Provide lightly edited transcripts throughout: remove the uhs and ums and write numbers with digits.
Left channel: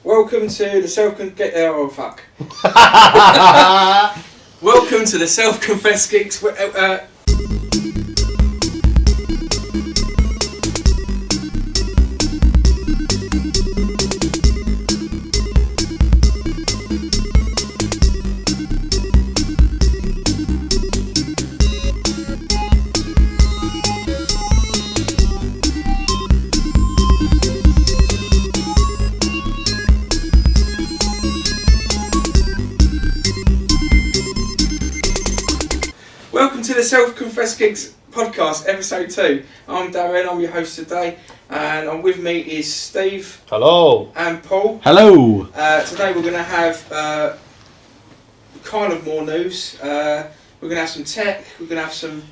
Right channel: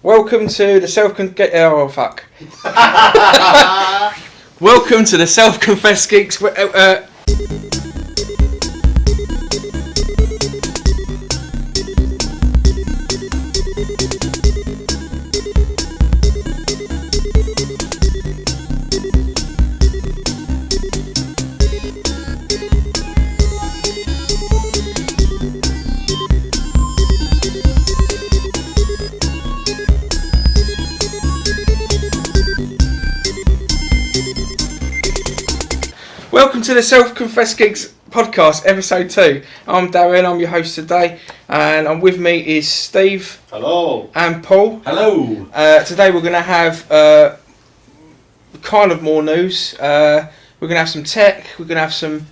Welcome to the Welcome to the Self-Confessed Geeks. Welcome to the Self-Confessed Geeks Podcast, episode 2. I'm Darren, I'm your host today, and with me is Steve. Hello. And Paul. Hello. Today we're going to have kind of more news. We're going to have some tech, we're going to have some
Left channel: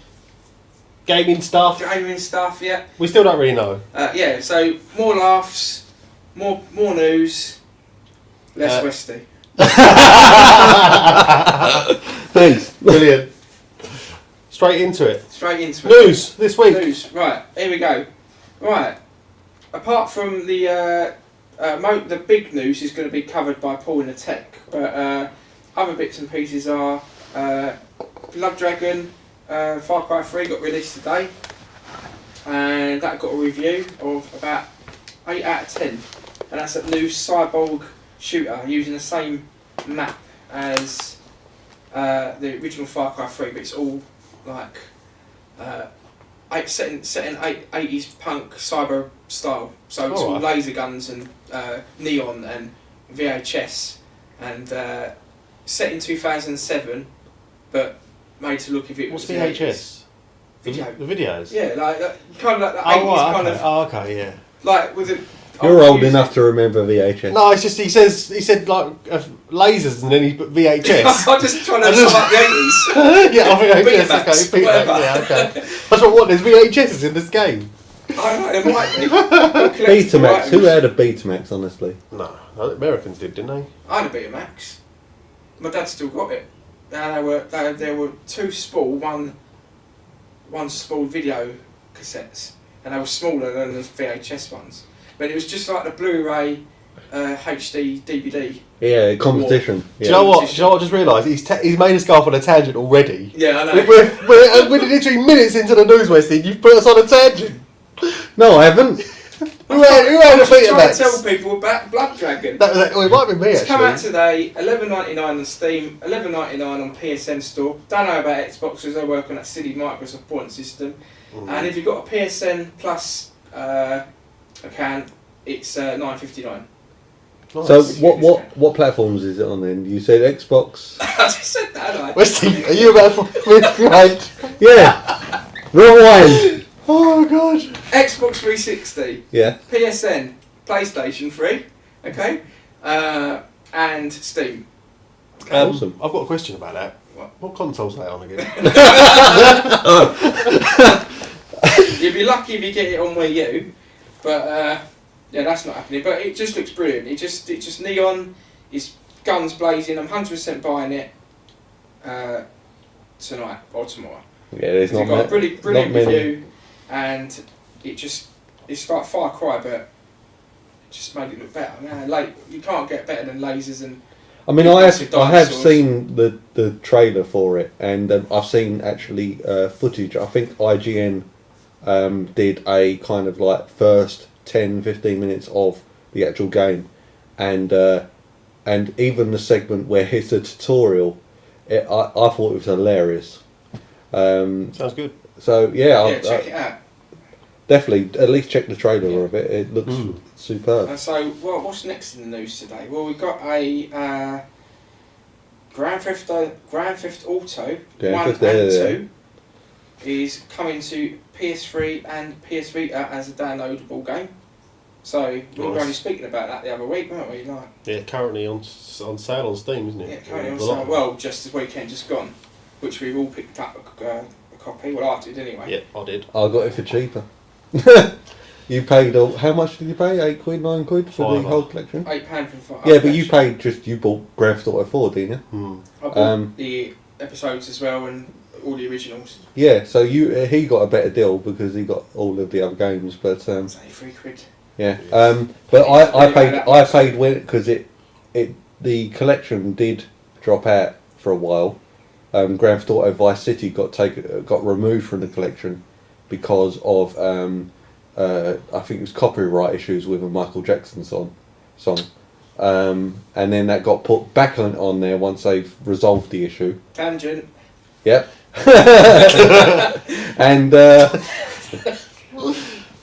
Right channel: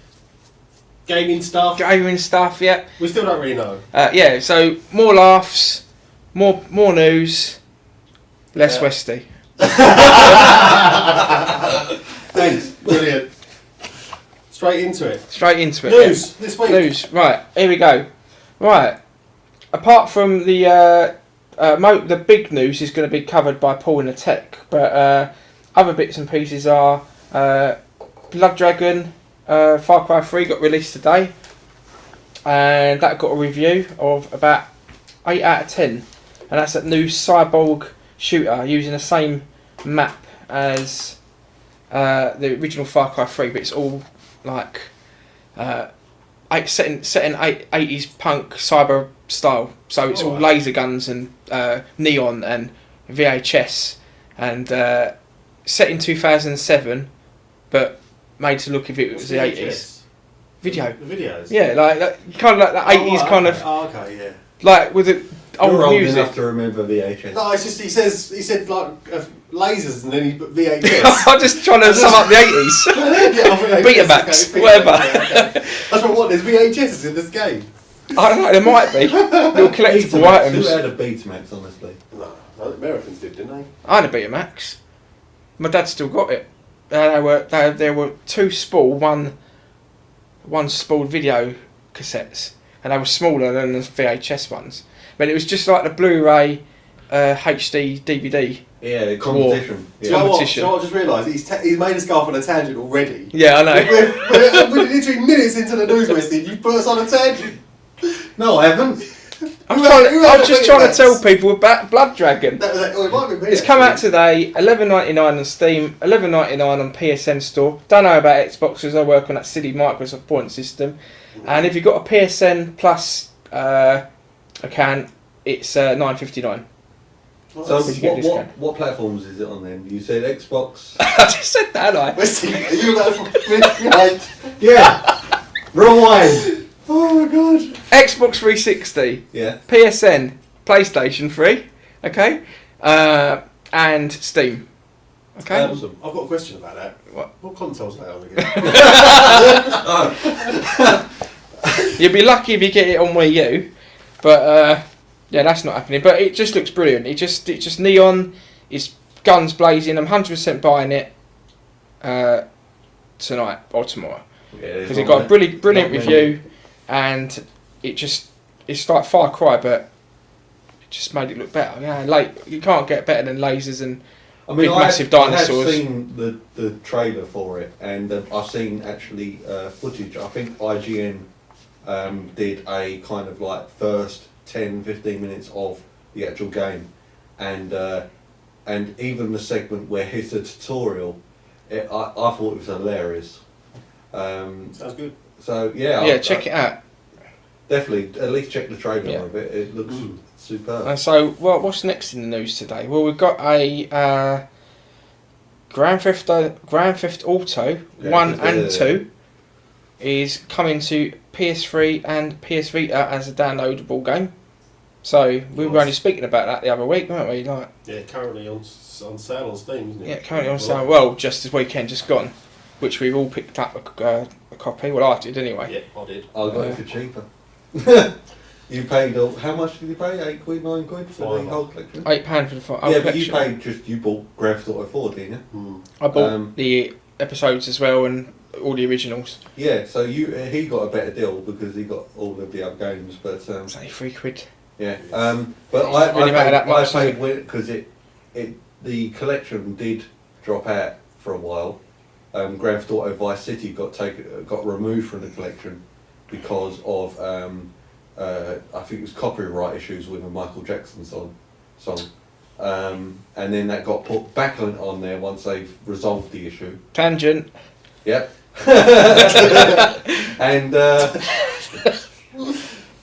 Gaming stuff. Yeah. We still don't really know. So more laughs, more news, less Westy. Thanks. Brilliant. Straight into it. News this week. News. Right, here we go. Right. Apart from the big news is going to be covered by Paul in the tech, but other bits and pieces are Blood Dragon Far Cry 3 got released today, and that got a review of about 8 out of 10, and that's a new cyborg shooter using the same map as the original Far Cry 3, but it's all like set in 80s punk cyber style, so it's all laser guns and neon and VHS, and set in 2007, but made to look if it was the 80s. Video. The videos? Yeah, like kind of like the 80s kind of. Oh, okay, yeah. Like with it. You're old enough to remember VHS. No, it's just he said like lasers and then he put VHS. I'm just trying to sum up the 80s. Yeah, I think Betamax, okay, whatever. Okay. That's what there's VHS in this game. I don't know, there might be. Betamax. Who had a Betamax, honestly? No, the Americans did, didn't they? I had a Betamax. My dad still got it. There were two one spooled video cassettes, and they were smaller than the VHS ones. But it was just like the Blu-ray, HD, DVD. Yeah, competition. Do you know what? I just realised? He's made us go off on a tangent already. Yeah, I know. We're literally minutes into the news, Westy. You've put us on a tangent. No, I haven't. I'm just trying to tell people about Blood Dragon. It might be me. It's come out today, $11.99 on Steam, $11.99 on PSN store. Don't know about Xbox because I work on that silly Microsoft point system. And if you've got a PSN Plus account, it's $9.59. So what platforms is it on then? You said Xbox. I just said that, Westy, are you about to right? Yeah. Rewind. Oh my god. Xbox 360. Yeah. PSN, PlayStation 3. Okay. And Steam. Okay. Awesome. I've got a question about that. What console's that on again? You'll be lucky if you get it on Wii U, but yeah, that's not happening. But it just looks brilliant. It just neon. It's guns blazing. I'm 100% buying it tonight or tomorrow. Yeah, because it got a brilliant review, and it's like Far Cry, but it just made it look better. Yeah, you can't get better than lasers and. I mean, I have seen the trailer for it, and I've seen actually footage. I think IGN did a kind of like first 10-15 minutes of the actual game, and even the segment where it's a tutorial, I thought it was hilarious. Sounds good. So yeah, check it out. Definitely, at least check the trailer of it. It looks superb. So, what's next in the news today? Well, we've got a Grand Theft Auto 1 and 2 is coming to PS3 and PS Vita as a downloadable game. So we were only speaking about that the other week, weren't we? Yeah, currently on sale on Steam, isn't it? Yeah, currently on sale. Well, just this weekend, just gone, which we've all picked up a copy. Well, I did anyway. Yeah, I did. I got it for cheaper. You paid how much did you pay? £8, £9 for the whole collection. £8 for the full. Yeah, but you bought Grand Theft Auto 4, didn't you? I bought the episodes as well and all the originals. Yeah, so he got a better deal because he got all of the other games, but £3. Yeah. But I paid because the collection did drop out for a while. Grand Theft Auto Vice City got removed from the collection because of I think it was copyright issues with a Michael Jackson song. And then that got put back on there once they've resolved the issue. Tangent. Yep. and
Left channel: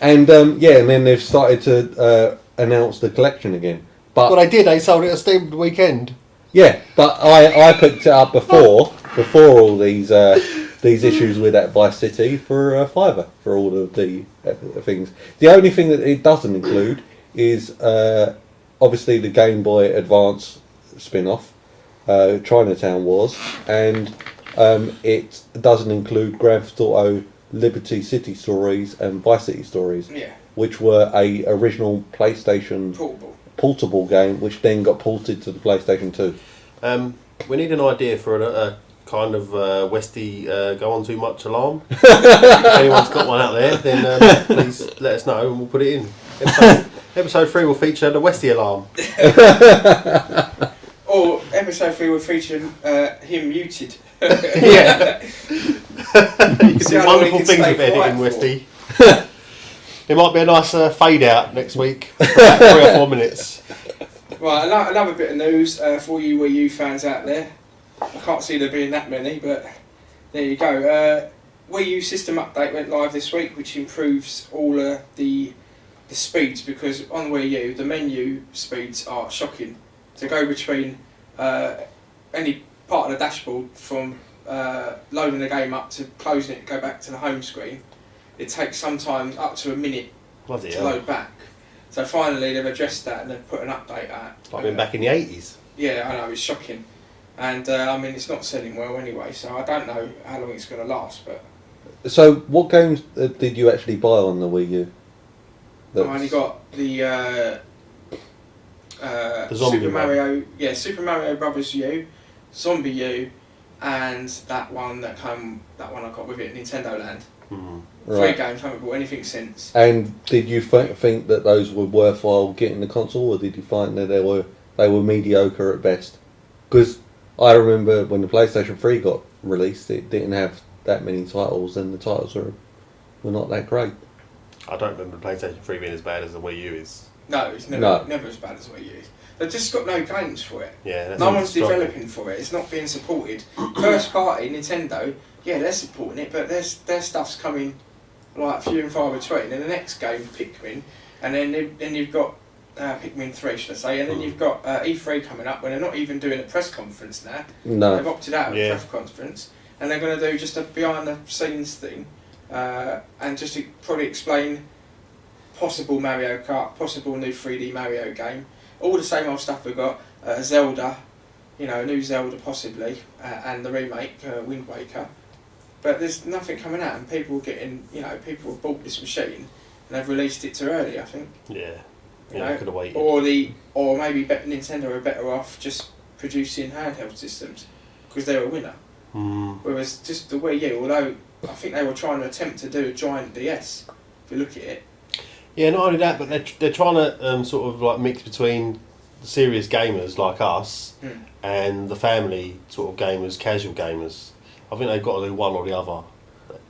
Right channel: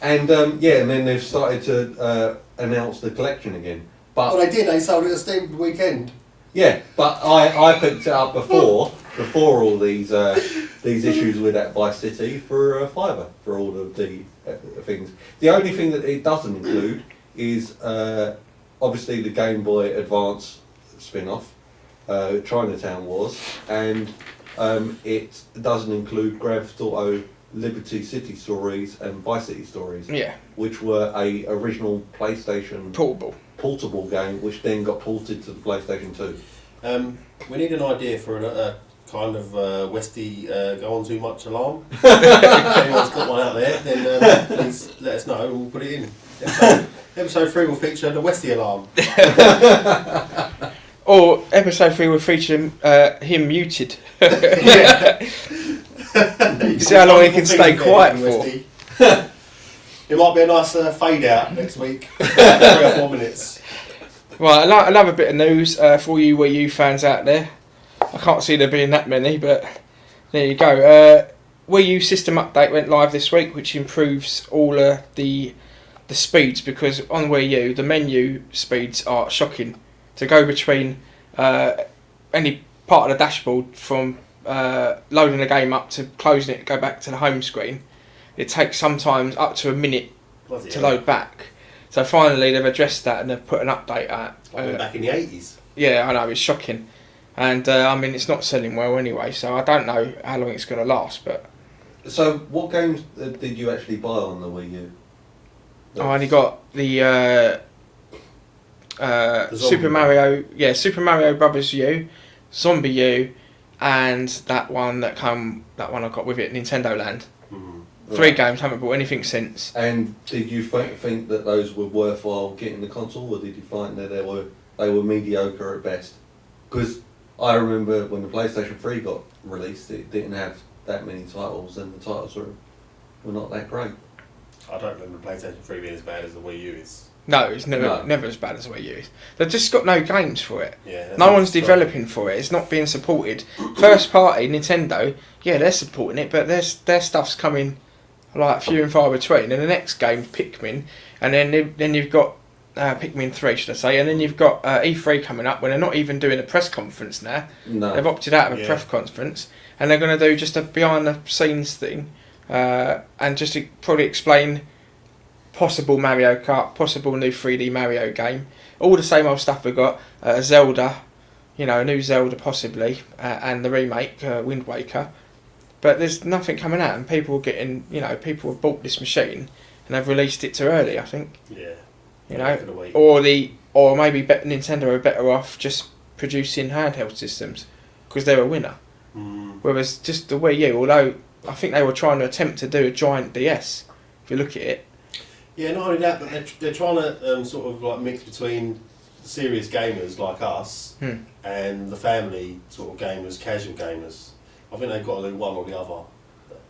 and then they've started to announce the collection again. But well, they did. They sold it at Steam the weekend. Yeah, but I picked it up before all these issues with that Vice City for a £5 for all of the things. The only thing that it doesn't include is obviously the Game Boy Advance spin-off, Chinatown Wars, and it doesn't include Grand Theft Auto Liberty City Stories and Vice City Stories, which were a original PlayStation portable game, which then got ported to the PlayStation 2. We need an idea for a kind of Westy go on too much alarm. If anyone's got one out there, then please let us know and we'll put it in. Episode 3 will feature the Westy alarm. Or episode 3 will feature him muted. Yeah. You can see wonderful things with editing, Westy. It might be a nice fade out next week, 3 or 4 minutes. Right, another bit of news for all you Wii U fans out there. I can't see there being that many, but there you go. Wii U system update went live this week, which improves all the speeds, because on Wii U the menu speeds are shocking. To go between any part of the dashboard from loading the game up to closing it, go back to the home screen, it takes sometimes up to a minute to load back. So finally they've addressed that and they've put an update out. Like back in the 80s. Yeah, I know, it's shocking. And I mean, it's not selling well anyway, so I don't know how long it's going to last. But so what games did you actually buy on the Wii U? I only got the Super Mario Brothers U, Zombie U, and that one I got with it, Nintendo Land. Mm-hmm. 3 games, haven't bought anything since. And did you think that those were worthwhile getting the console, or did you find that they were mediocre at best? Because I remember when the PlayStation 3 got released, it didn't have that many titles, and the titles were not that great. I don't remember the PlayStation 3 being as bad as the Wii U is. No, it's never as bad as the Wii U is. They've just got no games for it. Yeah, no one's developing for it. It's not being supported. First party, Nintendo, they're supporting it, but their stuff's coming like few and far between. And the next game's Pikmin, and then you've got Pikmin 3, should I say, and then you've got E3 coming up, when they're not even doing a press conference now. No. They've opted out of a press conference, and they're going to do just a behind the scenes thing, and just to probably explain possible Mario Kart, possible new 3D Mario game, all the same old stuff we've got, Zelda, a new Zelda possibly, and the remake, Wind Waker. But there's nothing coming out, and people people have bought this machine and they've released it too early, I think. Yeah. Or maybe Nintendo are better off just producing handheld systems because they're a winner. Whereas just the Wii U, although I think they were trying to attempt to do a giant DS, if you look at it. Yeah, not only that, but they're trying to sort of like mix between serious gamers like us and the family sort of gamers, casual gamers. I think they've got to do one or the other.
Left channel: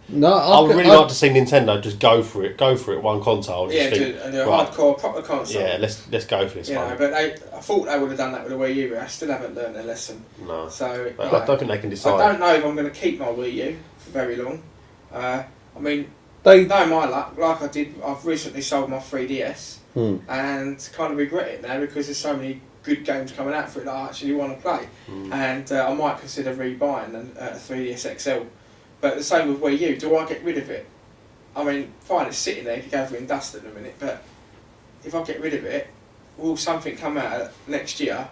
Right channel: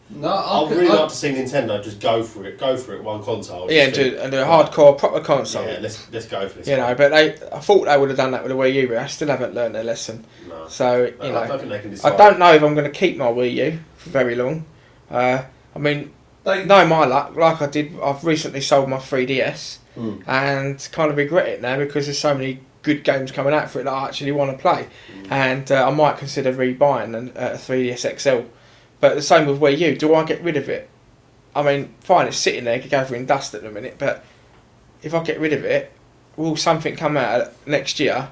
No, I would really like to see Nintendo just go for it, one console. And a hardcore proper console. Yeah, let's go for this. But I thought they would have done that with the Wii U, but I still haven't learned their lesson. No. So I don't think they can decide. I don't know if I'm going to keep my Wii U for very long. I mean, they know my luck. Like I did, I've recently sold my 3DS and kind of regret it now because there's so many good games coming out for it that I actually want to play, and I might consider rebuying a 3DS XL. But the same with Wii U, do I get rid of it? I mean, fine, it's sitting there, gathering dust at the minute, but if I get rid of it, will something come out next year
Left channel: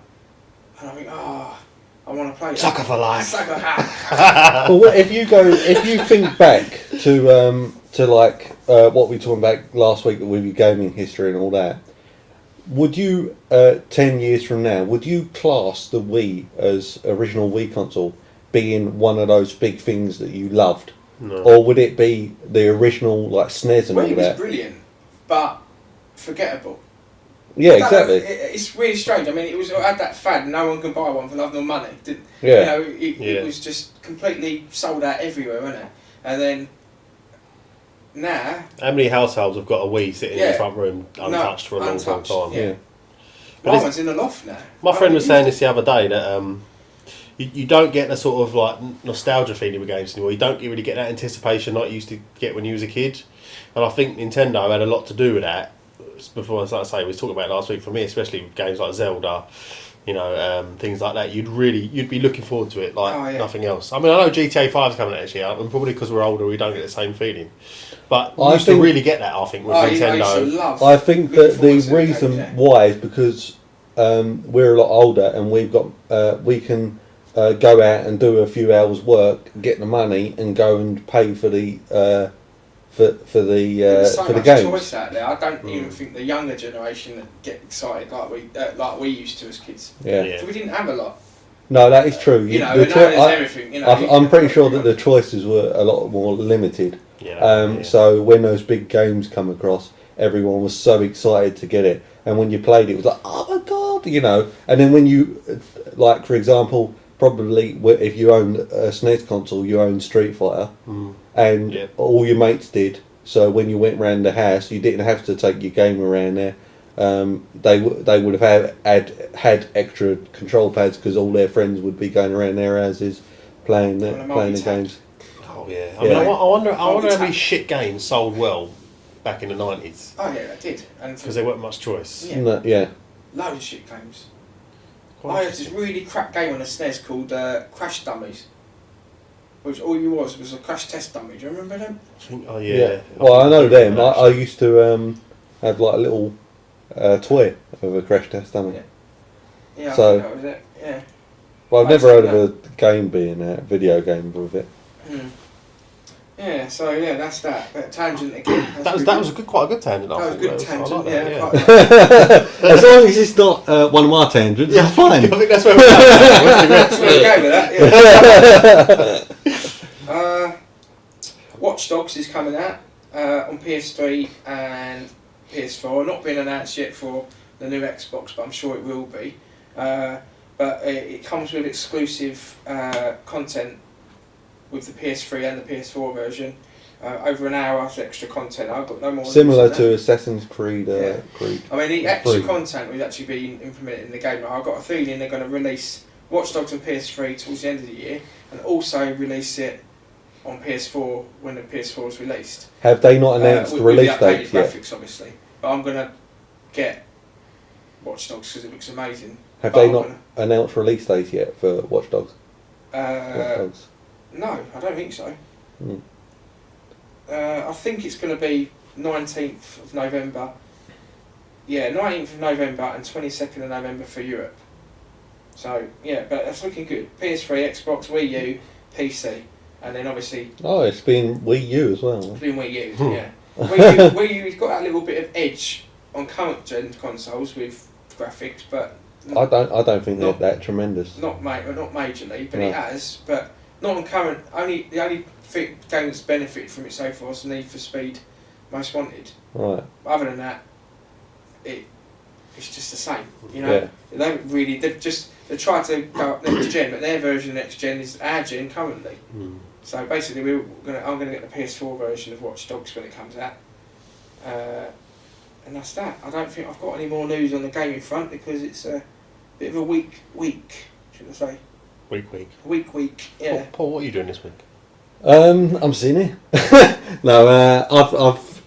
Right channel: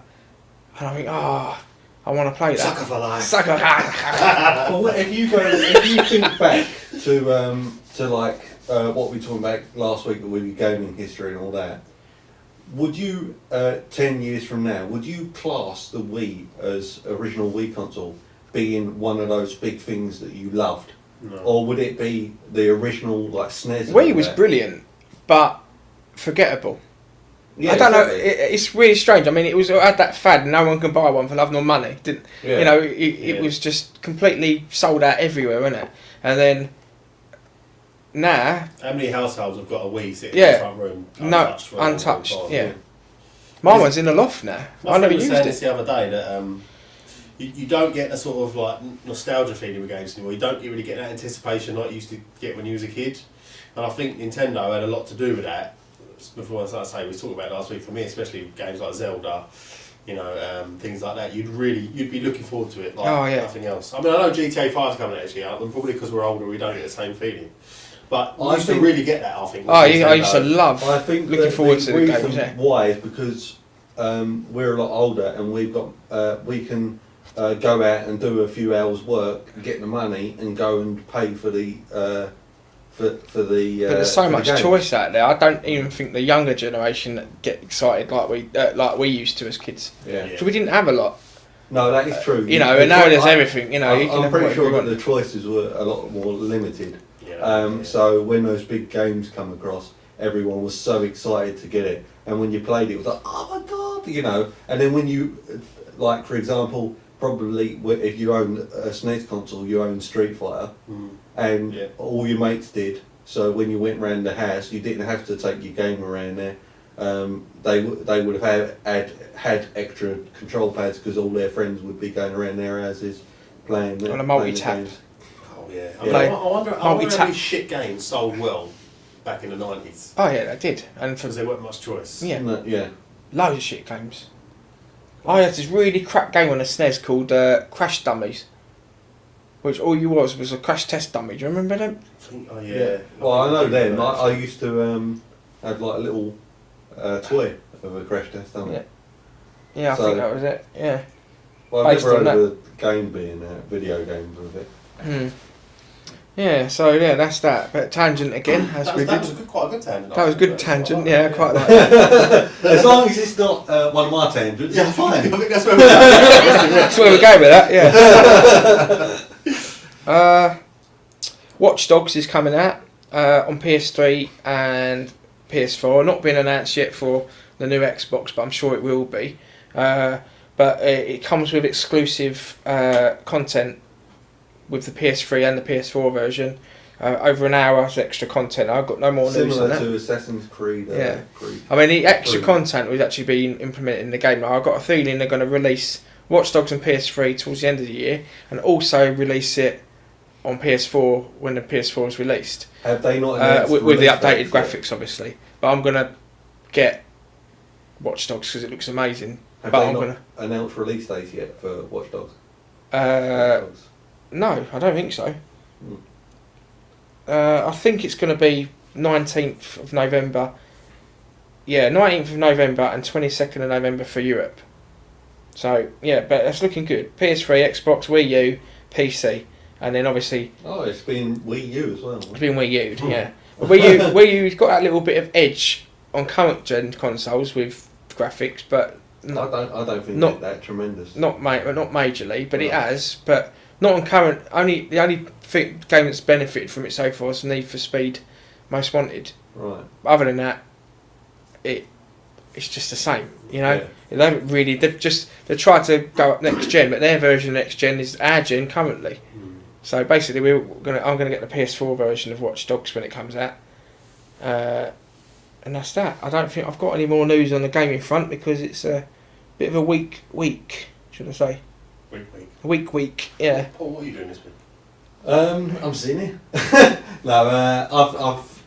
and I think, I want to play that. Sucker for life. Well, if you think back to like what we talked about last week with your gaming history and all that, would you 10 years from now, would you class the Wii as original Wii console being one of those big things that you loved? No. Or would it be the original like SNES? Wii was brilliant, but forgettable. Yeah, I don't exactly. know, it's really strange. I mean, it had that fad, and no one can buy one for love nor money. Yeah. It was just completely sold out everywhere, wasn't it? And then now, how many households have got a Wii sitting in the front room untouched for a long time? Yeah. My one's in the loft now. My friend was saying this the other day that you don't get the sort of like nostalgia feeling with games anymore. You don't really get that anticipation like you used to get when you was a kid. And I think Nintendo had a lot to do with that. Before, as I say, we was talking about it last week. For me, especially with games like Zelda, things like that, you'd be looking forward to it like nothing else. I mean, I know GTA 5's coming actually out, and probably because we're older, we don't get the same feeling. But we used to really get that. I think. With Nintendo. I used to love. I think that the reason why is because we're a lot older, and we've got we can go out and do a few hours work, get the money, and go and pay for the. There's so much games. choice out there. I don't even think the younger generation that get excited like we used to as kids. Yeah. So we didn't have a lot. No, that is true. And now there's everything. I'm pretty sure that the choices were a lot more limited. So when those big games come across, everyone was so excited to get it, and when you played it, it was like, oh my god, And then when you, like for example, probably if you own a SNES console, you own Street Fighter, and all your mates did. So when you went round the house, you didn't have to take your game around there. They would have had extra control pads because all their friends would be going around their houses playing the games. Oh yeah. I mean, I wonder how many shit games sold well back in the 90s. Oh yeah, they did, and because there weren't much choice. Yeah. Loads of shit games. I had this really crap game on the SNES called Crash Dummies, which all you was a crash test dummy. Do you remember them? Oh yeah. Well, I know them. I used to have like a little toy of a crash test dummy. Yeah, I think that was it. Yeah. Well, I've never heard of a game being a video game with it. Yeah, so that's that. But tangent again. That was quite a good tangent. That was a good tangent. Quite. As long as it's not one of my tangents, yeah, fine. I think that's where we're going. That's where we're going with that. Yeah. Watch Dogs is coming out on PS3 and PS4. Not been announced yet for the new Xbox, but I'm sure it will be. But it comes with exclusive content with the PS3 and the PS4 version. Over an hour of extra content. I've got no more news similar on that. to Assassin's Creed. Creed. I mean, the extra content was actually being implemented in the game. I've got a feeling they're going to release Watch Dogs on PS3 towards the end of the year, and also release it on PS4 when the PS4 is released. Have they not announced with the updated graphics, obviously? But I'm going to get Watch Dogs because it looks amazing. Have they not announced release dates yet for Watch Dogs? No, I don't think so. I think it's going to be 19th of November. Yeah, 19th of November and 22nd of November for Europe. So, yeah, but that's looking good. PS3, Xbox, Wii U, PC. And then obviously... Oh, it's been Wii U as well. It's been Wii U, yeah. Wii U's got that little bit of edge on current gen consoles with graphics, but... I don't think they're that tremendous. Not majorly, but it has. But not on current. The only game that's benefited from it so far is Need for Speed Most Wanted. Right. Other than that, it's just the same. They haven't really. They've tried to go up next gen, but their version of next gen is our gen currently. So basically, I'm gonna get the PS4 version of Watch Dogs when it comes out. And that's that. I don't think I've got any more news on the gaming front because it's a bit of a weak week, should I say? Week, yeah. Paul, what are you doing this week? I'm sitting here. No, I've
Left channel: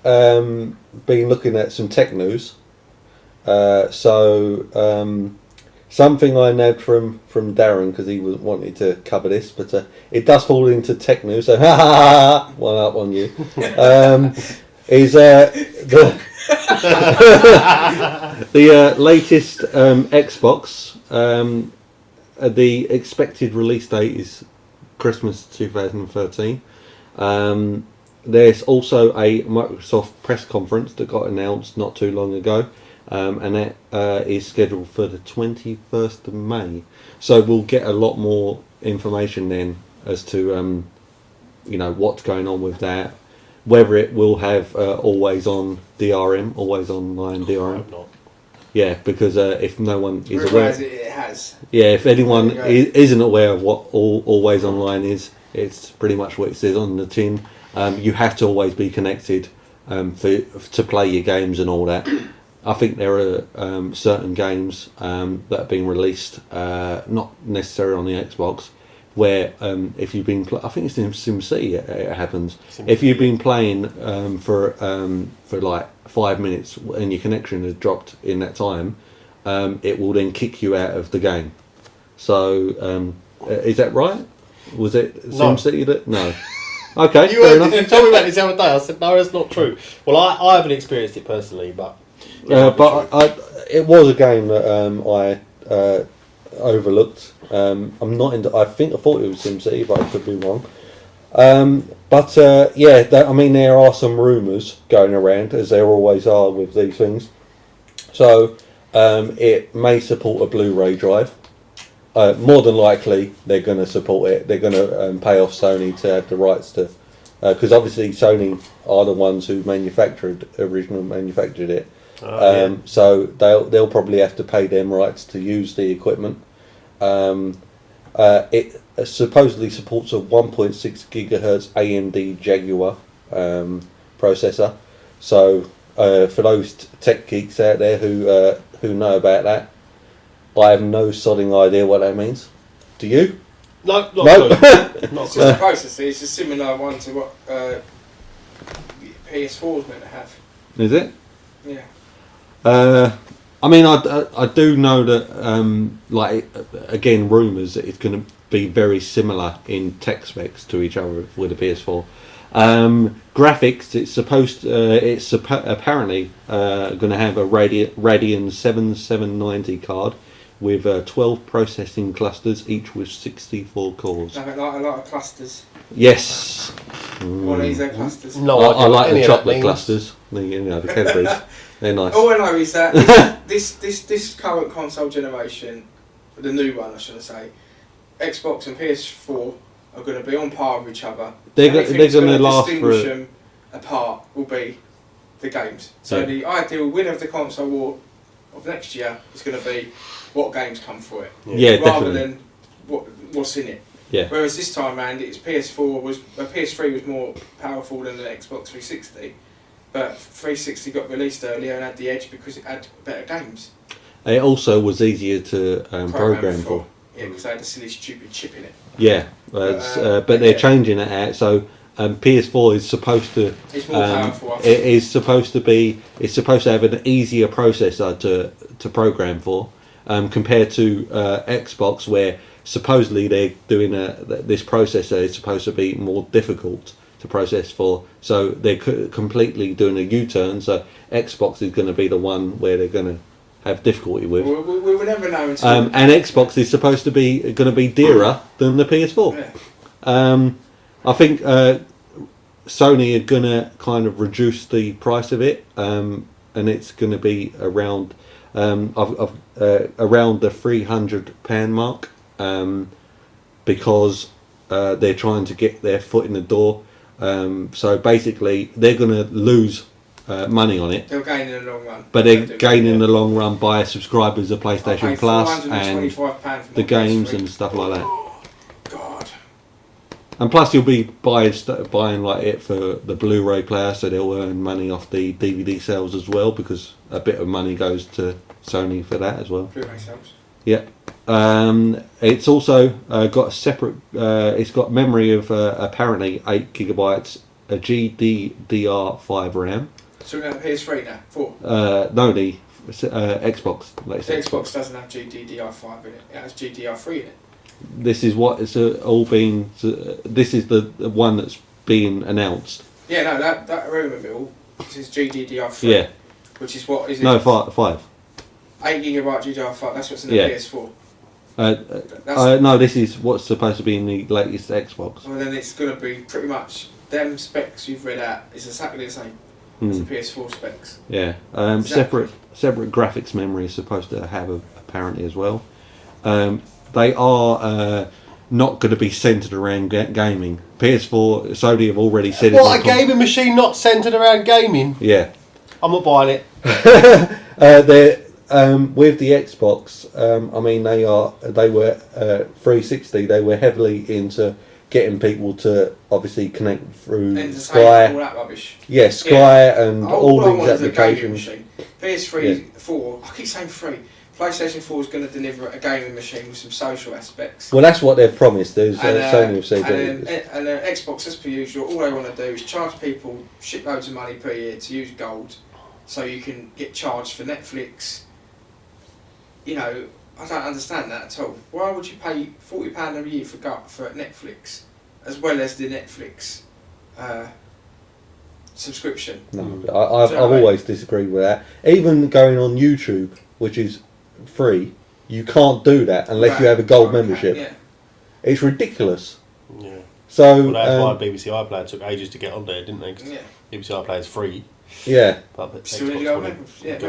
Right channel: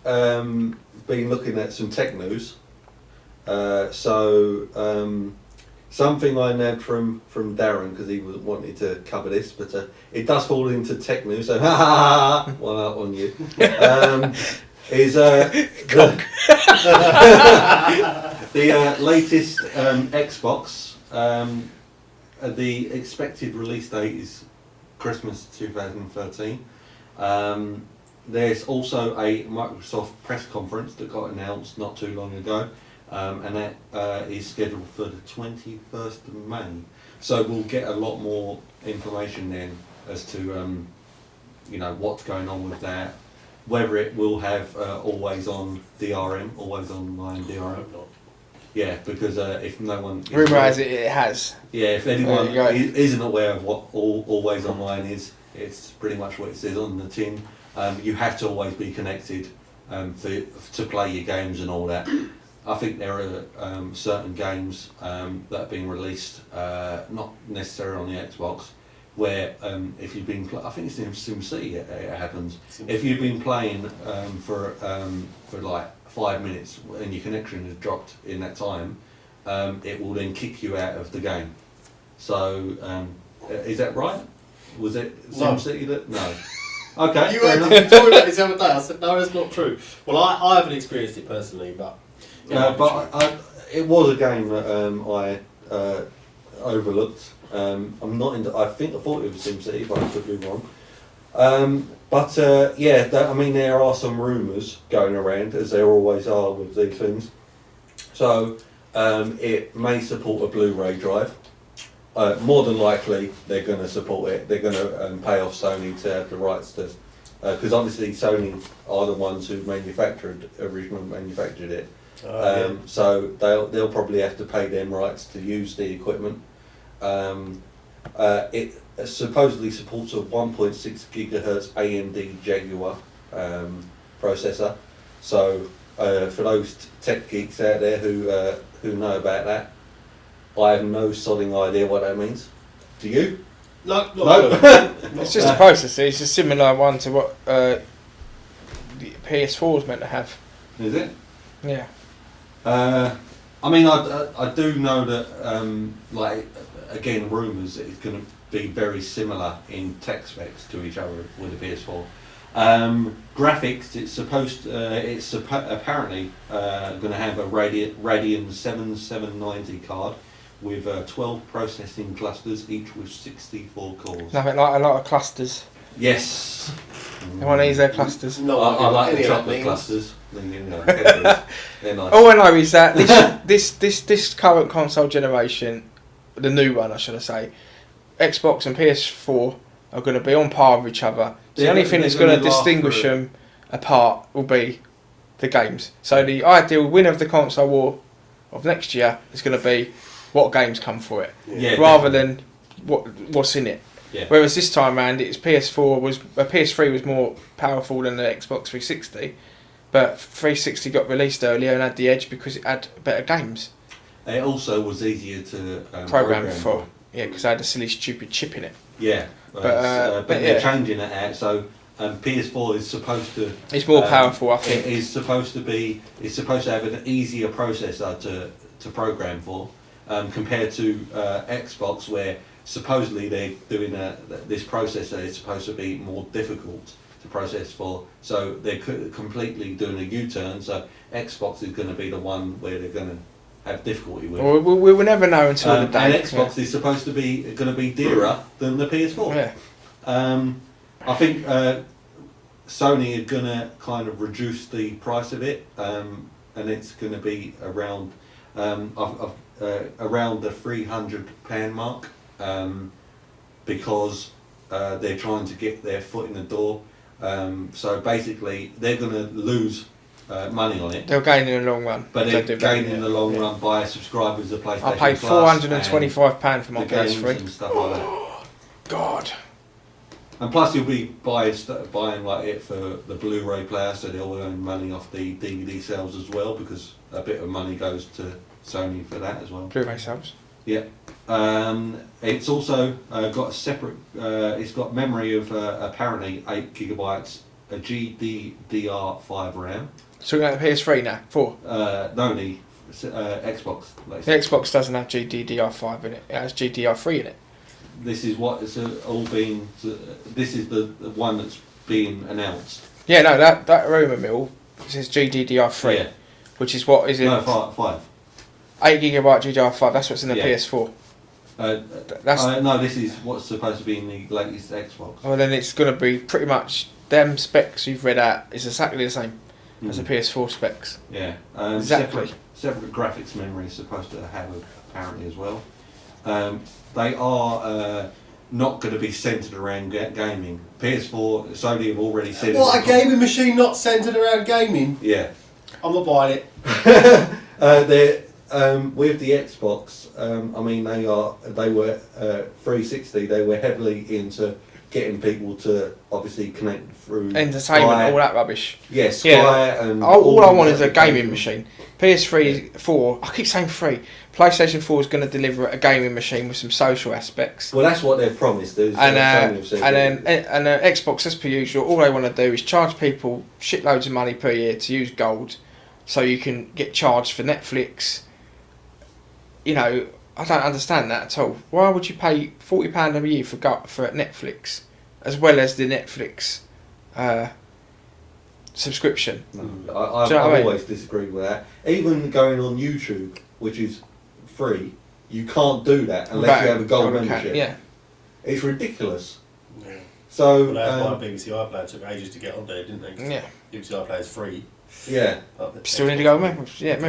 been looking at some tech news. Something I nabbed from Darren because he was wanting to cover this, but it does fall into tech news. So one up on you. Is the latest Xbox. The expected release date is Christmas 2013. There's also a Microsoft press conference that got announced not too long ago, and that is scheduled for the 21st of May. So we'll get a lot more information then as to what's going on with that. whether it will have always on DRM, always online DRM. I hope not. Yeah, because if no one Rumour has it has. Yeah, if anyone isn't aware of what always online is, it's pretty much what it says on the tin. You have to always be connected to play your games and all that. I think there are certain games that have been released, not necessarily on the Xbox, where if you've been, I think it's in SimCity it happens. If you've been playing for like 5 minutes and your connection has dropped in that time, it will then kick you out of the game. So is that right? Was it SimCity that? No. Okay. You told me about this the other day. I said no, that's not true. Well, I haven't experienced it personally, but it was a game that I overlooked. I'm not into. I thought it was SimCity, but I could be wrong. I mean, there are some rumours going around, as there always are with these things. So it may support a Blu-ray drive. More than likely, they're going to support it. They're going to pay off Sony to have the rights to, because obviously Sony are the ones who originally manufactured it. So they'll probably have to pay them rights to use the equipment. It supposedly supports a 1.6 gigahertz AMD Jaguar processor. So for those tech geeks out there who know about that, I have no sodding idea what that means. Do you? No. It's just a processor. It's a similar one to what the PS4 is meant to have. Is it? Yeah. I mean, I do know that, again, rumours that it's going to be very similar in tech specs to each other with the PS4. Graphics, it's apparently going to have a Radeon 7790 card with 12 processing clusters, each with 64 cores. Nothing like a lot of clusters. Yes. You want to use their clusters? No, I like the chocolate clusters. You know, the Cadbury's. They're nice. All I know is that this current console generation, the new one I should say, Xbox and PS4 are going to be on par with each other. The only thing that's going to distinguish them apart will be the games. So the ideal winner of the console war of next year is going to be what games come for it, rather than what's in it. Yeah. Whereas this time around, PS3 was more powerful than the Xbox 360, but 360 got released earlier and had the edge because it had better games. It also was easier to program for. Yeah, because I had a silly stupid chip in it. Yeah, but they're changing it out. So PS4 is supposed to. It's more powerful. I think. It is supposed to be. It's supposed to have an easier processor to program for, compared to Xbox, where supposedly they're doing this processor is supposed to be more difficult to process for. So they're completely doing a U-turn. So Xbox is going to be the one where they're going to have difficulty with. Well, we will never know until. And Xbox is supposed to be going to be dearer than the PS4. Yeah. I think Sony are going to kind of reduce the price of it, and it's going to be around around the £300 mark, because they're trying to get their foot in the door. So basically, they're going to lose money on it. They'll gain in the long run. But they're gaining in the long run by subscribers of PlayStation I paid Plus £425 for my the games PS3. and stuff like that. God. And plus, you'll be buying like it for the Blu-ray player, so they'll earn money off the DVD sales as well, because a bit of money goes to Sony for that as well. Blu-ray sales. Yeah. It's also got a separate. It's got memory of apparently 8 gigabytes, a GDDR5 RAM. So we're going to PS3 now. 4. No, the Xbox. The Xbox doesn't have GDDR5 in it. It has GDR3 in it. This is what it's all been. This is the one that's being announced. Yeah, no, that rumour mill says GDDR3. Yeah. Which is what is it? No, 5. 8 gigabyte GDDR5. That's what's in the PS4. No, this is what's supposed to be in the latest Xbox. Well, then it's going to be pretty much them specs you've read out. It's exactly the same as the PS4 specs. Yeah. Exactly. Separate graphics memory is supposed to have apparently as well. They are not going to be centred around gaming. PS4, Sony have already said it. What, a gaming machine not centred around gaming? Yeah. I'm not buying it. With the Xbox, I mean, they were 360. They were heavily into getting people to obviously connect through entertainment, Sky. all that rubbish. Yeah, Sky and all I want is a gaming applications. machine. PS3, 4. I keep saying 3. PlayStation 4 is going to deliver a gaming machine with some social aspects. Well, that's what they've promised. And Xbox, as per usual, all they want to do is charge people shitloads of money per year to use gold, so you can get charged for Netflix. You know, I don't understand that at all. Why would you pay £40 a year for Netflix, as well as the Netflix subscription? No, I've always disagreed with that. Even going on YouTube, which is free, you can't do that unless you have a gold membership. Yeah. It's ridiculous. Yeah. So that's why BBC iPlayer took ages to get on there, didn't they? 'Cause BBC iPlayer is free. Yeah. But still need a gold membership.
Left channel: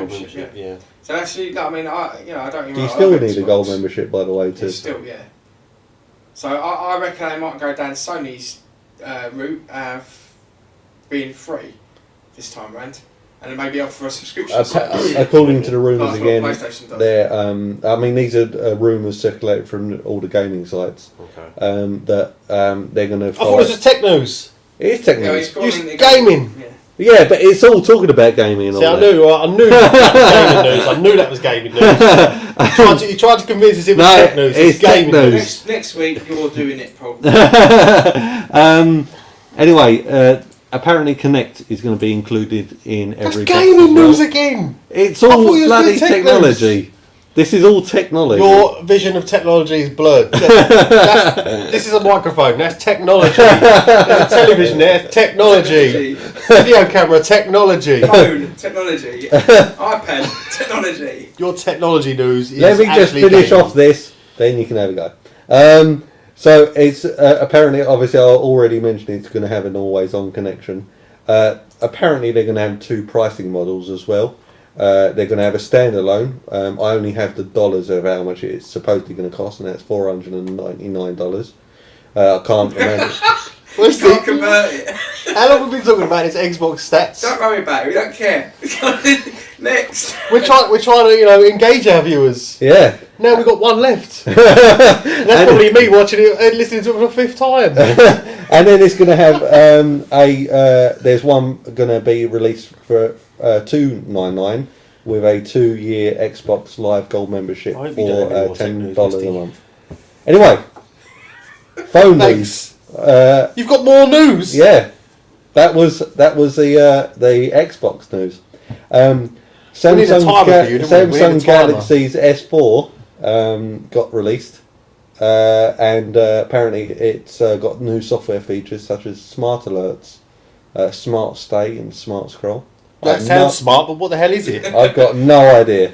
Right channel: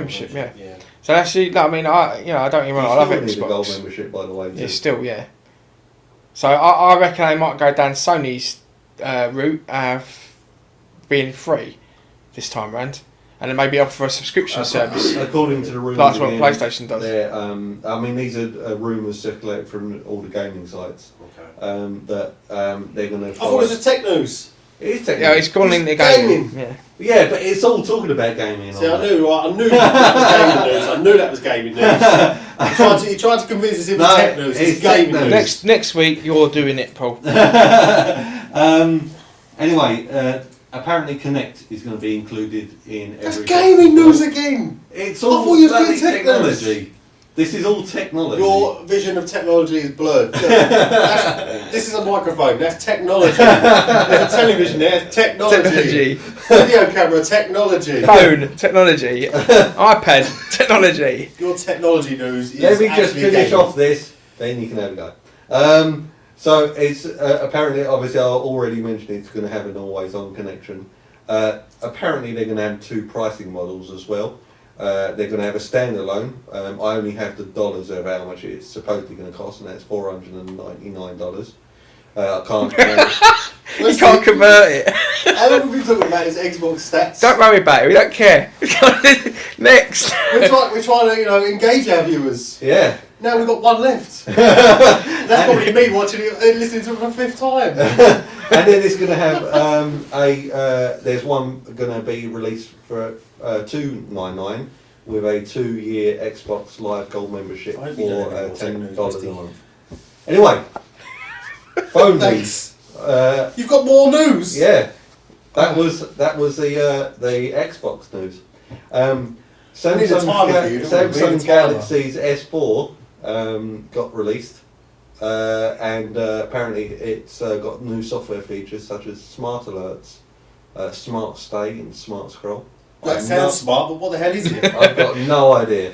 Yeah. So actually, I mean, I don't even. You I still love need Xbox. a gold membership, by the way. Too. Yeah. So I reckon they might go down Sony's route of being free this time round, and then maybe offer a subscription service. According to the rumours what again, PlayStation does. I mean, these are rumours circulated from all the gaming sites. Okay. That they're going to. I thought it was tech news. It is technical. Yeah, it's calling it gaming. Yeah, but it's all talking about gaming. And See, all I knew that was gaming news. I knew that was gaming news. He tried to convince us it was tech news. It's gaming news. Next week you're doing it, Paul. Anyway, apparently Kinect is going to be included in every. That's gaming news again. It's all bloody technology. This is all technology. Your vision of technology is blurred. This is a microphone. That's technology. There's a television there. Technology. Video camera. Technology. Phone. Technology. iPad. Technology. Your technology news is Let me just finish off this, then you can have a go. So it's apparently, obviously, I already mentioned it's going to have an always-on connection. Apparently, they're going to have 2 pricing models as well. They're going to have a standalone. I only have the dollars of how much it's supposedly going to cost, and that's $499. I can't remember. You can't convert it. How long have we been talking about his Xbox stats? Don't worry about it. We don't care. Next. We're trying to engage our viewers. Yeah. Now we've got one left. That's probably me watching it and listening to it for the 5th time. And then it's going to have there's one going to be released for $299 with a 2-year Xbox Live Gold membership for $10 a month. Anyway, phone news. You've got more news. Yeah, that was the Xbox news. Samsung Galaxy's S4 got released, and apparently it's got new software features such as smart alerts, smart stay, and smart scroll. That sounds smart, but what the hell is it? I've got no idea.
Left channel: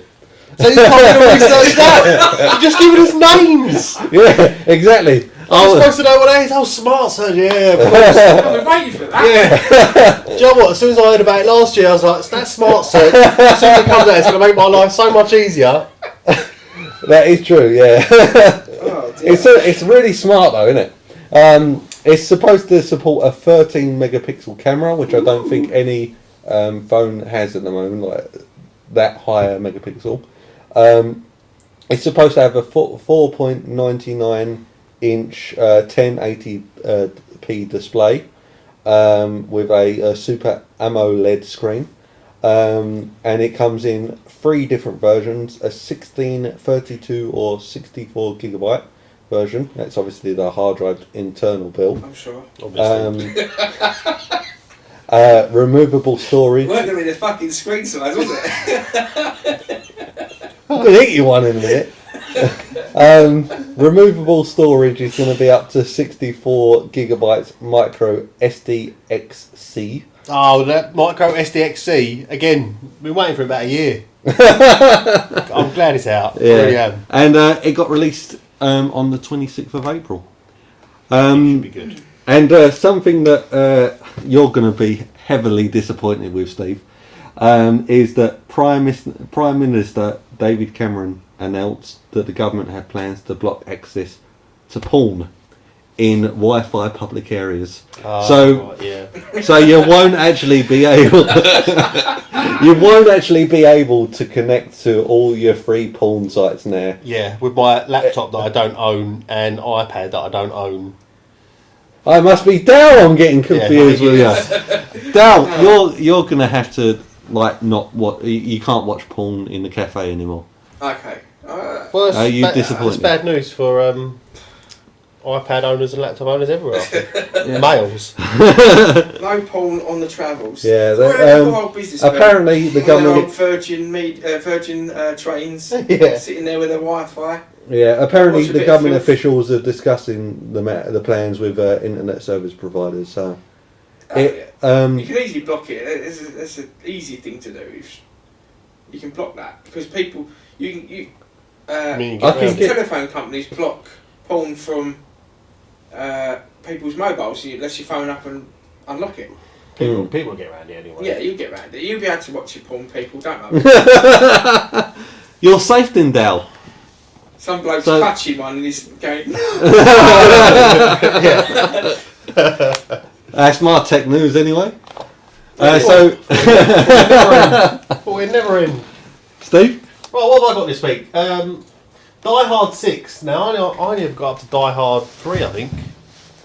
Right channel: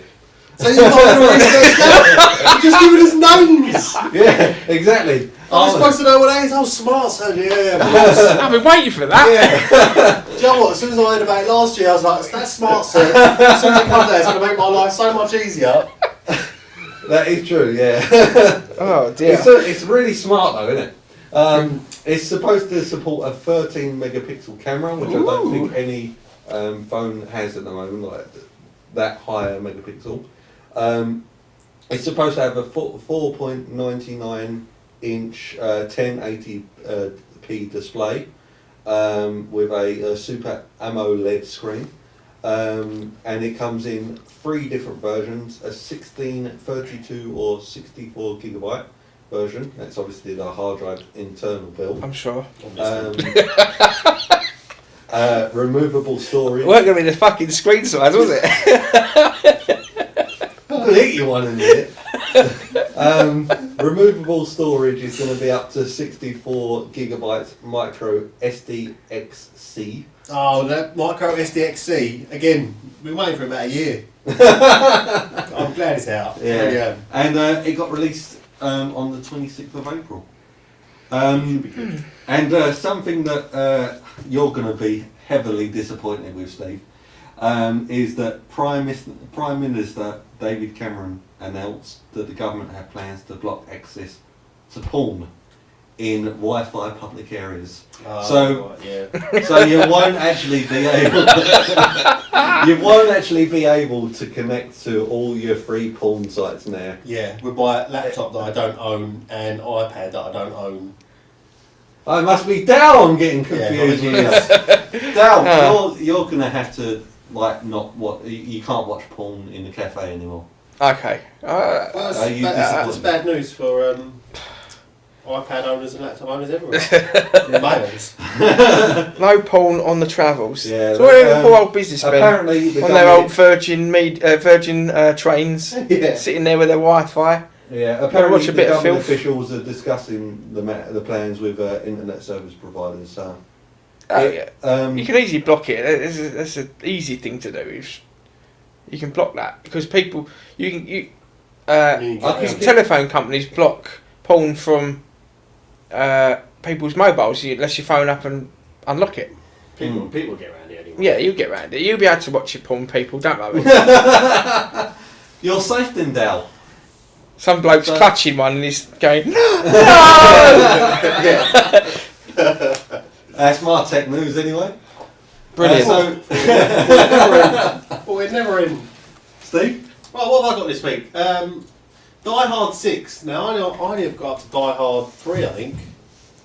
So you're not going to research that? You're just giving us names. Yeah, exactly. I'm supposed to know what that is. Oh, smart, so yeah, of course. I've been waiting for that. Yeah. Do you know what? As soon as I heard about it last year, I was like, that's smart, sir. As soon as it comes out, it's going to make my life so much easier. That is true, yeah. Oh, dear. It's really smart though, isn't it? It's supposed to support a 13 megapixel camera, which I don't think any phone has at the moment, like that higher megapixel. It's supposed to have a 4.99 inch 1080p display with a Super AMOLED screen, and it comes in 3 different versions: a 16, 32 or 64 gigabyte version. That's obviously the hard drive internal build. I'm sure. Removable storage. It weren't going to be the fucking screen size, was it? I'm going to hit you one in a minute. Removable storage is going to be up to 64 gigabytes micro SDXC. Oh, that micro SDXC again. Been waiting for about a year. I'm glad it's out. Yeah. I really am. And it got released on the 26th of April. Should be good. And something that you're going to be heavily disappointed with, Steve, is that Prime Minister David Cameron announced that the government had plans to block access to porn in Wi-Fi public areas. So you won't actually be able to connect to all your free porn sites now. Yeah, with my laptop that I don't own and iPad that I don't own. I must be Dow. I'm getting confused with you. Dow, you're gonna have to you can't watch porn in the cafe anymore. Okay. Well, that's bad news for iPad owners and laptop owners everywhere. Males. No porn on the travels. Yeah. So where the poor old businessmen Apparently, the on their old government. Virgin trains, sitting there with their Wi-Fi. Yeah. Apparently, Watch a the bit of government filth. officials are discussing the plans with internet service providers. So. You can easily block it. That's an easy thing to do. You can block that because people, telephone companies block porn from people's mobiles unless you phone up and unlock it. People get around it anyway. Yeah, you get around it. You'll be able to watch your porn. People don't worry. You're safe then, Dal. Some bloke's clutching one and he's going. That's my tech news anyway. We're never in. Steve? Right, what have I got this week? Die Hard 6. Now, I only have got up to Die Hard 3, I think.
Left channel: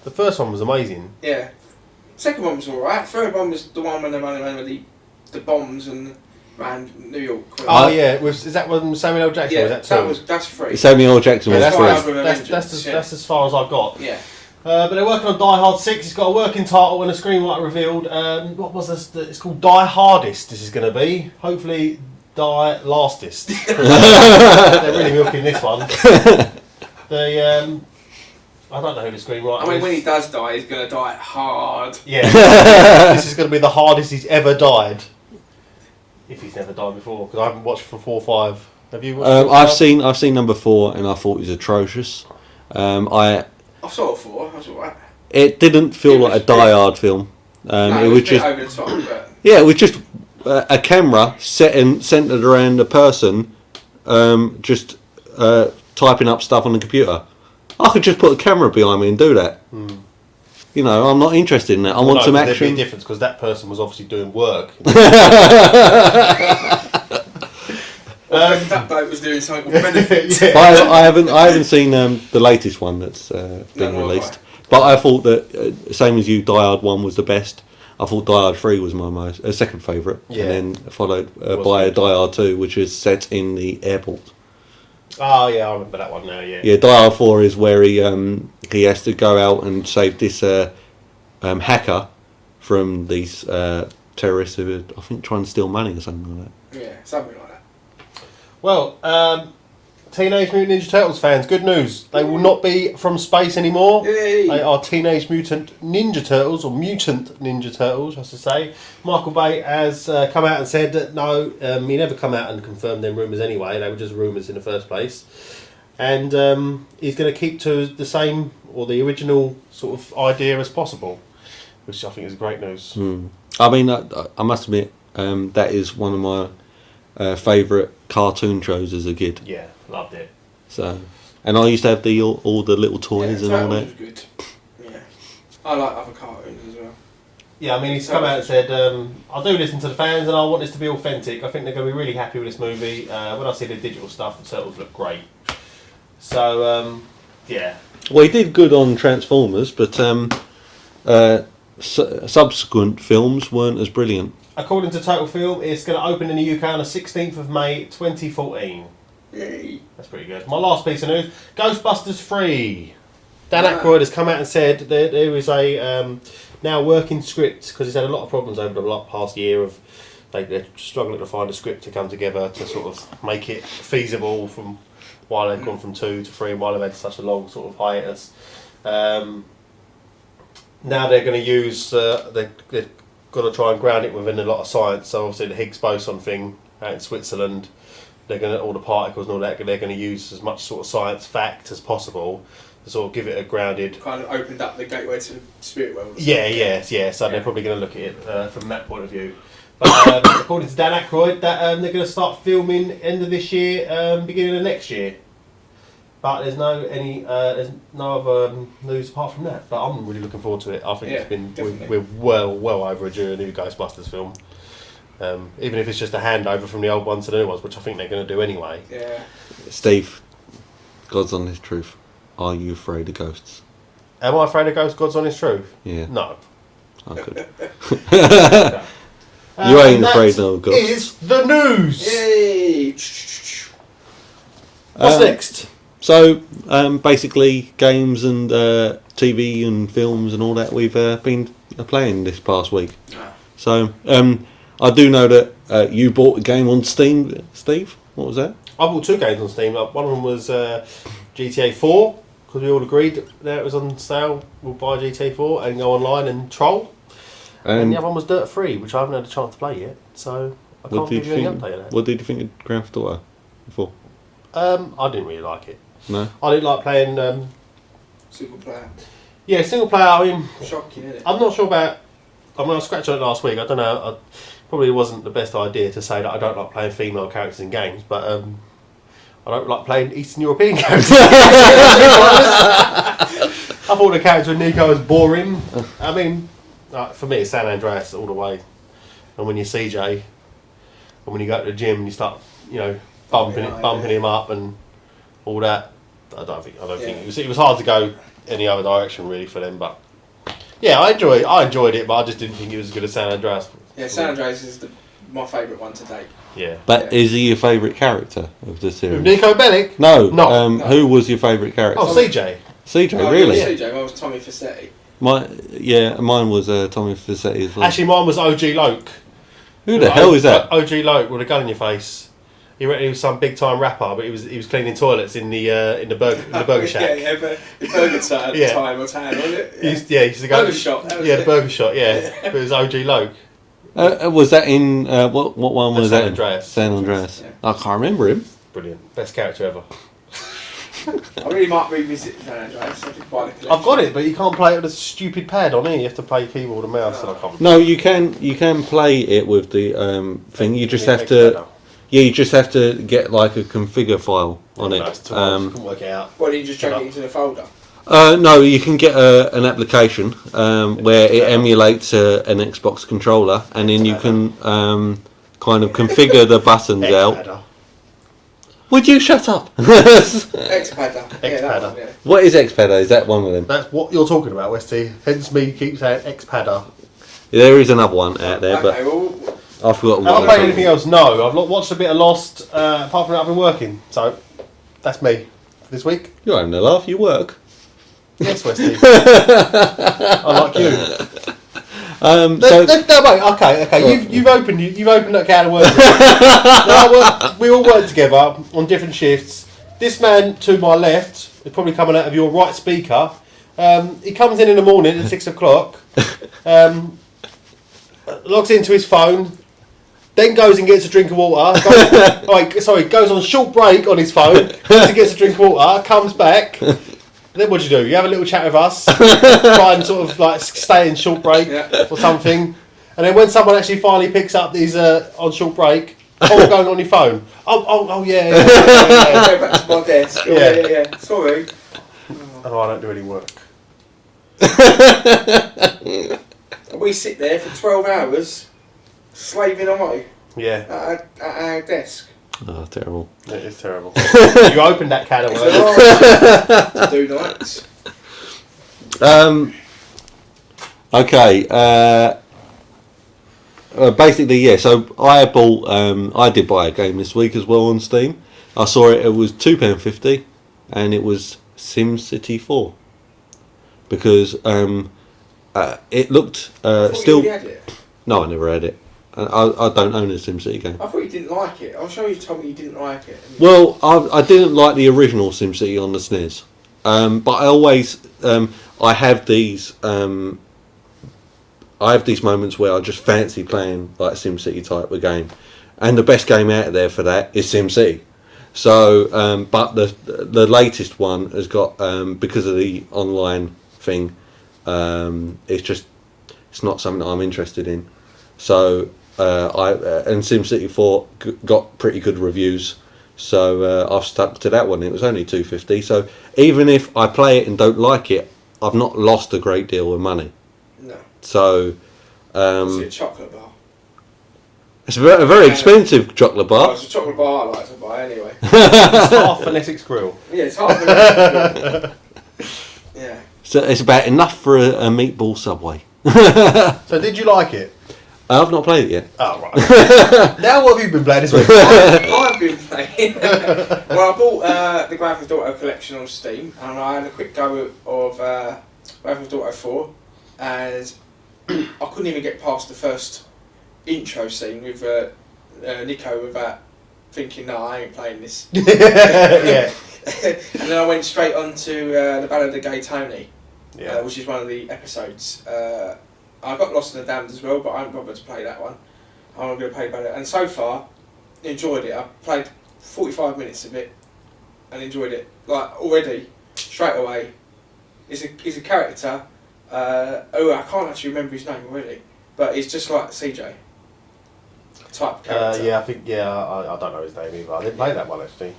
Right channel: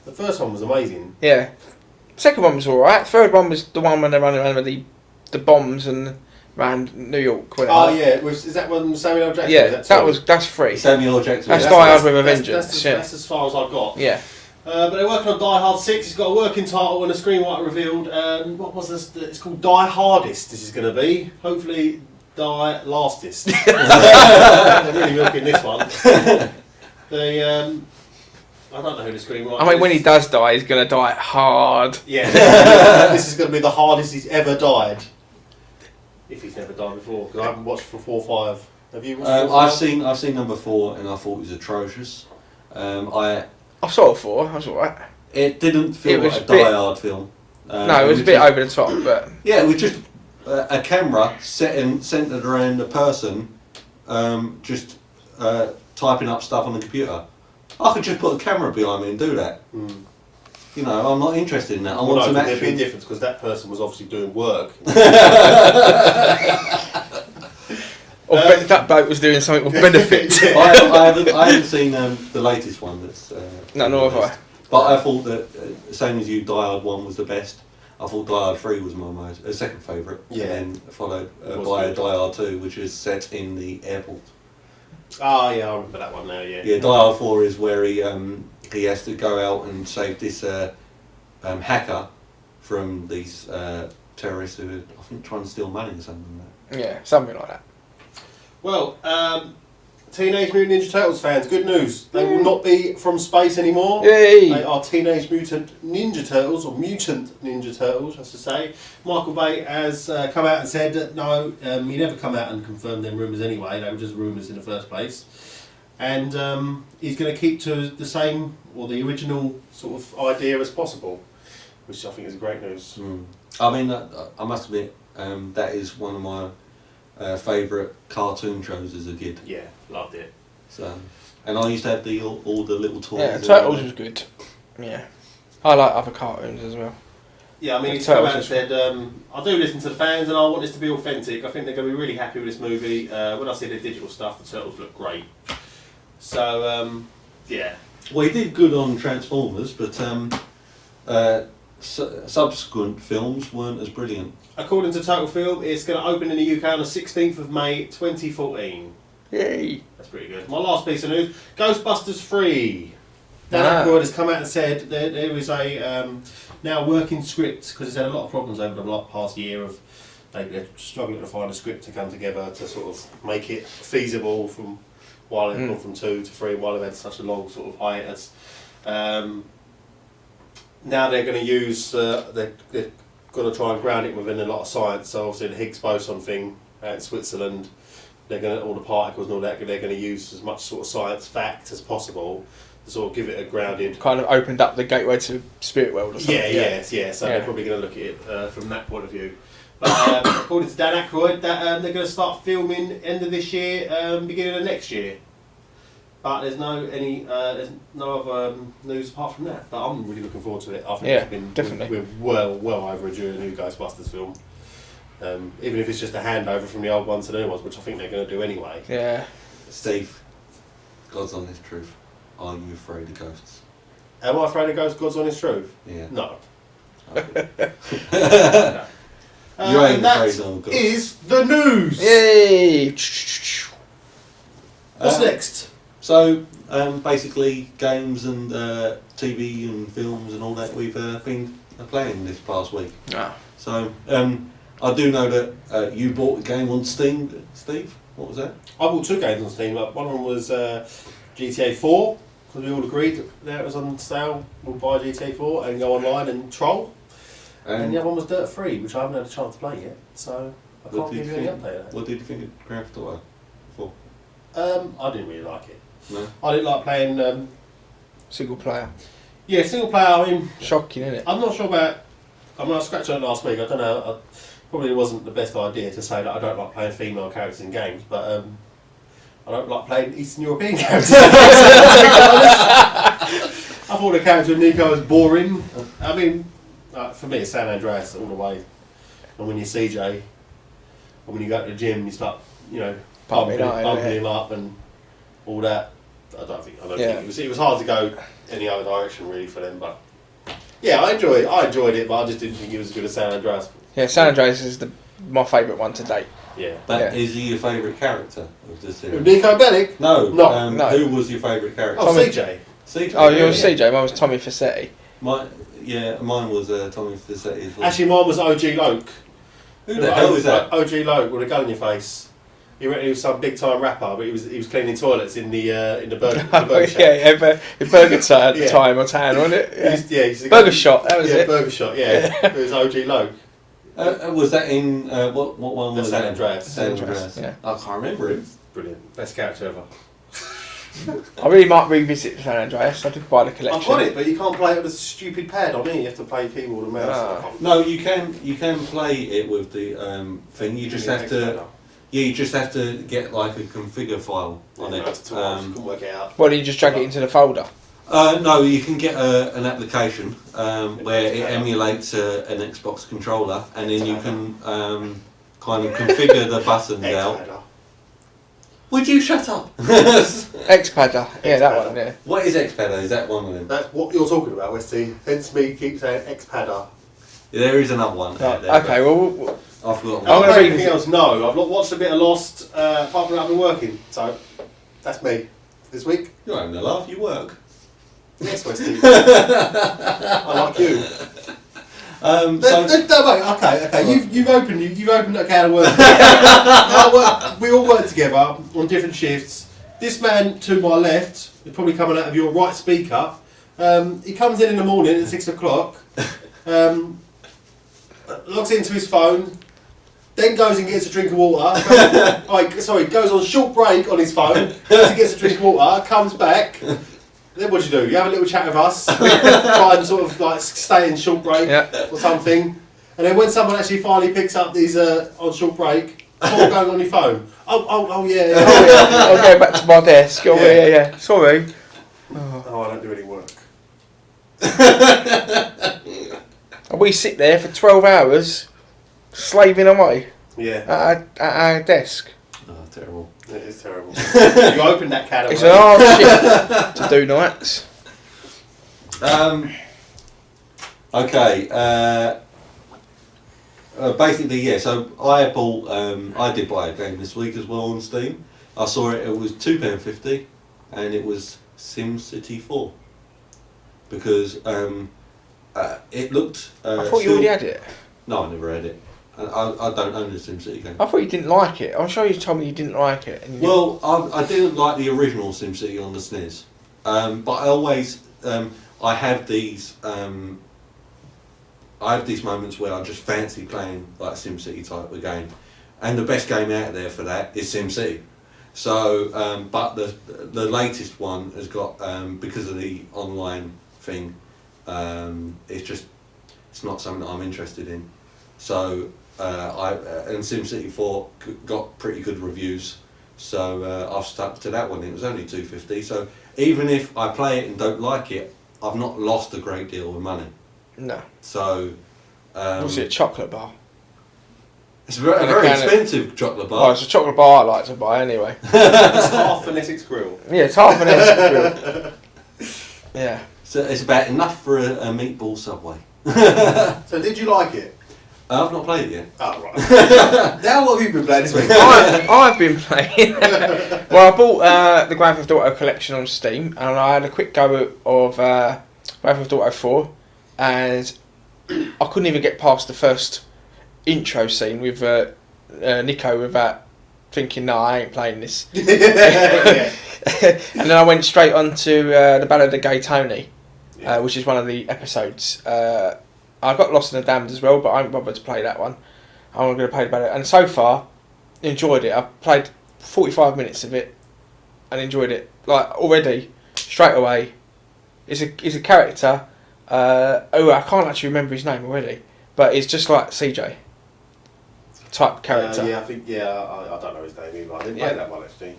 The first one was amazing. Yeah. Second one was alright. Third one was the one when they ran over the bombs and around New York. Is that one Samuel L. Jackson? Yeah, that's free. Samuel L. Jackson was That's as far as I've got. Yeah. But they're working on Die Hard 6. It's got a working title and a screenwriter revealed. What was this? It's called Die Hardest. This is going to be. Hopefully, Die Lastest. They're really milking this one. I don't know who the screenwriter is. I mean, when he does die, he's going to die hard. Yeah. This is going to be the hardest he's ever died. If he's never died before. Because I haven't watched from 4 or 5. Have you watched 4 or 5? I've seen number 4 and I thought it was atrocious. I saw it 4. That's alright. It didn't feel like a Die Hard film. No, it was a bit over the top, but yeah, it was just a camera centered around a person, just typing up stuff on the computer. I could just put a camera behind me and do that. Mm. You know, I'm not interested in that. I want some action. There'd be a difference because that person was obviously doing work. That bloke was doing something with benefit. Yeah. I haven't seen the latest one that's been no, released. But I thought that same as you, Die Hard 1 was the best. I thought Die Hard 3 was my second favourite, and then followed by Die Hard 2, which is set in the airport. Oh yeah, I remember that one now. Yeah. Yeah, Die Hard 4 is where he has to go out and save this hacker from these terrorists who are, I think, trying to steal money or something like that. Yeah, something like that. Well, Teenage Mutant Ninja Turtles fans, good news. They will not be from space anymore. Yay. They are Teenage Mutant Ninja Turtles, or Mutant Ninja Turtles, I should say. Michael Bay has come out and said that no, he never come out and confirmed them rumours anyway. They were just rumours in the first place. And he's going to keep to the same, or the original sort of idea as possible, which I think is great news. I mean, I must admit, that is one of my favourite cartoon shows as a kid. Yeah, loved it. So, and I used to have all the little toys. Yeah, and Turtles all that. was good. Yeah, I like other cartoons as well. Yeah, I mean, he's come out and said, I do listen to the fans and I want this to be authentic. I think they're going to be really happy with this movie. When I see the digital stuff, the Turtles look great. So, yeah. Well, he did good on Transformers, but subsequent films weren't as brilliant. According to Total Film, it's going to open in the UK on the 16th of May 2014. Yay. That's pretty good. My last piece of news, Ghostbusters 3. Dan Aykroyd has come out and said there is a now working script, because he's had a lot of problems over the past year of they're struggling to find a script to come together to sort of make it feasible from while they've gone from 2 to 3, while they've had such a long sort of hiatus. Now they're going to use, they're going to try and ground it within a lot of science. So obviously the Higgs boson thing out in Switzerland, they're going to, all the particles and all that, they're going to use as much sort of science fact as possible to sort of give it a grounded... Kind of opened up the gateway to spirit world or something. Yeah. So they're probably going to look at it from that point of view. But according to Dan Aykroyd, that they're going to start filming end of this year, beginning of next year. But there's there's no other news apart from that. But I'm really looking forward to it. I think it's been we're well overdue a new Ghostbusters film. Even if it's just a handover from the old ones to the new ones, which I think they're going to do anyway. Yeah. Steve, God's honest truth. Are you afraid of ghosts? Am I afraid of ghosts? God's honest truth? Yeah. No. Okay. No. You ain't afraid of ghosts. Is the news. Yay! What's next? So, basically, games and TV and films and all that we've been playing this past week. Ah. So, I do know that you bought a game on Steam, Steve. What was that? I bought 2 games on Steam. Like, one of them was GTA 4, because we all agreed that it was on sale. We'll buy GTA 4 and go online and troll. And the other one was Dirt 3, which I haven't had a chance to play yet. So, I can't give you any update of that. What did you think of Grand Theft Auto 4? I didn't really like it. No? I didn't like playing... Single player. Yeah, single player, I mean... Shocking, isn't it? I'm not sure about... I mean, I scratched on it last week. I don't know. Probably wasn't the best idea to say that I don't like playing female characters in games, but I don't like playing Eastern European characters. I thought the character in Nico was boring. I mean, for me, it's San Andreas all the way. And when you're CJ, and when you go to the gym, and you start, bumping him up and all that. I don't think it was hard to go any other direction really for them, but. Yeah, I enjoyed it, but I just didn't think it was as good as San Andreas. Yeah, San Andreas is my favourite one to date. Yeah. But is he your favourite character of the series? With Nico Bellic? No. No. Who was your favourite character? Oh, CJ. CJ, Oh, really? you were CJ, mine was Tommy Fassetti. Mine was Tommy Fassetti as well. Actually, mine was OG Loke. Who the hell is that? OG Loke with a gun in your face. He was some big time rapper, but he was cleaning toilets in the burger shack. Yeah, burger time at the time, or tan, wasn't it? Yeah, he's Burger Shop. That was it. Burger Shop. Yeah, it was OG Loke. Was that in what one was San that? Andreas. San Andreas. Yeah. I can't remember him. Brilliant, best character ever. I really might revisit San Andreas. I did buy the collection. I've got it, but you can't play it with a stupid pad on it. You have to play keyboard and mouse. So I can't. No, you can play it with the thing. You just have to. Yeah, you just have to get like a configure file on it. Can work it out. What, do you just drag it into the folder? No, you can get an application where it emulates an Xbox controller, and then you can kind of configure the buttons out. Would you shut up? Xpadder. Yeah, that one. Yeah. What is Xpadder? Is that one of them? That's what you're talking about, Westy. Hence me keep saying Xpadder. There is another one out there. Okay, well, I've forgotten. Have I played anything else? No, I've not watched a bit of Lost. Apart from that, I've been working. So that's me this week. You're having a laugh. You work. Yes, Westy. I like you. Okay. You've opened that can of worms. Now, we all work together on different shifts. This man to my left is probably coming out of your right speaker. He comes in the morning at 6 o'clock. Logs into his phone. Then goes and gets a drink of water. Goes on short break on his phone. Goes and gets a drink of water. Comes back. Then what do? You have a little chat with us. Try and sort of like stay in short break or something. And then when someone actually finally picks up these on short break, all going on your phone. Yeah. I'll go back to my desk. Yeah. Sorry. Oh, I don't do any work. We sit there for 12 hours, slaving away. Yeah. At our desk. Oh, terrible. It is terrible. You opened that can of It's worms. an hard shift to do nights. Okay. Basically, yeah. So I did buy a game this week as well on Steam. I saw it. It was £2.50, and it was SimCity 4. Because it looked I thought still. you already had it. No, I never had it. I don't own a SimCity game. I thought you didn't like it. I'm sure you told me you didn't like it. Well, I didn't like the original SimCity on the SNES, but I always I have these moments where I just fancy playing like a SimCity type of game, and the best game out there for that is SimCity. So, but the latest one has got because of the online thing, it's not something that I'm interested in. So and SimCity 4 got pretty good reviews, So I've stuck to that one. It was only $2.50. So even if I play it and don't like it, I've not lost a great deal of money. No. So. Was it a chocolate bar? It's a very expensive chocolate bar. Oh, it's a chocolate bar I like to buy anyway. It's half an Essex grill. Yeah, it's half an Essex grill. Yeah. So it's about enough for a meatball Subway. So did you like it? I've not played it yet. Oh, right. Now what have you been playing this week? I've been playing. Well, I bought the Grand Theft Auto collection on Steam, and I had a quick go of Grand Theft Auto 4, and I couldn't even get past the first intro scene with Nico without thinking, no, I ain't playing this. Yeah. And then I went straight on to the Ballad of Gay Tony, Yeah. which is one of the episodes. I got Lost in the Damned as well, but I haven't bothered to play that one. I'm going to play Ballad, and so far, enjoyed it. I've played 45 minutes of it, and enjoyed it. Like already, straight away. He's a character. I can't actually remember his name already, but it's just like CJ type character. Yeah, I think. I don't know his name either. I didn't play that one actually.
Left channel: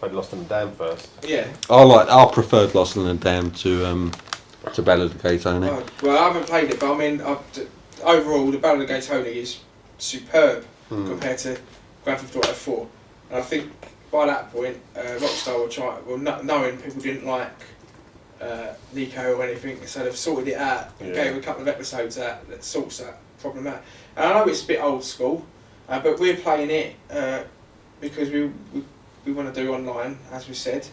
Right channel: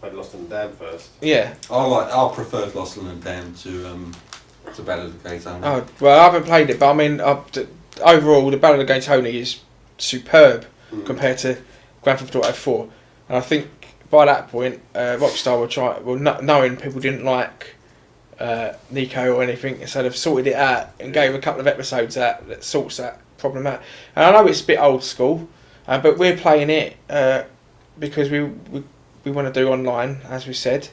Played Lost in the Dam first. Yeah. I preferred Lost in the Dam to Ballad of Gay Tony. Oh, well, I haven't played it, but I mean, overall, the Ballad of Gay Tony is superb compared to Grand Theft Auto 4, and I think by that point, Rockstar knowing people didn't like Nico or anything, so they've sorted it out and gave a couple of episodes out that sorts that problem out. And I know it's a bit old school, but we're playing it because we want to do online, as we said,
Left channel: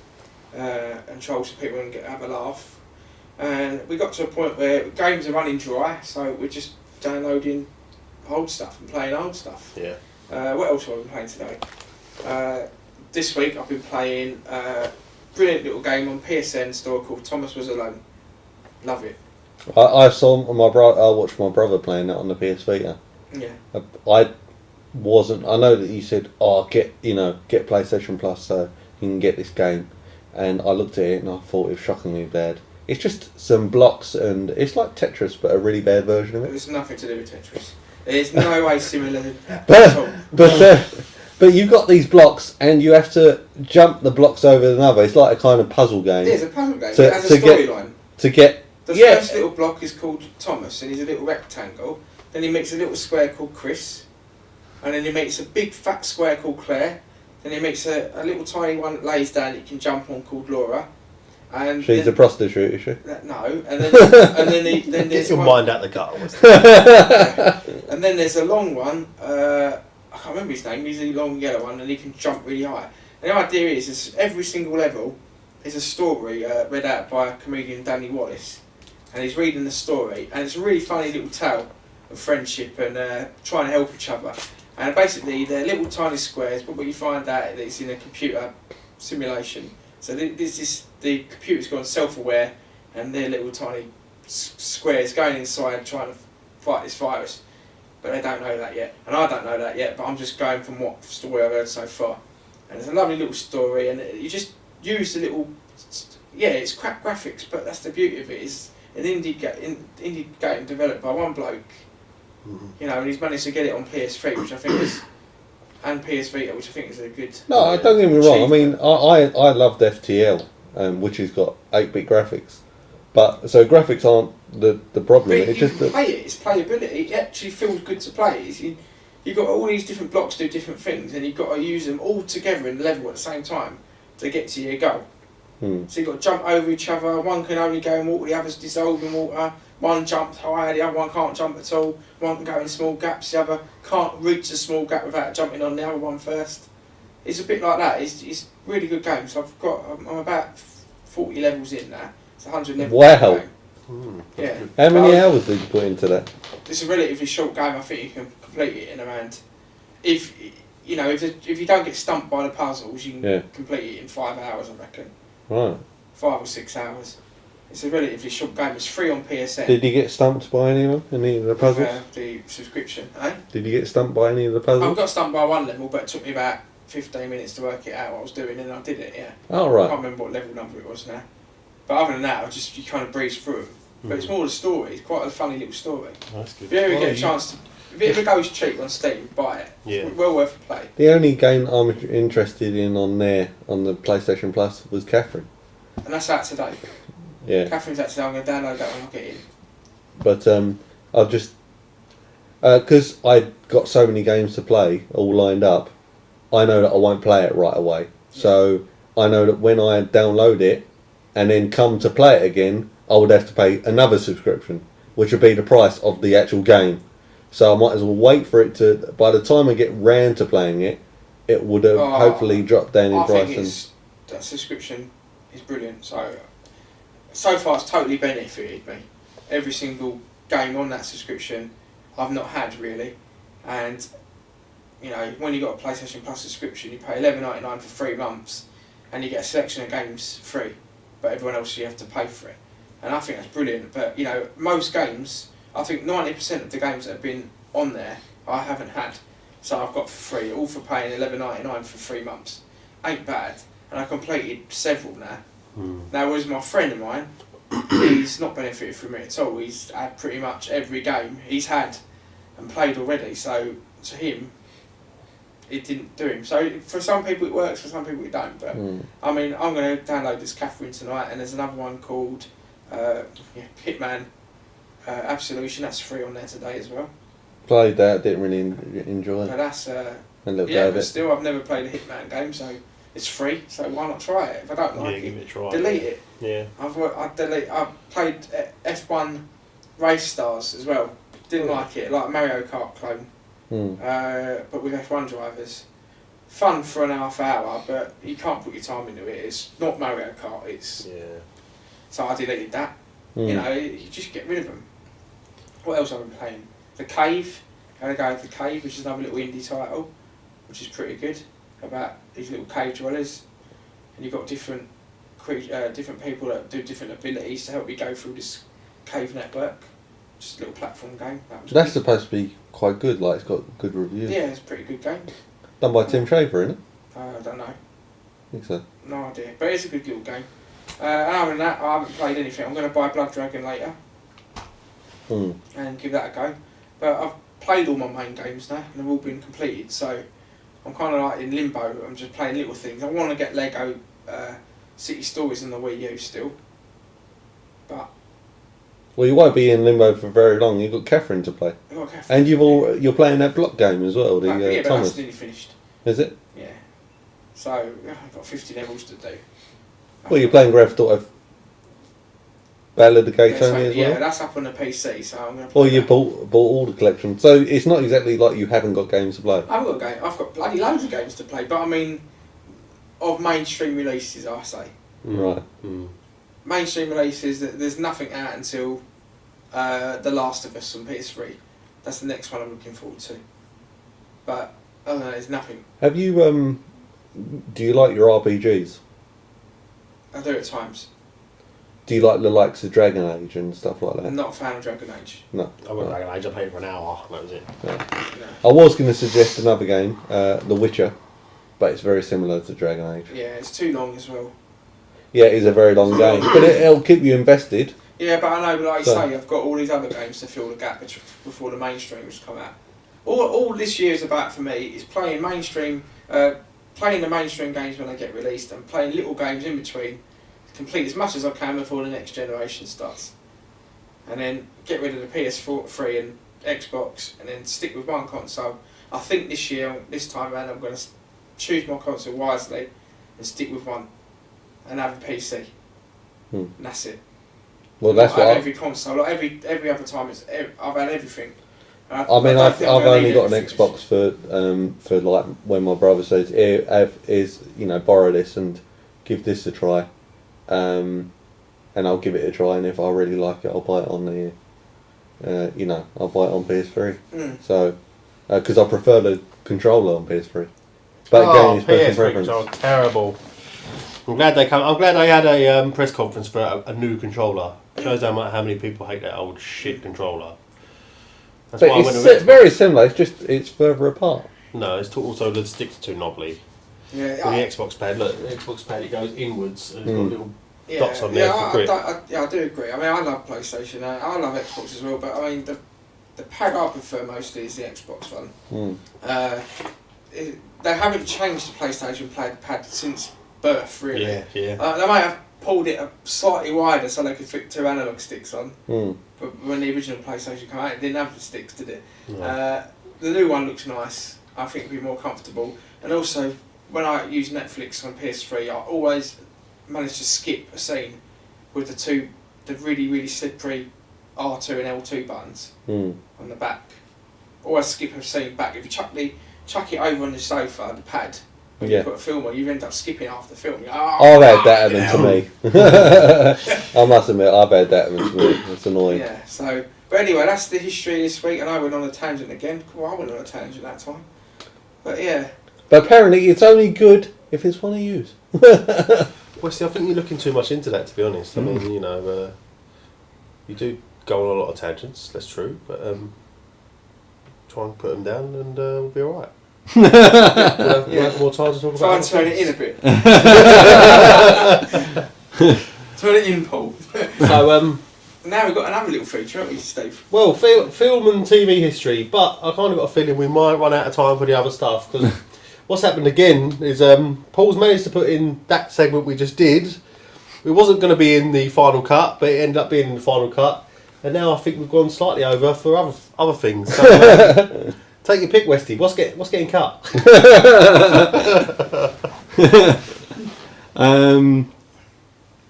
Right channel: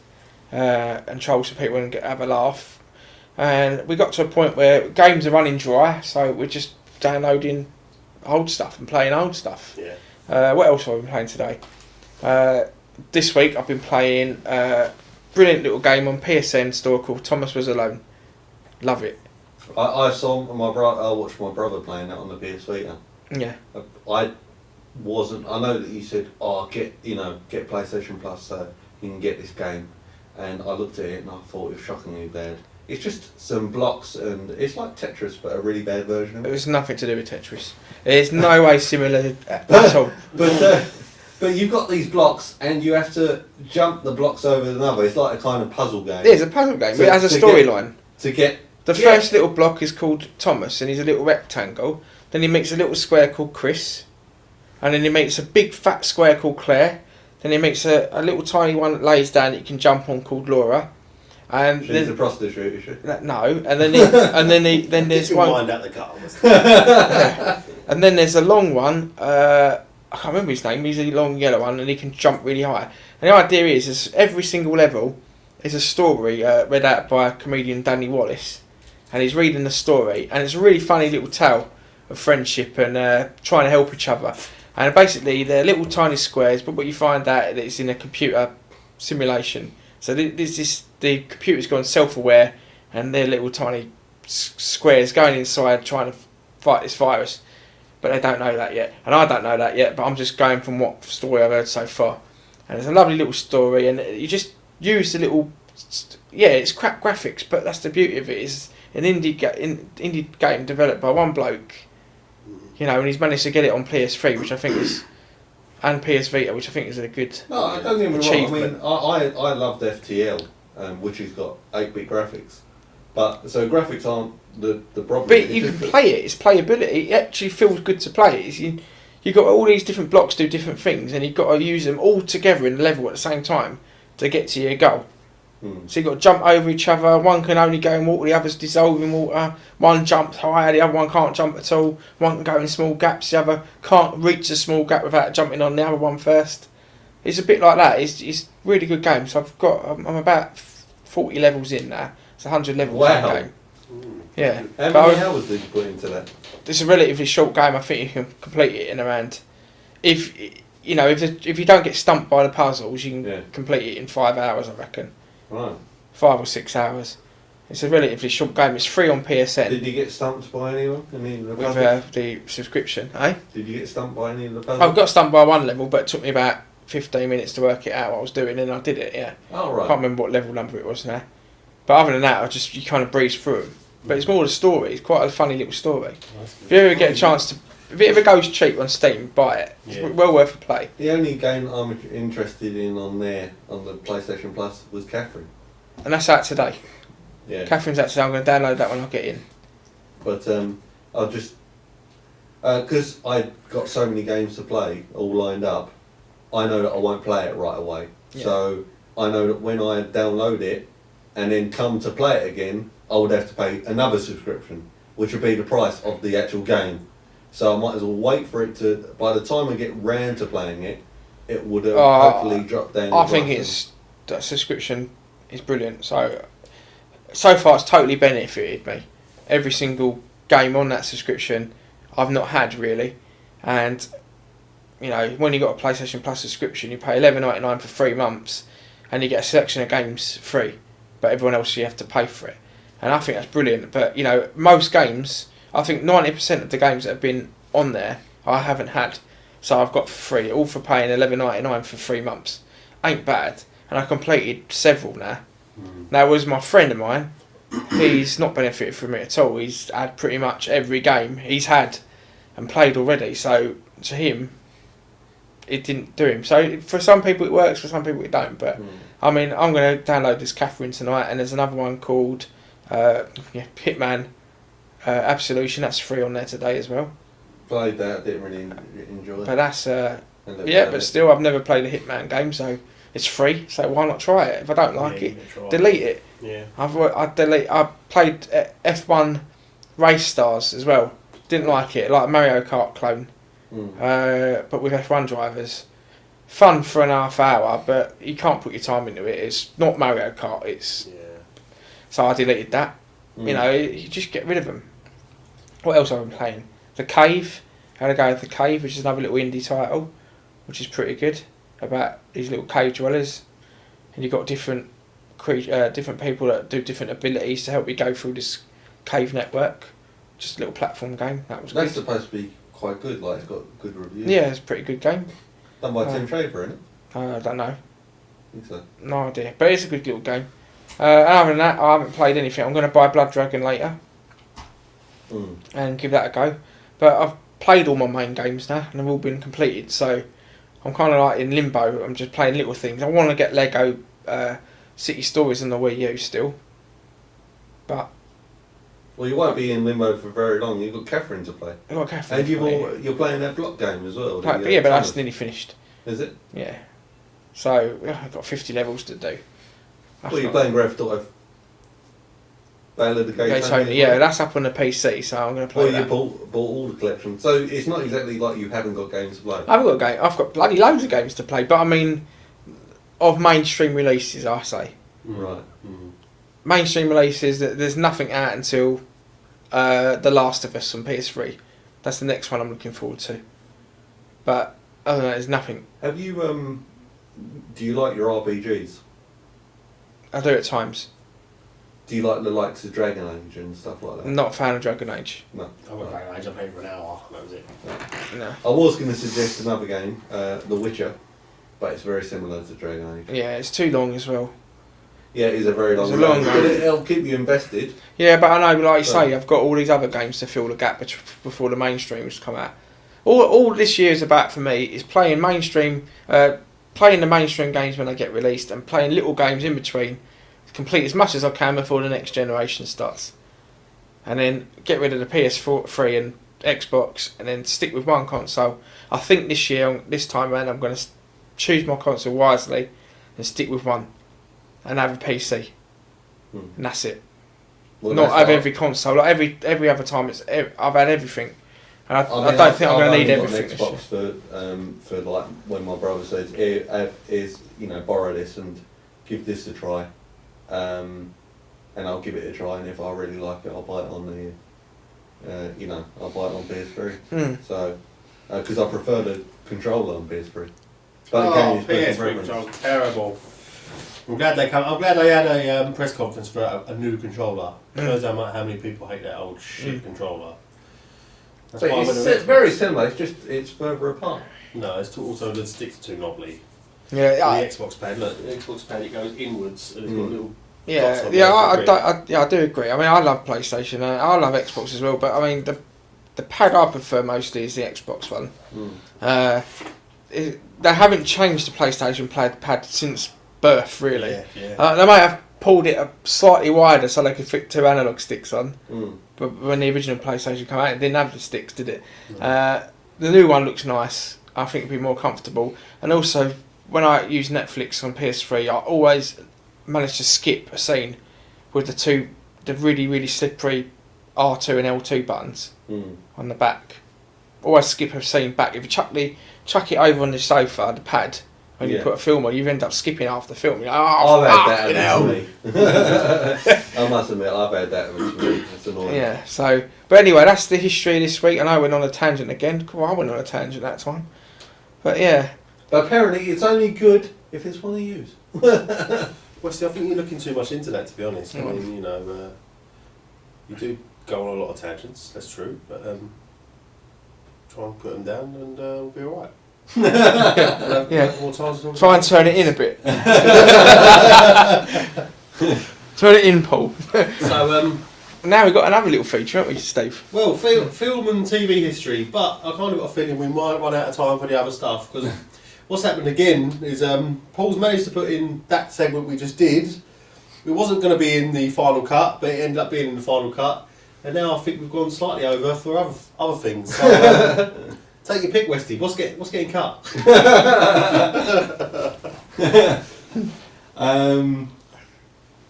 and troll some people and have a laugh. And we got to a point where games are running dry, so we're just downloading old stuff and playing old stuff. Yeah. What else have I been playing today? This week I've been playing a brilliant little game on PSN store called Thomas Was Alone. Love it. I saw I watched my brother playing that on the PS Vita. Yeah. I know that you said, get PlayStation Plus so you can get this game, and I looked at it and I thought it was shockingly bad. It's just some blocks, and it's like Tetris, but a really bad version of it. It's nothing to do with Tetris. It's no way similar at all. But you've got these blocks, and you have to jump the blocks over another. It's like a kind of puzzle game. It is a puzzle game. It has a storyline. The first little block is called Thomas, and he's a little rectangle. Then he meets a little square called Chris, and then he meets a big fat square called Claire. Then he meets a little tiny one that lays down that you can jump on called Laura. And she's a prostitute, is she? No, and then there's one. Wind out the gutter. And then there's a long one. I can't remember his name. He's a long yellow one, and he can jump really high. And the idea is every single level is a story read out by comedian Danny Wallace, and he's reading the story, and it's a really funny little tale of friendship and trying to help each other. And basically, they're little tiny squares, but what you find out that it's in a computer simulation. So the computer's gone self-aware, and they're little tiny squares going inside trying to fight this virus. But they don't know that yet, and I don't know that yet, but I'm just going from what story I've heard so far. And it's a lovely little story, and you just use the little... Yeah, it's crap graphics, but that's the beauty of it. It's an indie game developed by one bloke, and he's managed to get it on PS3, which I think is... and PS Vita, which I think is a good... No, don't get me wrong. I mean, I loved FTL, which has got 8-bit graphics. But so graphics aren't the problem. But you can play it. It's playability. It actually feels good to play. You've got all these different blocks do different things, and you've got to use them all together in the level at the same time to get to your goal. So you've got to jump over each other. One can only go in water, the other's dissolve in water. One jumps higher, the other one can't jump at all. One can go in small gaps, the other can't reach a small gap without jumping on the other one first. It's a bit like that. It's a really good game. So I'm about 40 levels in now. It's a 100 level game. Yeah. How many hours did you put into that? It's a relatively short game. I think you can complete it in around... If you don't get stumped by the puzzles, you can complete it in 5 hours, I reckon. Right. 5 or 6 hours. It's a relatively short game. It's free on PSN. Did you get stumped by anyone? Any of the puzzles? With the subscription, eh? Did you get stumped by any of the puzzles? I got stumped by one level, but it took me about 15 minutes to work it out what I was doing, and I did it, yeah. Oh, right. I can't remember what level number it was now. But other than that, you kind of breeze through them. But it's more the story. It's quite a funny little story. That's good. If you ever get a chance to if it ever goes cheap on Steam, buy it. Yeah. It's well worth a play. The only game I'm interested in on there, on the PlayStation Plus, was Catherine. And that's out today. Yeah. Catherine's out today. I'm going to download that when I get in. But I'll just... Because I got so many games to play, all lined up, I know that I won't play it right away. Yeah. So I know that when I download it and then come to play it again, I would have to pay another subscription, which would be the price of the actual game. So I might as well wait for it to... By the time I get round to playing it, it would have hopefully dropped down in price. I think the subscription is brilliant. So far it's totally benefited me. Every single game on that subscription I've not had really. And, you know, when you got a PlayStation Plus subscription, you pay $11.99 for 3 months and you get a selection of games free. But everyone else, you have to pay for it. And I think that's brilliant. But, you know, most games, I think 90% of the games that have been on there, I haven't had. So I've got for free, all for paying $11.99 for 3 months. Ain't bad. And I completed several now. Now, it was my friend of mine. He's not benefited from it at all. He's had pretty much every game he's had and played already. So, to him, it didn't do him. So, for some people it works, for some people it don't. But, I mean, I'm going to download this Catherine tonight. And there's another one called Hitman Absolution. That's free on there today as well. Played that, didn't really enjoy it. But that's... but still, I've never played a Hitman game, so... It's free, so why not try it? If I don't like it, delete it. Yeah. I played F1 Race Stars as well. Didn't like it, like a Mario Kart clone, but with F1 drivers. Fun for an half hour, but you can't put your time into it. It's not Mario Kart. So I deleted that. You know, you just get rid of them. What else have I been playing? The Cave. I had a go with The Cave, which is another little indie title, which is pretty good. About these little cave dwellers, and you've got different people that do different abilities to help you go through this cave network. Just a little platform game. That's supposed to be quite good. Like, it's got good reviews. Yeah, it's a pretty good game. Done by Tim Schafer, isn't it? I don't know. I think so. No idea, but it's a good little game. Other than that, I haven't played anything. I'm going to buy Blood Dragon later and give that a go. But I've played all my main games now, and they've all been completed. So. I'm kind of like in limbo. I'm just playing little things. I want to get Lego City Stories on the Wii U still. But... Well, you won't be in limbo for very long. You've got Catherine to play. I've got Catherine. And you're playing that block game as well. But that's nearly finished. Is it? Yeah. So, I've got 50 levels to do. Well, you're playing Grand Theft Auto Ballad of Gay Tony. Yeah, that's up on the PC, so I'm going to play that. You bought all the collection. So it's not exactly like you haven't got games to play. I've got bloody loads of games to play, but I mean, of mainstream releases, I say. Right. Mainstream releases, there's nothing out until The Last of Us on PS3. That's the next one I'm looking forward to. But other than that, there's nothing. Have you, do you like your RPGs? I do at times. Do you like the likes of Dragon Age and stuff like that? I'm not a fan of Dragon Age. No. I got Dragon Age, I played for an hour, that was it. Yeah. No. I was going to suggest another game, The Witcher, but it's very similar to Dragon Age. Yeah, it's too long as well. Yeah, it is a very long game, but it'll keep you invested. Yeah, but I know, like you say, I've got all these other games to fill the gap before the mainstreams come out. All this year is about for me is playing mainstream, playing the mainstream games when they get released, and playing little games in between. Complete as much as I can before the next generation starts, and then get rid of the PS3 and Xbox, and then stick with one console. I think this time around, I'm going to choose my console wisely and stick with one, and have a PC, and that's it. Well, not have every console. Like every other time, I've had everything. And I don't think I'm I've going to need only got everything. an Xbox for like when my brother says, borrow this and give this a try. And I'll give it a try, and if I really like it, I'll buy it on I'll buy it on PS3. So, because I prefer the controller on PS3. But again, it's personal preference. PS3 terrible. I'm glad they had a press conference for a new controller. It shows how many people hate that old shit controller. That's but why it's very similar. It's further apart. No, it's also the sticks are too knobbly. Yeah, the Xbox pad. Look, the Xbox pad, it goes inwards and it's got little dots on I do agree. I mean, I love PlayStation. I love Xbox as well. But I mean, the pad I prefer mostly is the Xbox one. Mm. They haven't changed the PlayStation pad since birth, really. Yeah. They might have pulled it slightly wider so they could fit 2 analog sticks on. Mm. But when the original PlayStation came out, it didn't have the sticks, did it? No. The new one looks nice. I think it'd be more comfortable. And also, when I use Netflix on PS3, I always manage to skip a scene with the really, really slippery R2 and L2 buttons on the back. Always skip a scene back. If you chuck it over on the sofa, the pad, when you put a film on, you end up skipping half the film. You're like, I've had that happen to me. I must admit, I've had that happen to me. It's annoying. Yeah, so... But anyway, that's the history this week, and I went on a tangent again. Well, I went on a tangent that time. But yeah. But apparently it's only good if it's one you use. Well, see, I think you're looking too much into that, to be honest. I mean, you know, you do go on a lot of tangents, that's true, but try and put them down and we'll be alright. We'll have more time to talk about Try and turn it in a bit. Turn it in, Paul. So, now we've got another little feature, haven't we, Steve? well, film and TV history, but I kind of got a feeling we might run out of time for the other stuff, because what's happened again is Paul's managed to put in that segment we just did. It wasn't going to be in the final cut, but it ended up being in the final cut, and now I think we've gone slightly over for other things. So, take your pick, Westy. What's getting cut?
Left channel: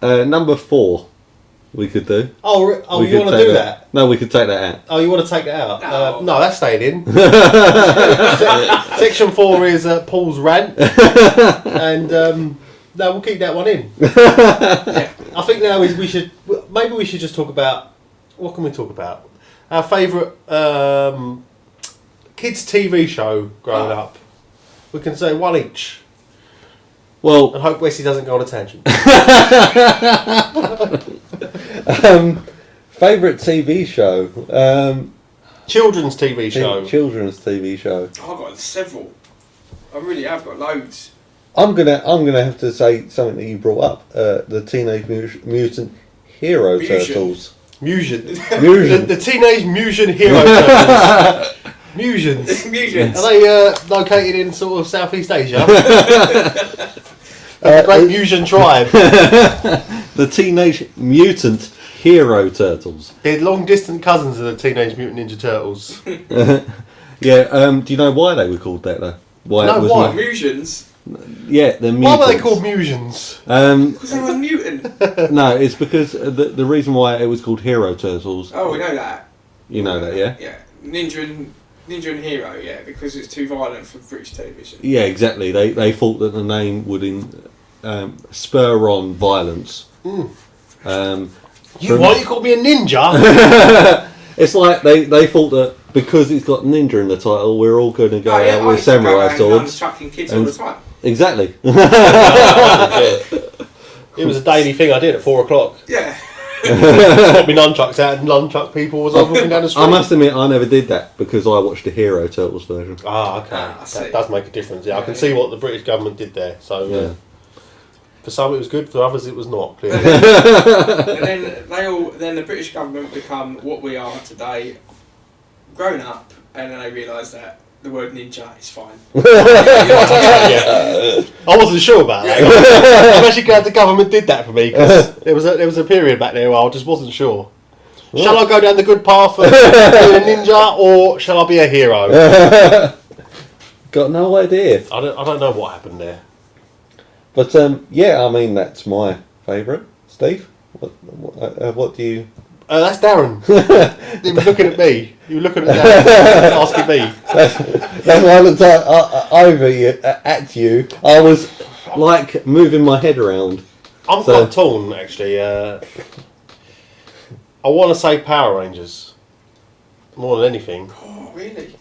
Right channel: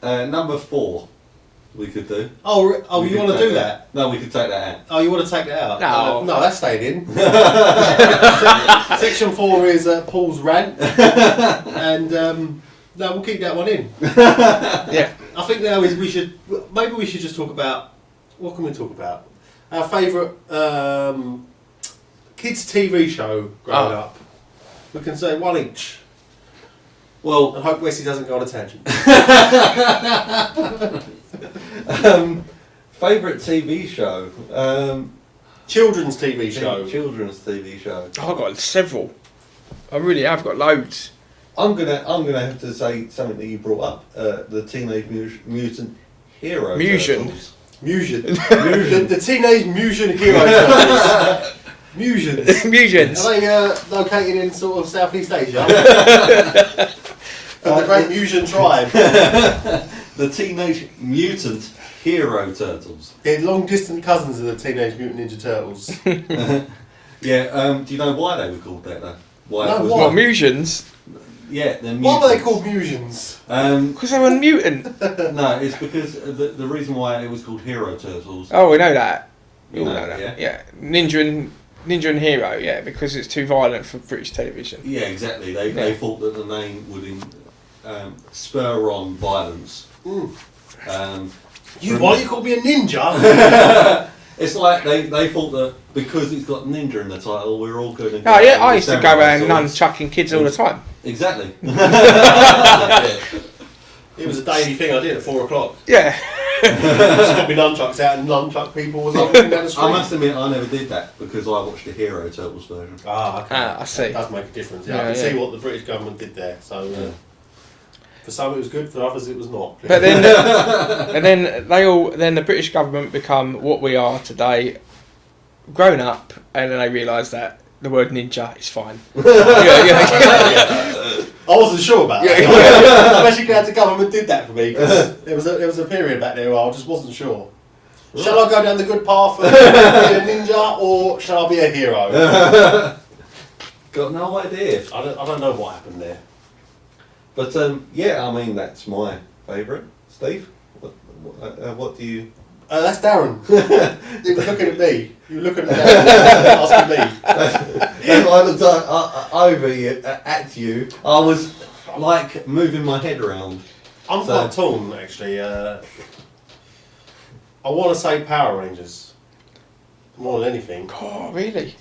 Number 4 we could do. Oh, you want to do that? No, we could take that out. Oh, you want to take that out? No. No, that's staying in. Section 4 is Paul's rant, and no, we'll keep that one in. Yeah. I think now we should just talk about, what can we talk about? Our favourite kids TV show growing up. We can say one each. Well, And hope Wesley doesn't go on a tangent. favourite TV show. Children's TV show. Children's TV show. I've got several. I really have got loads. I'm gonna have to say something that you brought up. The Teenage Mutant Hero Turtles. Musion. Musion. The Teenage Musion Hero Turtles. Musions. Musions. Are they located in sort of Southeast Asia? The Great Musion tribe. The Teenage Mutant Hero Turtles. They're long distant cousins of the Teenage Mutant Ninja Turtles. Yeah. Do you know why they were called that though? Why? What, Musions? Yeah, they're mutants. Why were they called Musions? Because they were a mutant. No, it's because the reason why it was called Hero Turtles. Oh, we know that. You know that, yeah? Yeah. Ninja and Hero, yeah, because it's too violent for British television. Yeah, exactly. They thought that the name would spur on violence. Mm. Why you call me a ninja? It's like they thought that because it's got ninja in the title, we're all going to go. Oh yeah, I used to go around swords. nunchucking kids all the time. Exactly. It was a daily thing I did at 4 o'clock. Yeah. Got my nunchucks out and nunchuck people as I was walking down the street. I must admit, I never did that because I watched the Hero Turtles version. Ah, okay. I see. That does make a difference. Yeah, I can Yeah. see what the British government did there. So Yeah. for some it was good, for others it was not. And then the British government become what we are today, grown up, and then they realise that the word ninja is fine. I wasn't sure about that. I'm actually glad the government did that for me because there was a period back there where I just wasn't sure. Shall I go down the good path of being a ninja or shall I be a hero? Got no idea. I don't know what happened there. But yeah, I mean that's my favourite. Steve, what do you? That's Darren. You were looking at me. You were looking at Darren, asking me. And when I looked over at you, I was like moving my head around. I'm quite torn actually. I want to say Power Rangers more than anything. Oh, really?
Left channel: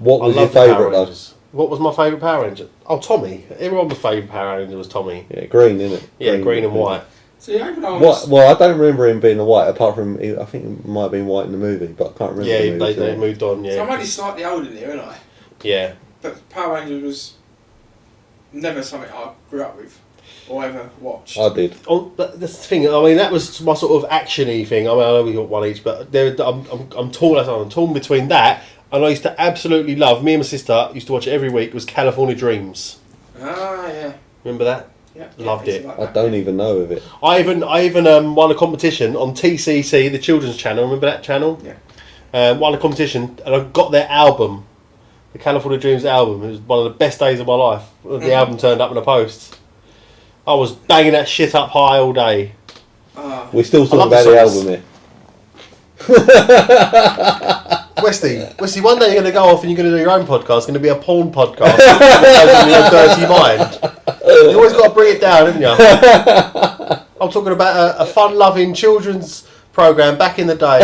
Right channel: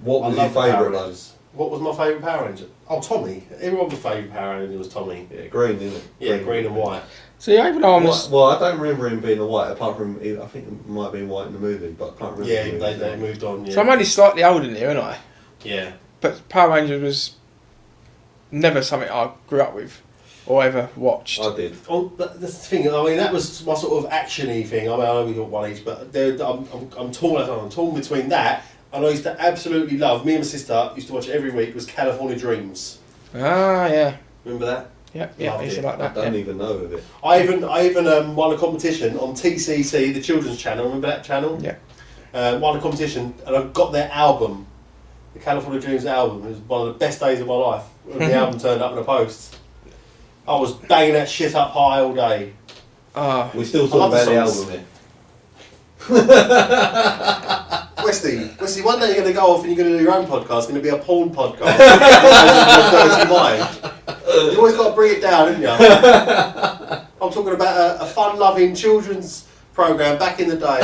What was your love Power favourite? Rangers. What was my favourite Power Ranger? Oh, Tommy. Everyone's favourite Power Ranger was Tommy. Yeah, green, isn't it? Yeah, green and white. So yeah, Well, I don't remember him being a white, apart from I think it might have been white in the movie, but I can't remember. Yeah, the movie, they moved on. Yeah. So I'm only slightly older than you, aren't I? Yeah. But Power Rangers was never something I grew up with. or ever watched? I did. Oh, but that's the thing. I mean, that was my sort of action-y thing. I mean, I know we got one each, but I'm torn. I'm torn between that, and I used to absolutely love. Me and my sister used to watch it every week. Was California Dreams. Ah, yeah. Remember that? Yep. Loved it. Like I don't even know of it. I even won a competition on TCC, the children's channel. Remember that channel? Yeah. Won a competition, and I got their album, the California Dreams album. It was one of the best days of my life when the album turned up in the post. I was banging that shit up high all day. We're still talking about the album here. Westy, one day you're going to go off and you're going to do your own podcast. It's going to be a porn podcast. Your dirty mind. You always got to bring it down, haven't you? I'm talking about a fun-loving children's programme back in the day,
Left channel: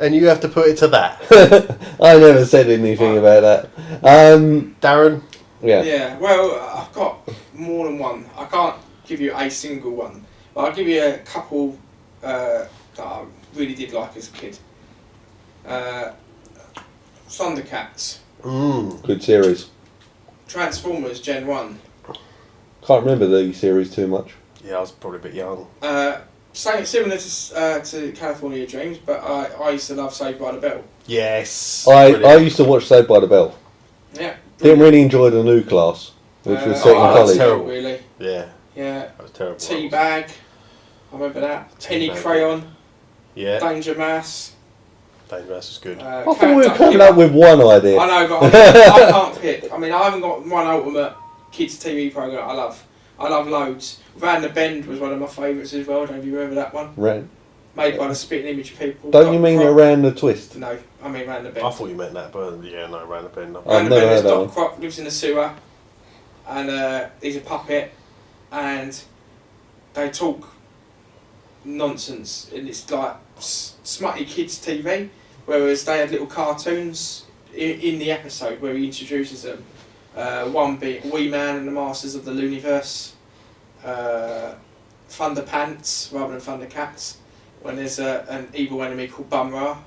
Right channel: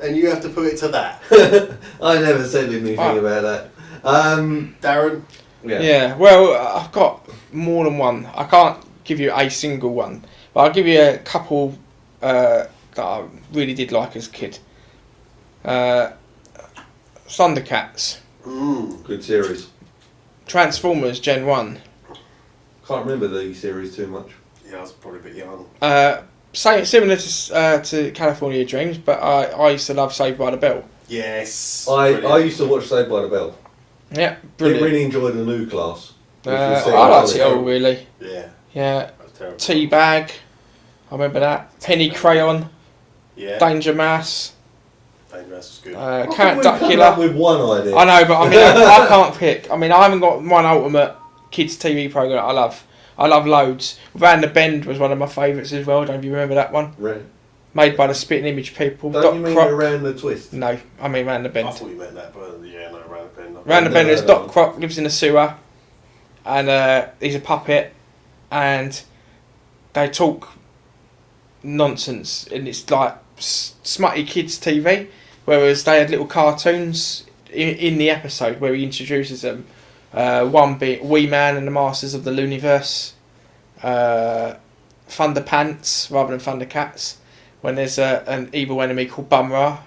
and you have to put it to that. I never said anything about that. Darren? Yeah. Yeah, well, I've got more than one. I can't give you a single one, but I'll give you a couple that I really did like as a kid. Thundercats. Good series. Transformers Gen 1. Can't remember the series too much. Yeah, I was probably a bit young. Similar to California Dreams, but I used to love Saved by the Bell. Yes. I used to watch Saved by the Bell. Yeah, Didn't really enjoy the new class, which was set in that was Tully. terrible, really. Yeah. Yeah. That was terrible. Teabag. I remember that. Penny Teabag. Crayon. Yeah. Danger Mouse. Danger Mouse was good. I thought we were coming up with one idea. I know, but I mean, I can't pick. I mean, I haven't got one ultimate kids TV programme I love. I love loads. Van the Bend was one of my favourites as well. Don't you remember that one? Ran. Made by the Spitting Image people. Don't you mean Around the Twist? No, I mean Van the Bend. I thought you meant that, but yeah, no, Round the Bend. Round the Bend, there's no. Doc Croc, lives in a sewer, and he's a puppet, and they talk nonsense, and it's like smutty kids TV, whereas they had little cartoons in the episode where he introduces them. One bit, Wee Man and the Masters of the Looniverse, Thunderpants rather than Thundercats, when there's an evil enemy called Bumra.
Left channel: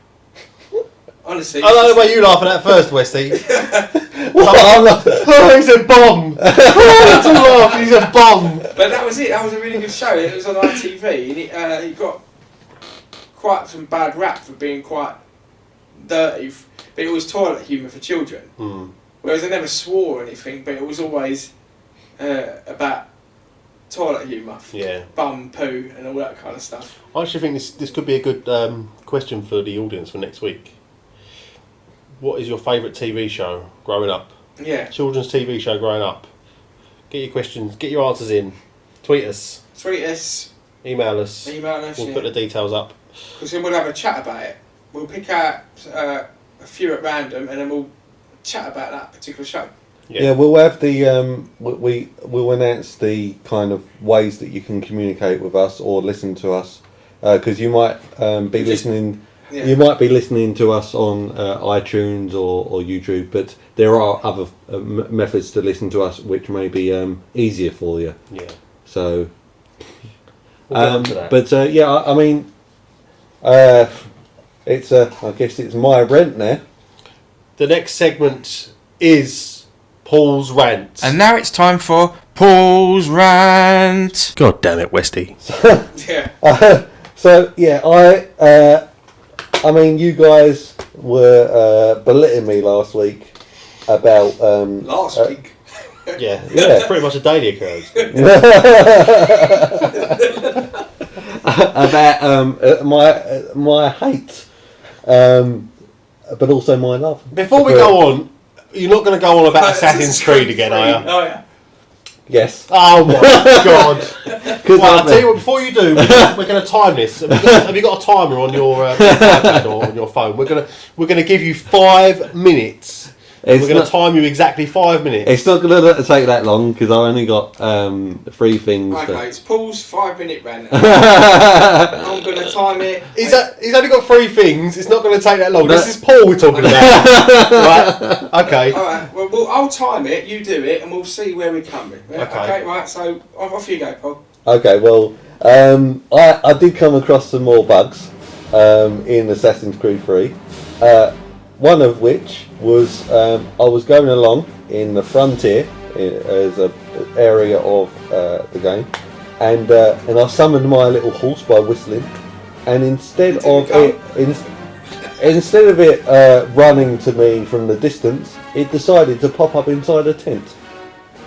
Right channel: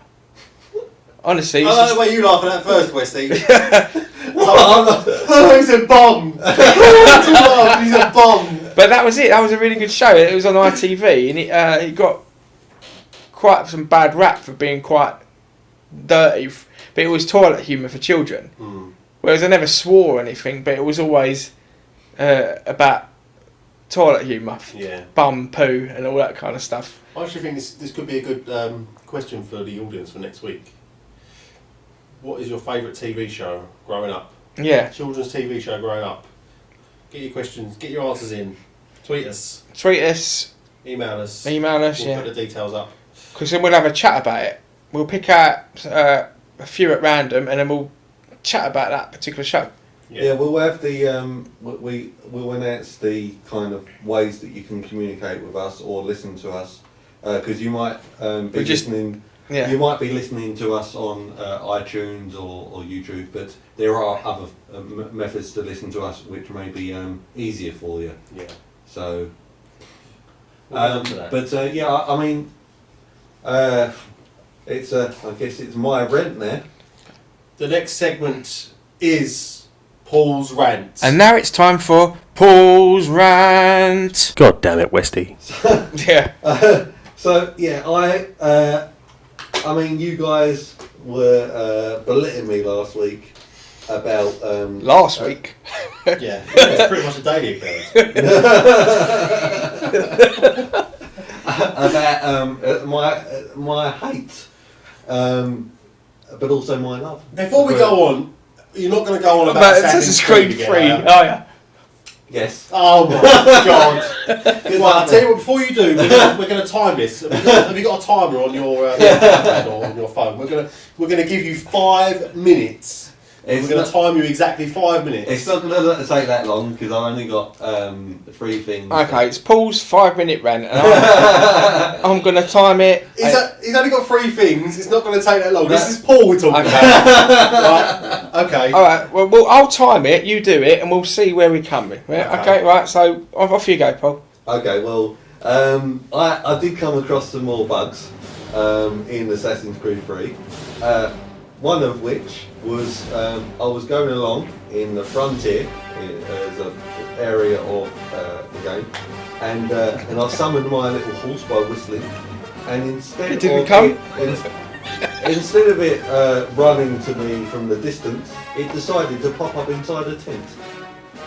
Honestly, I like the way you laughing at first, Westy. What? Oh, he's a bomb! Oh, he's a bomb! But that was it. That was a really good show. It was on ITV, and it got quite some bad rap for being quite dirty, but it was toilet humour for children. Whereas I never swore or anything, but it was always about toilet humour. Yeah. Bum, poo, and all that kind of stuff. I actually think this could be a good question for the audience for next week. What is your favourite TV show growing up? Yeah. Children's TV show growing up. Get your questions, get your answers in. Tweet us. Tweet us. Email us. We'll put the details up. Because then we'll have a chat about it. We'll pick out a few at random, and then we'll chat about that particular show. Yeah, we'll have the we'll announce the kind of ways that you can communicate with us or listen to us, because you might be listening. Yeah. You might be listening to us on iTunes or YouTube, but there are other methods to listen to us which may be easier for you. Yeah. So. We'll get onto that. But yeah, I mean, it's I guess it's my rent now. The next segment is Paul's rant. And now it's time for Paul's rant. God damn it, Westy. Yeah. So yeah, I mean, you guys were belittling me last week about Last week. Yeah, it's pretty much a daily occurrence. about my hate, but also my love. Before we go on, you're not going to go on about Assassin's Creed again, are you? Oh yeah. Yes. Oh my god! Well, I'll tell you what. Before you do, we're going to time this. Have you got a timer on your iPad or on your phone? We're going to give you 5 minutes. We're going to time you exactly 5 minutes. It's not going to take that long because I only got 3 things. Okay, it's Paul's 5-minute rant. I'm going to time it. He's only got 3 things. It's not going to take that long. This is Paul we're talking about. Right? Okay. All right. Well, I'll time it. You do it, and we'll see where we come in. Okay. Right. So off you go, Paul. Okay. Well, I did come across some more bugs in Assassin's Creed 3. One of which was I was going along in the frontier as an area of the game, and I summoned my little horse by whistling, and instead of it running to me from the distance, it decided to pop up inside a tent.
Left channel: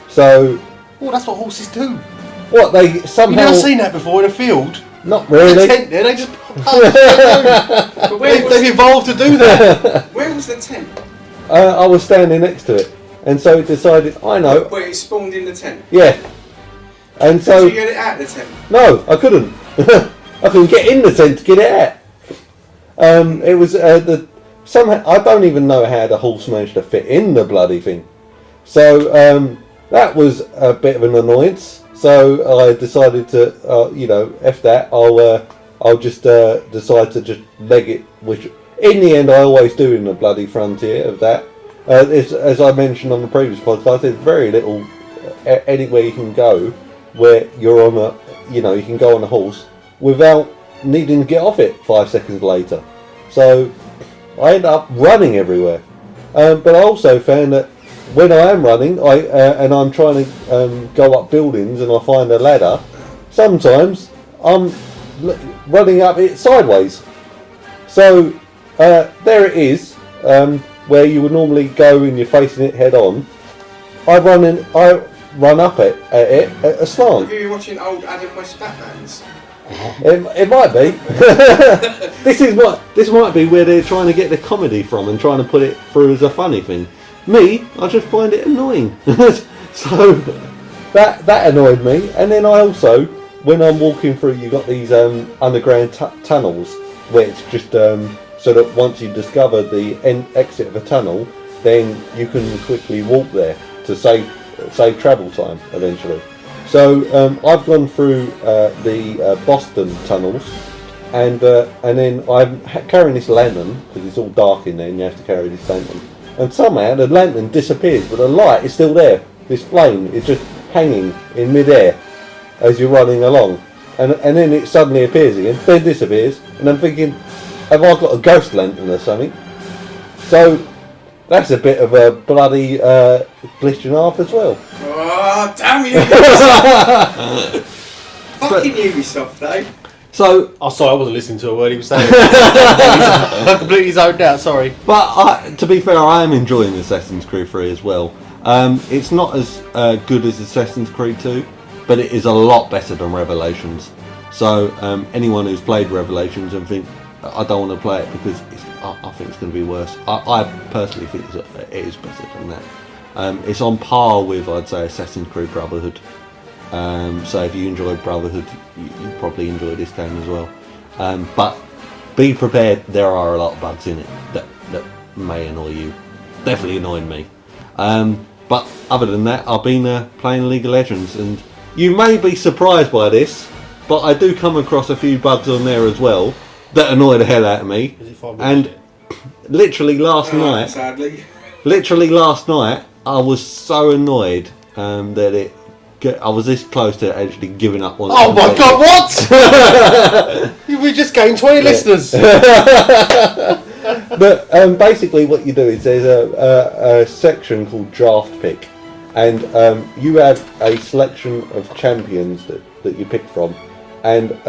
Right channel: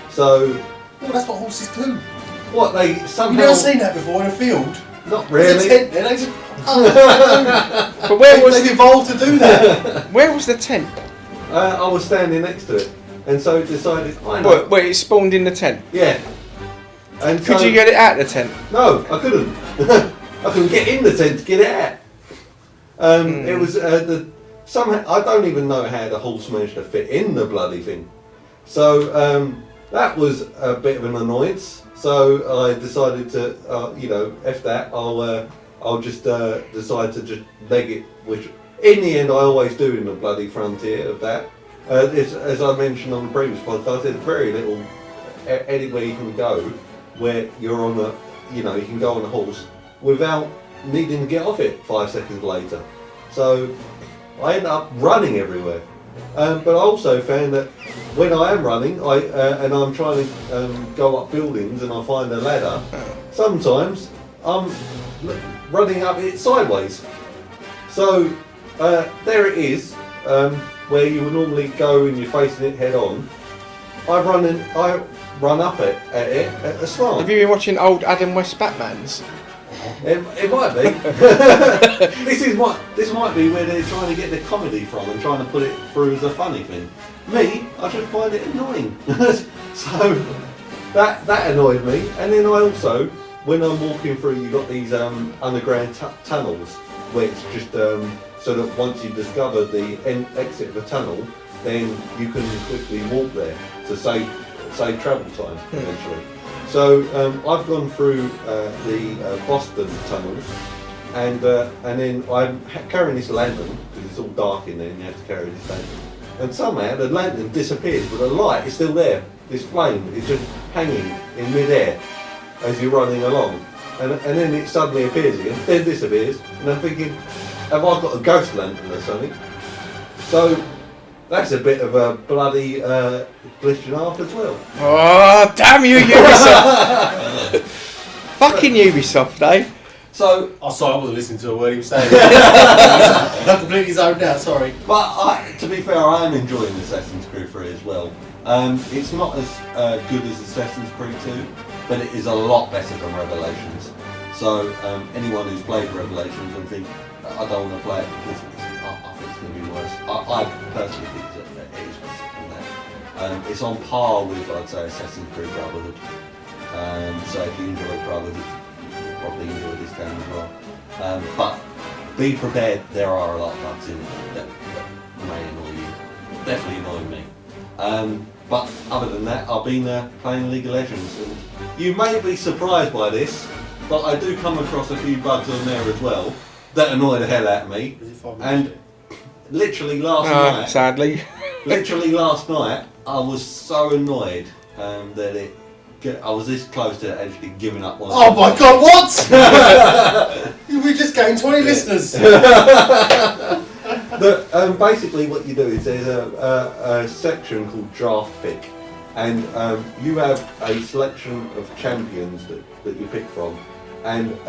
So, well, that's what horses do. What they somehow? You've never seen that before in a field. Not really. There's a tent there, they just. But they've evolved to do that. Where was the tent? I was standing next to it, and so it decided. I know. Wait, it spawned in the tent. Yeah. And Could so you get it out of the tent? no, I couldn't. I couldn't get in the tent to get it out. It was somehow I don't even know how the horse managed to fit in the bloody thing. So that was a bit of an annoyance. So I decided to, F that. I'll just decide to just leg it, which in the end I always do in the bloody frontier of that. As I mentioned on the previous podcast, there's very little anywhere you can go where you're on a, you can go on a horse without needing to get off it 5 seconds later. So I end up running everywhere. But I also found that when I am running, and I'm trying to go up buildings and I find a ladder, sometimes I'm running up it sideways. So there it is, where you would normally go and you're facing it head on. I run up it at a slant. Have you been watching old Adam West Batmans? It might be. This might be where they're trying to get the comedy from and trying to put it through as a funny thing. Me, I just find it annoying. So that annoyed me. And then I also, when I'm walking through, you've got these underground tunnels where it's just so that once you discover the exit of a tunnel, then you can quickly walk there to save travel time eventually. So I've gone through the Boston tunnels, and then I'm carrying this lantern because it's all dark in there, and you have to carry this lantern. And somehow the lantern disappears, but the light is still there. This flame is just hanging in mid-air as you're running along, and then it suddenly appears again, then disappears, and I'm thinking, have I got a ghost lantern or something? So that's a bit of a bloody glitch and a half as well. Oh, damn you, Ubisoft! Fucking Ubisoft, eh? So, sorry, I wasn't listening to a word he was saying. I'm completely zoned out, sorry. But to be fair, I am enjoying Assassin's Creed 3 as well. It's not as good as Assassin's Creed 2, but it is a lot better than Revelations. So anyone who's played Revelations and think, I don't want to play it because I think it's going to be worse. I personally think it is better than that. It's on par with, I'd say, Assassin's Creed Brotherhood. So if you enjoyed Brotherhood, you probably enjoy this game as well. But be prepared, there are a lot of bugs in it that may annoy you. Definitely annoyed me. But other than that, I've been playing League of Legends, and you may be surprised by this, but I do come across a few bugs on there as well that annoy the hell out of me. And literally last night, sadly, I was so annoyed that I was this close to actually giving up on it. Oh my god, what? We just gained 20 listeners. But basically what you do is there's a section called draft pick, and you have a selection of champions that you pick from, and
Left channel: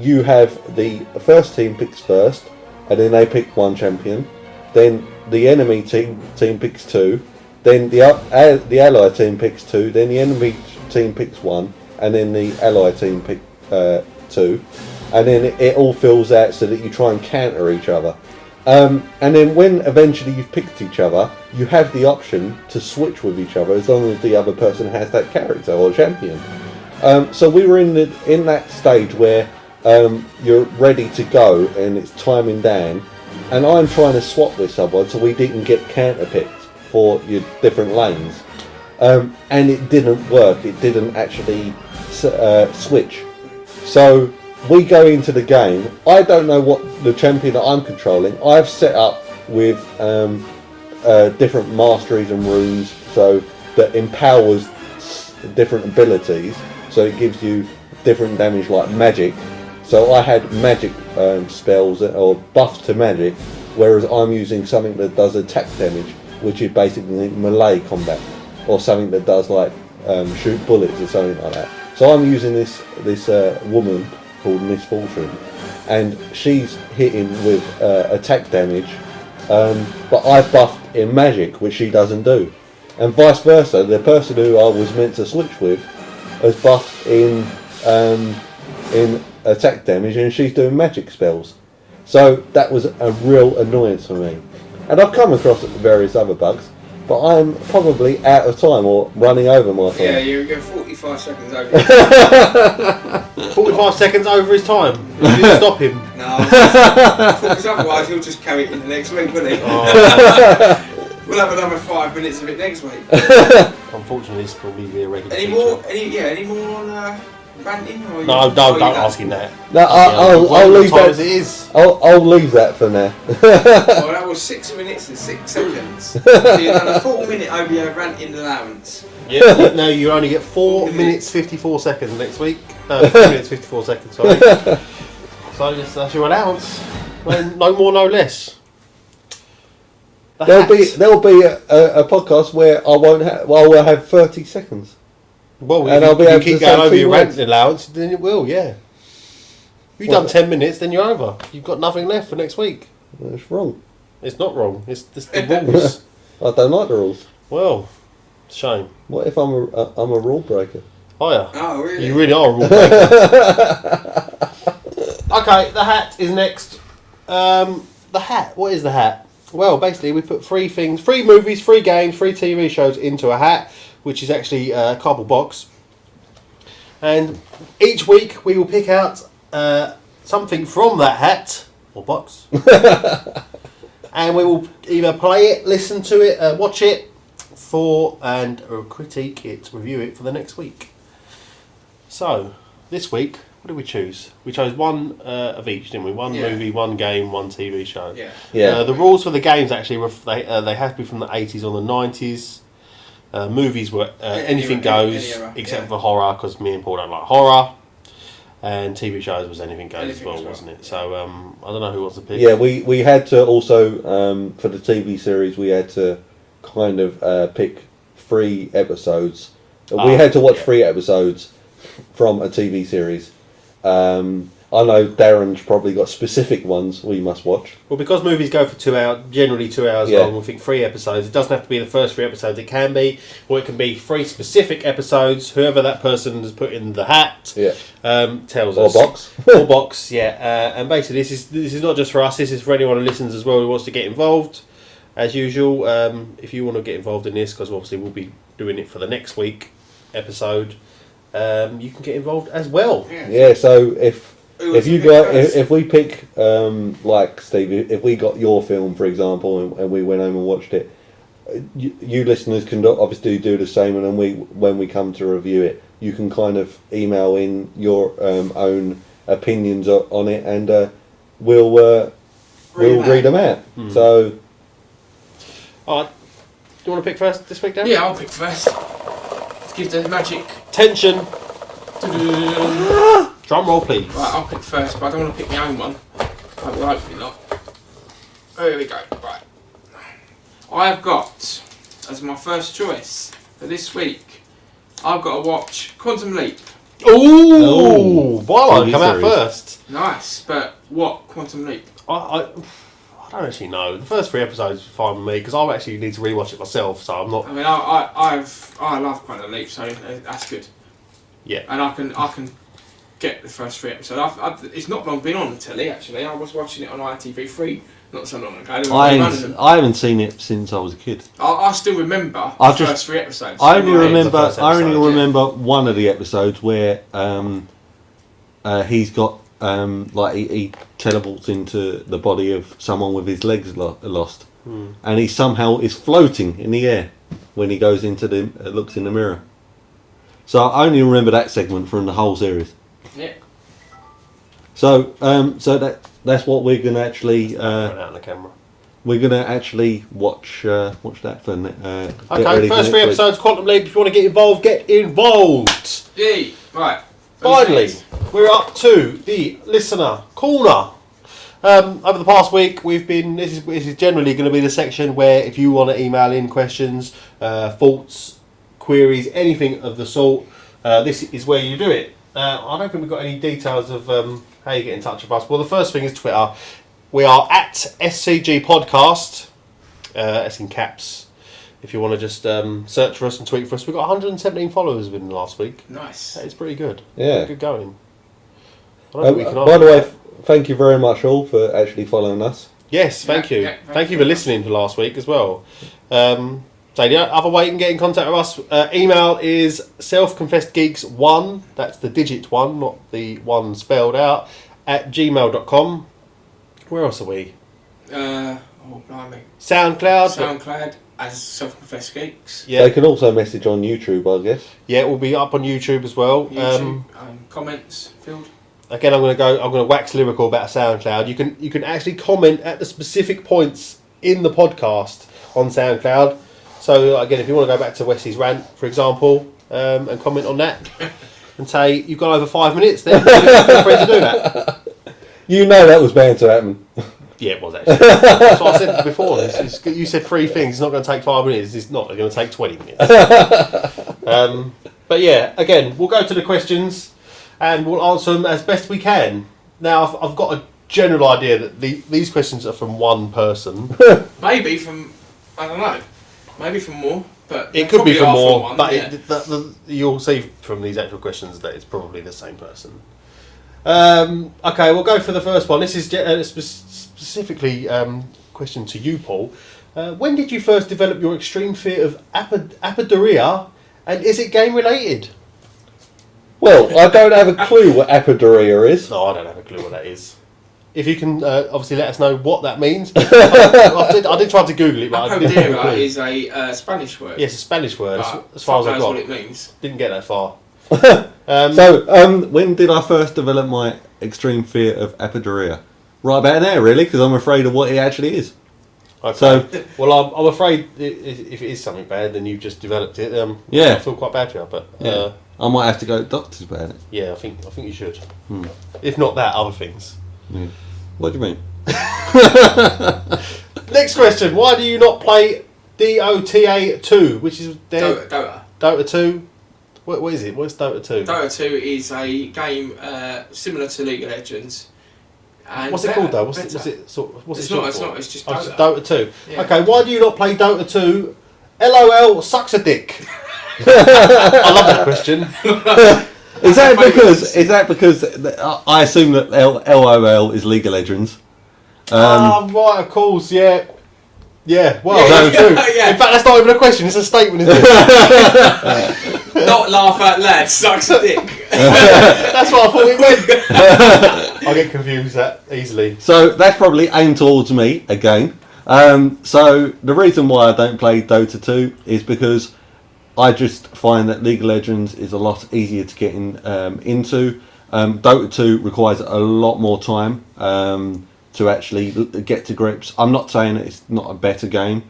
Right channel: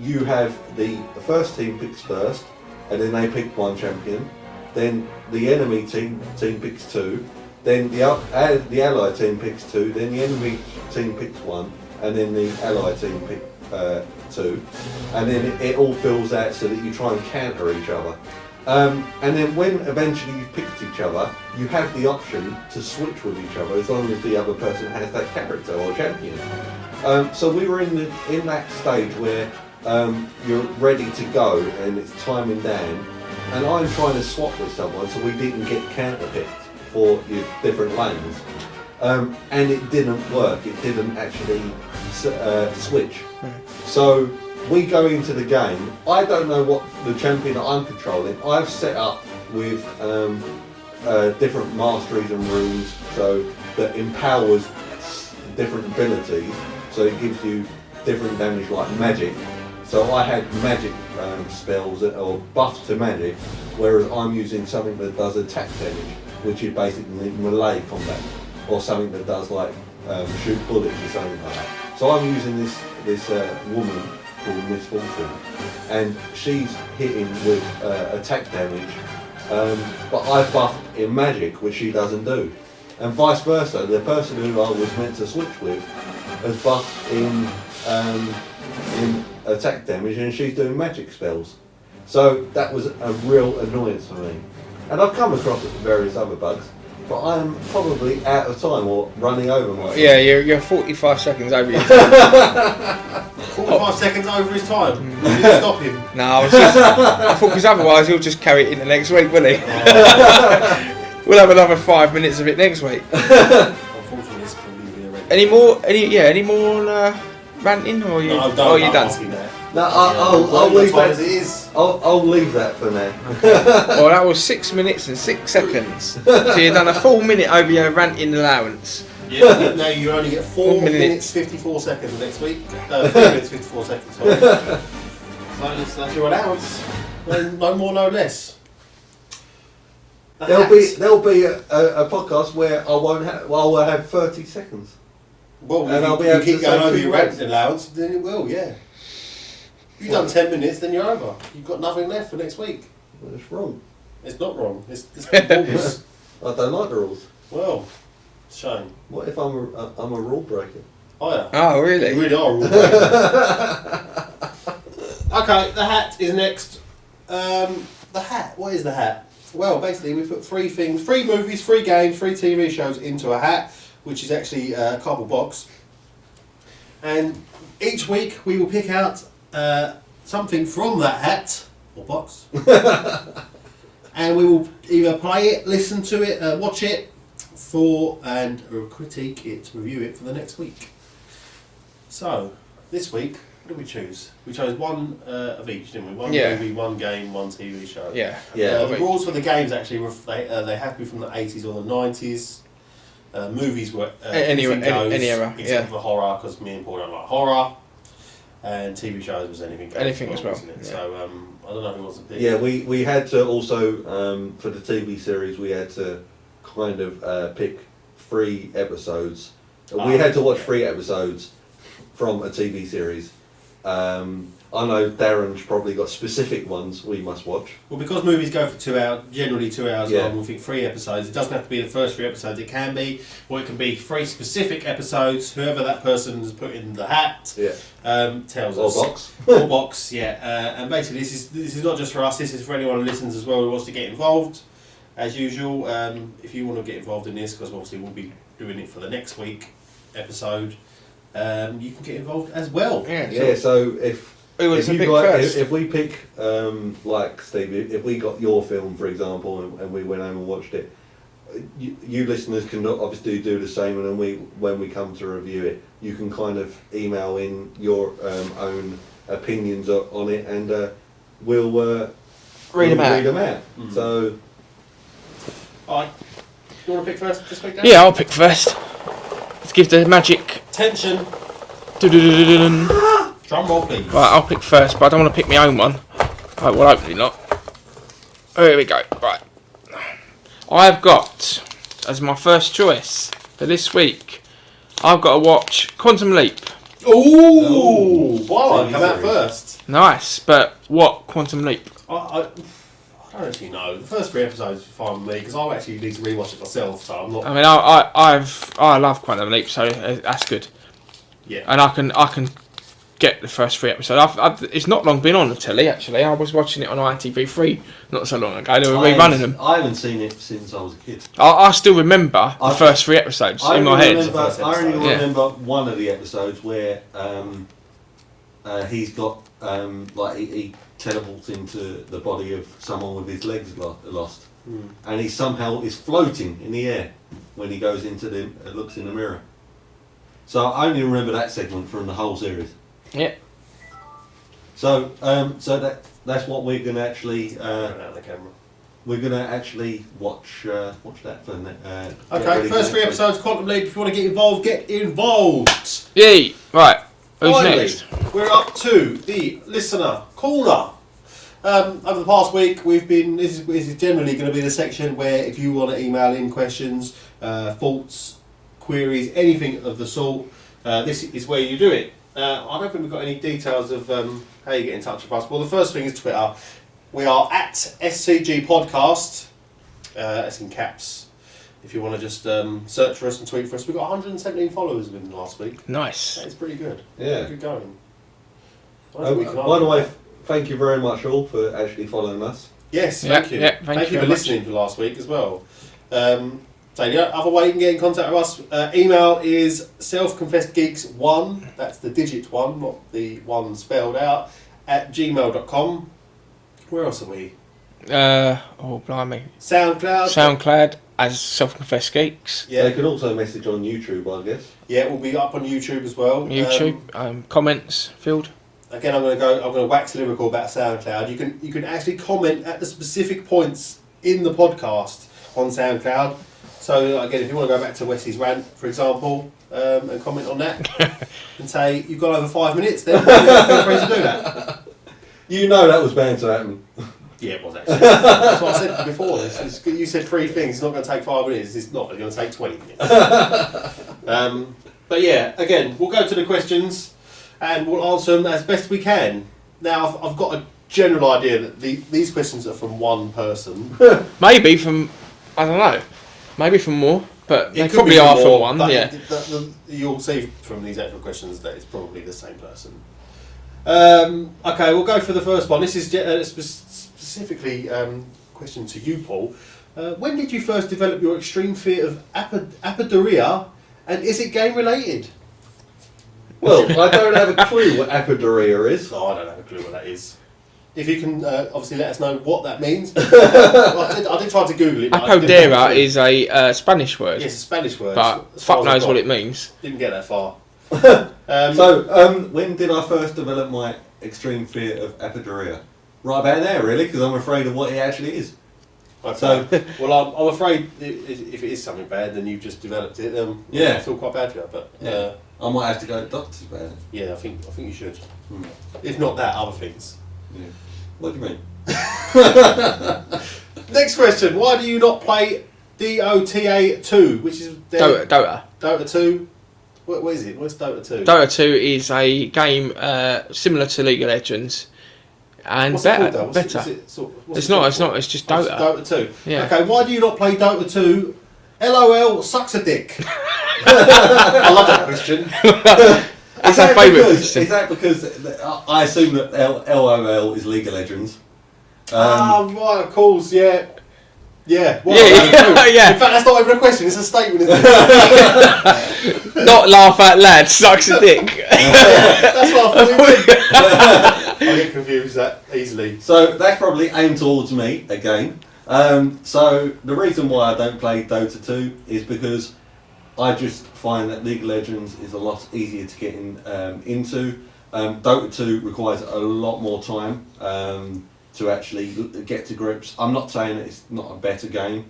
you have the first team picks first, and then they pick one champion, then the enemy team picks two, then the allied team picks two, then the enemy team picks one, and then the allied team pick two, and then it all fills out so that you try and counter each other. And then when eventually you've picked each other, you have the option to switch with each other as long as the other person has that character or champion. So we were in that stage where you're ready to go and it's timing down, and I'm trying to swap with someone so we didn't get counter picked for your different lanes, and it didn't work. It didn't actually switch. So we go into the game. I don't know what the champion that I'm controlling. I've set up with different masteries and runes, so that empowers different abilities. So it gives you different damage, like magic. So I had magic spells or buffs to magic, whereas I'm using something that does attack damage, which is basically melee combat, or something that does like shoot bullets or something like that. So I'm using this woman called Miss Fortune, and she's hitting with attack damage, but I've buffed in magic, which she doesn't do, and vice versa. The person who I was meant to switch with has buffed in attack damage, and she's doing magic spells. So that was a real annoyance for me. And I've come across various other bugs, but I'm probably out of time or running over my time. Yeah, you're 45 seconds over your time. 45 seconds over his time. Will you stop him? No, because otherwise he'll just carry it in the next week, won't he? Oh. We'll have another 5 minutes of it next week. Unfortunately, it's probably the irregular. Any more ranting? Or No, don't asking that. No, I'll leave that. As it is. I'll leave that for now. Well, that was 6 minutes and 6 seconds. So you've done a full minute over your ranting allowance. Yeah, no, you only get 4 minutes 54 seconds next week. 3 minutes 54 seconds, sorry. So that's your allowance. No more, no less. There'll be a podcast where I won't have. Well, I'll have 30 seconds. Well, and if I'll be you able keep to going say over 2 your words. ranting allowance, then it will, yeah. If you've done 10 minutes, then you're over. You've got nothing left for next week. That's wrong. It's not wrong. It's the rules. I don't like the rules. Well, shame. What if I'm a rule breaker? Oh yeah. Oh, really? You really are a rule breaker. Okay, the hat is next. The hat. What is the hat? Well, basically, we put 3 things: 3 movies, 3 games, 3 TV shows into a hat, which is actually a cardboard box. And each week we will pick out something from that hat or box, and we will either play it, listen to it, watch it, and critique it, review it for the next week. So this week, what did we choose? We chose one of each, didn't we? One movie, one game, one TV show. Yeah. The rules for the games actually they have to be from the 80s or the 90s. Movies were anything goes, any era, except for horror, because me and Paul don't like horror. And TV shows was anything goes Anything as as well, wasn't it? yeah. So I don't know who wants to pick. Yeah, we had to also for the TV series we had to kind of pick 3 episodes. We had to watch 3 episodes from a TV series. I know Darren's probably got specific ones we must watch. Well, because movies go for 2 hours, generally 2 hours Yeah. long, we think 3 episodes. It doesn't have to be the first 3 episodes. It can be, or it can be 3 specific episodes. Whoever that person has put in the hat tells Or us. box. Or box, yeah. And basically, this is not just for us. This is for anyone who listens as well who wants to get involved. As usual, if you want to get involved in this, because obviously we'll be doing it for the next week episode, you can get involved as well. Yeah. So if we pick like Steve, if we got your film for example and we went home and watched it, you listeners can obviously do the same, and then when we come to review it, you can kind of email in your own opinions on it, and we'll read them out. Mm. So, alright, do you want to pick first this week, Dan? Yeah, I'll pick first. Let's give the magic. Tension. Right, Drum roll, please. I'll pick first, but I don't want to pick my own one. Oh, well, hopefully not. Here we go. Right. I've got, as my first choice for this week, I've got to watch Quantum Leap. Ooh! Twilight come out first. Nice, but what Quantum Leap? I don't actually know. The first 3 episodes are fine with me, because I actually need to rewatch it myself, so I'm not... I mean, I love Quantum Leap, so that's good. Yeah. And I can get the first 3 episodes. It's not long been on the telly, actually. I was watching it on ITV3 not so long ago. They were running them. I haven't seen it since I was a kid. I still remember the first 3 episodes. I in my only head. remember one of the episodes where he's got he teleports into the body of someone with his legs lost, and he somehow is floating in the air when he goes into looks in the mirror. So I only remember that segment from the whole series. Yeah. So that's what we're gonna actually. Out of the camera. We're gonna actually watch that for. Okay, first 3 episodes, Quantum Leap. If you want to get involved, get involved. Yay! Right. Who's Finally, next? we're up to the listener corner. Over the past week, we've been. This is generally going to be the section where if you want to email in questions, thoughts, queries, anything of the sort, this is where you do it. I don't think we've got any details of how you get in touch with us. Well, the first thing is Twitter. We are at Scg Podcast. That's in caps. If you want to just search for us and tweet for us, we've got 117 followers within the last week. Nice. That is pretty good. Yeah. Good going. I don't think we can By the way, thank you very much all for actually following us. Yes, thank you. Yeah, thank you for listening to last week as well. So the other way you can get in contact with us, email is selfconfessedgeeks1, that's the digit 1, not the one spelled out, at gmail.com. Where else are we? Blimey. SoundCloud. As Self-Confessed Geeks. Yeah. They can also message on YouTube, I guess. Yeah, it will be up on YouTube as well. YouTube. Comments field. Again, I'm going to wax lyrical about SoundCloud. You can actually comment at the specific points in the podcast on SoundCloud. So again, if you want to go back to Wesley's rant, for example, and comment on that, and say you've got over 5 minutes, then feel free to do that. You know that was bound to happen. Yeah, it was actually. That's what I said before. You said 3 things. It's not going to take 5 minutes. It's not. It's going to take 20 minutes. But yeah, again, we'll go to the questions and we'll answer them as best we can. Now, I've got a general idea that these questions are from one person. Maybe from, I don't know, maybe from more, but It could be from from more, one. but Yeah. you'll see from these actual questions that it's probably the same person. Okay, we'll go for the first one. This is specifically question to you, Paul. When did you first develop your extreme fear of apodoria, and is it game related? Well, I don't have a clue what apodoria is. No, I don't have a clue what that is. If you can obviously let us know what that means. I did try to Google it. But I didn't have a Apodera clue. is a Spanish word. Yes, a Spanish word. But as far fuck as I knows got. what it means. Didn't get that far. When did I first develop my extreme fear of apodoria? Right about now, really, because I'm afraid of what it actually is. Okay. So- well, I'm afraid if it is something bad, then you've just developed it. Yeah. I feel quite bad for you, but Yeah. I might have to go to doctors about it. yeah, I think you should. Hmm. If not that, other things. Yeah. What do you mean? Next question: why do you not play Dota 2, which is Dota. Dota 2? What is it? What's Dota 2? Dota 2 is a game similar to League of Legends. And What's better, it called though? What's better. it sort of, what's It's it not. short It's for? not. It's just Oh, Dota. it's Dota 2. Yeah. Okay, why do you not play Dota 2? LOL sucks a dick. I love that question. Is our favourite that because I assume that LOL is League of Legends? Right, of course, yeah. Yeah, well, Yeah, that's true. yeah. In fact, that's not even a question, it's a statement, isn't it? Not laugh at lad sucks a dick. That's what I thought it went. I get confused that easily. So that's probably aimed towards me again. So the reason why I don't play Dota 2 is because I just find that League of Legends is a lot easier to get into. Dota 2 requires a lot more time to actually get to grips. I'm not saying it's not a better game.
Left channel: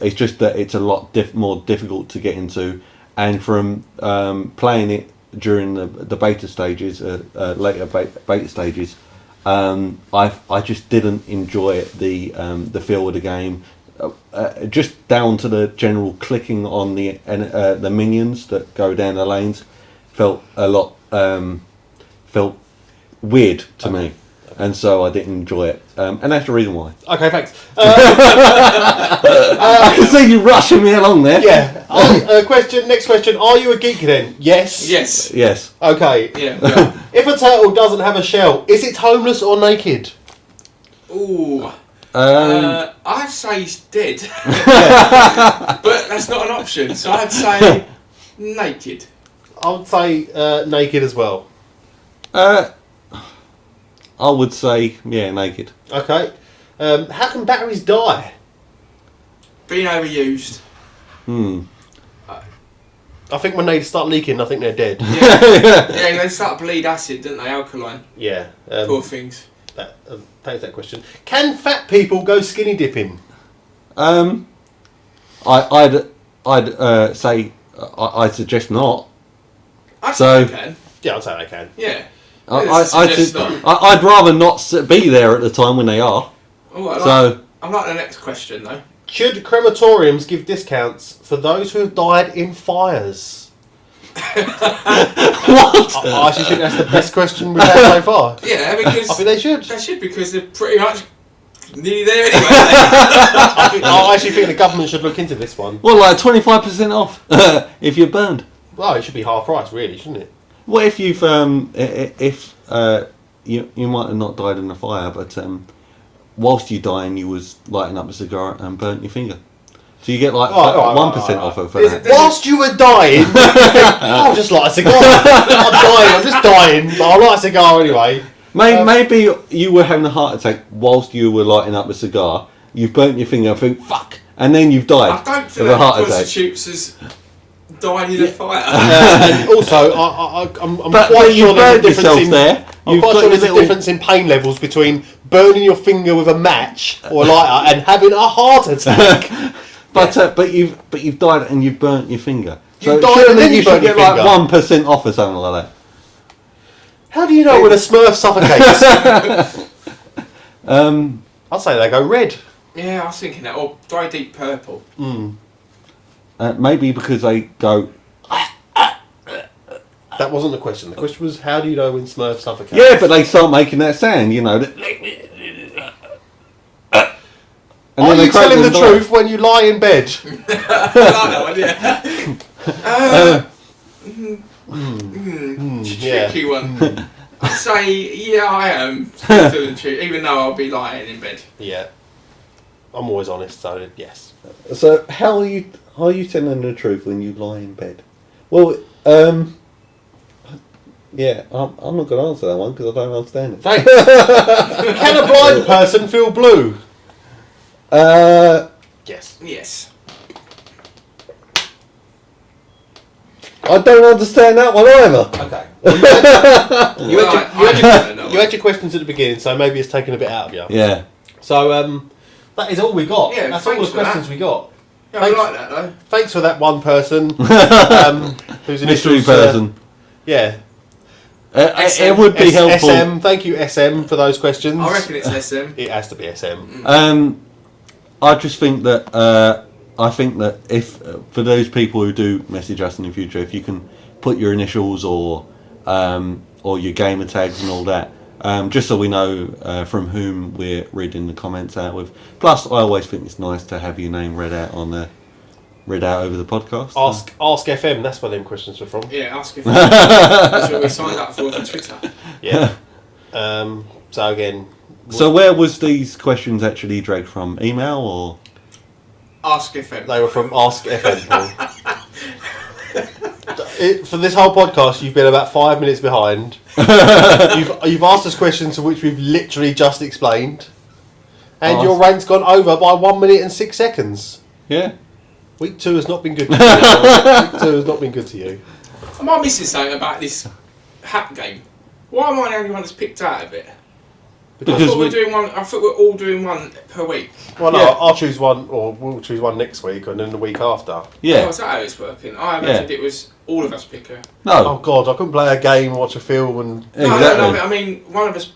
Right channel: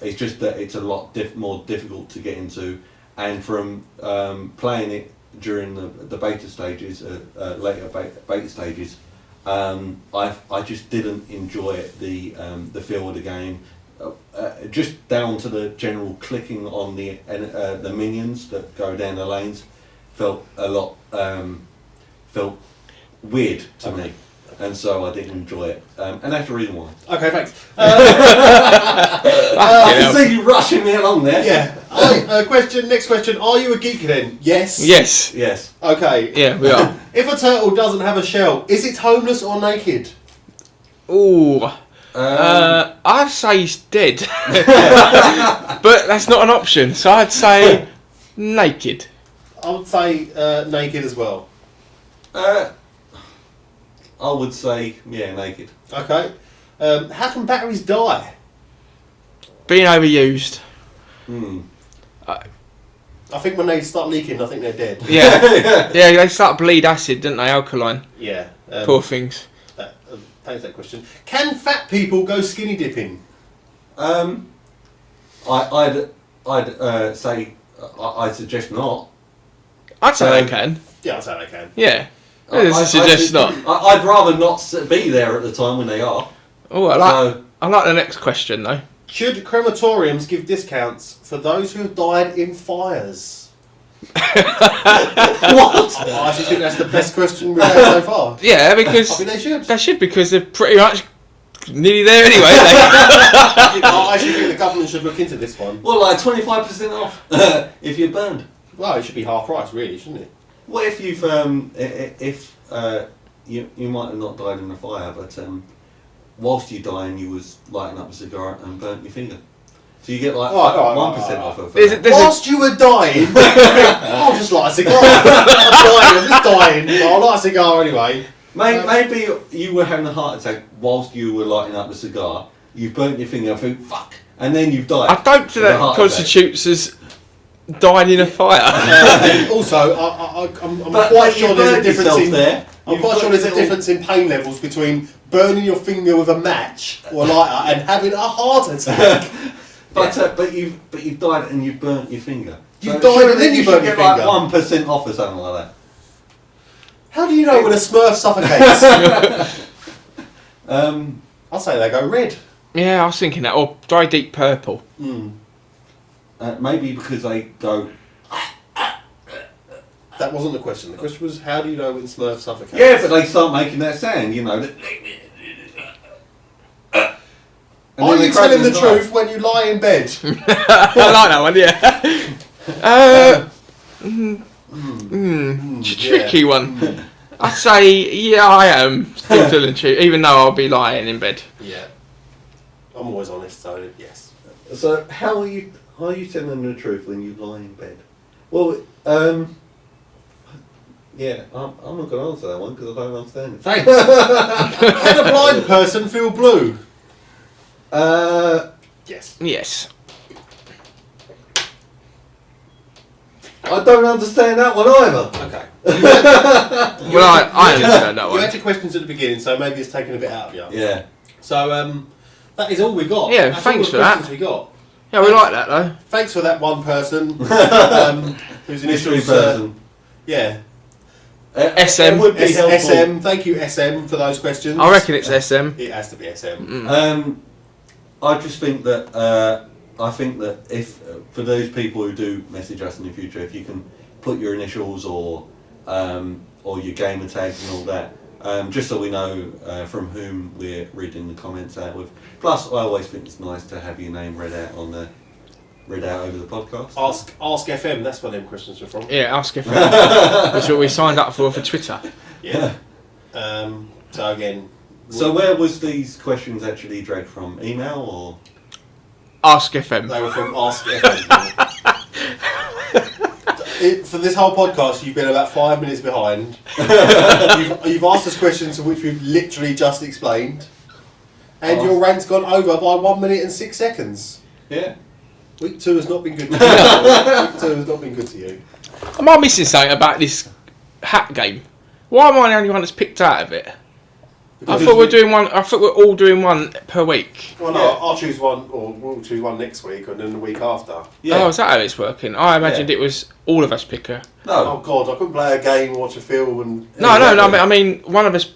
It's just that it's a lot more difficult to get into. And from playing it during the beta stages, later beta stages, I just didn't enjoy the feel of the game. Just down to the general clicking on the minions that go down the lanes, felt weird to me, and so I didn't enjoy it. And that's the reason why. Okay, thanks. I can see you rushing me along there. Yeah. Next question. Are you a geek then? Yes. Yes. Yes. Okay. Yeah, we are. If a turtle doesn't have a shell, is it homeless or naked? Ooh. I'd say he's dead. But that's not an option, so I'd say naked. I would say naked as well. I would say naked. Okay. How can batteries die? Being overused. I think when they start leaking, I think they're dead. Yeah. Yeah, they start to bleed acid, don't they? Alkaline. Yeah. Poor things. Thanks for that question. Can fat people go skinny dipping? I'd say I'd suggest not. I'd say I can. Yeah, I'd say they can. Yeah. I'd rather not be there at the time when they are. Oh, I like the next question though. Should crematoriums give discounts for those who have died in fires? What? I actually think that's the best question we've had so far. Yeah, because I think they should. They should, because they're pretty much nearly there anyway. I actually think the government should look into this one. Well, like 25% off if you're burned. Well, it should be half price, really, shouldn't it? What if you've you might have not died in a fire, but whilst you dying, you was lighting up a cigar and burnt your finger. So you get like 1% off of it. Whilst you were dying, I'll just light a cigar. I'm just dying, but I'll light a cigar anyway. Maybe you were having a heart attack whilst you were lighting up a cigar. You've burnt your finger and think, fuck, and then you've died. I don't think that constitutes as dying in a fire. And also, I'm quite sure there's a difference in there. I'm quite sure there's a difference in pain levels between burning your finger with a match or a lighter and having a heart attack. But you've died and you've burnt your finger. You've died and then you burnt your finger. Like 1% off or something like that. How do you know when a Smurf suffocates? I'd say they go red. Yeah, I was thinking that, or dry deep purple. Maybe because they go. That wasn't the question. The question was, how do you know when Smurf suffocates? Yeah, but they start making that sound, you know. Are you telling the truth when you lie in bed? I like that one, yeah. Tricky one. I'd say, yeah, I am still telling the truth, even though I'll be lying in bed. Yeah. I'm always honest, so yes. So how are you telling the truth when you lie in bed? Well, yeah, I'm not going to answer that one because I don't understand it. Thanks. Can a blind person feel blue? Yes. Yes. I don't understand that one either. Okay. You had your questions at the beginning, so maybe it's taken a bit out of you. Yeah. So that is all we got. Yeah, that's thanks all for the questions we got. Yeah, we like that though. Thanks for that one person. Who's an mystery person. Yeah. It would be helpful. SM. Thank you, SM, for those questions. I reckon it's SM. It has to be SM. I just think that if for those people who do message us in the future, if you can put your initials or your gamer tags and all that, just so we know from whom we're reading the comments out with. Plus, I always think it's nice to have your name read out over the podcast. Ask FM. That's where them questions were from. Yeah, Ask FM. That's what we signed up for Twitter. Yeah. So again. So where was these questions actually dragged from? Email or? Ask FM. They were from Ask FM. For this whole podcast, you've been about 5 minutes behind. You've asked us questions which we've literally just explained, and your rant's gone over by 1 minute and 6 seconds. Yeah. Week 2 has not been good to you. Week 2 has not been good to you. Am I missing something about this hat game? Why am I the only one that's picked out of it? I thought we're all doing one per week. Well, no, Yeah. I'll choose one, or we'll choose one next week, and then the week after. Yeah. Oh, is that how it's working? I imagined it was all of us pick a... No. Oh God, I couldn't play a game, watch a film, and... No, I mean, one of us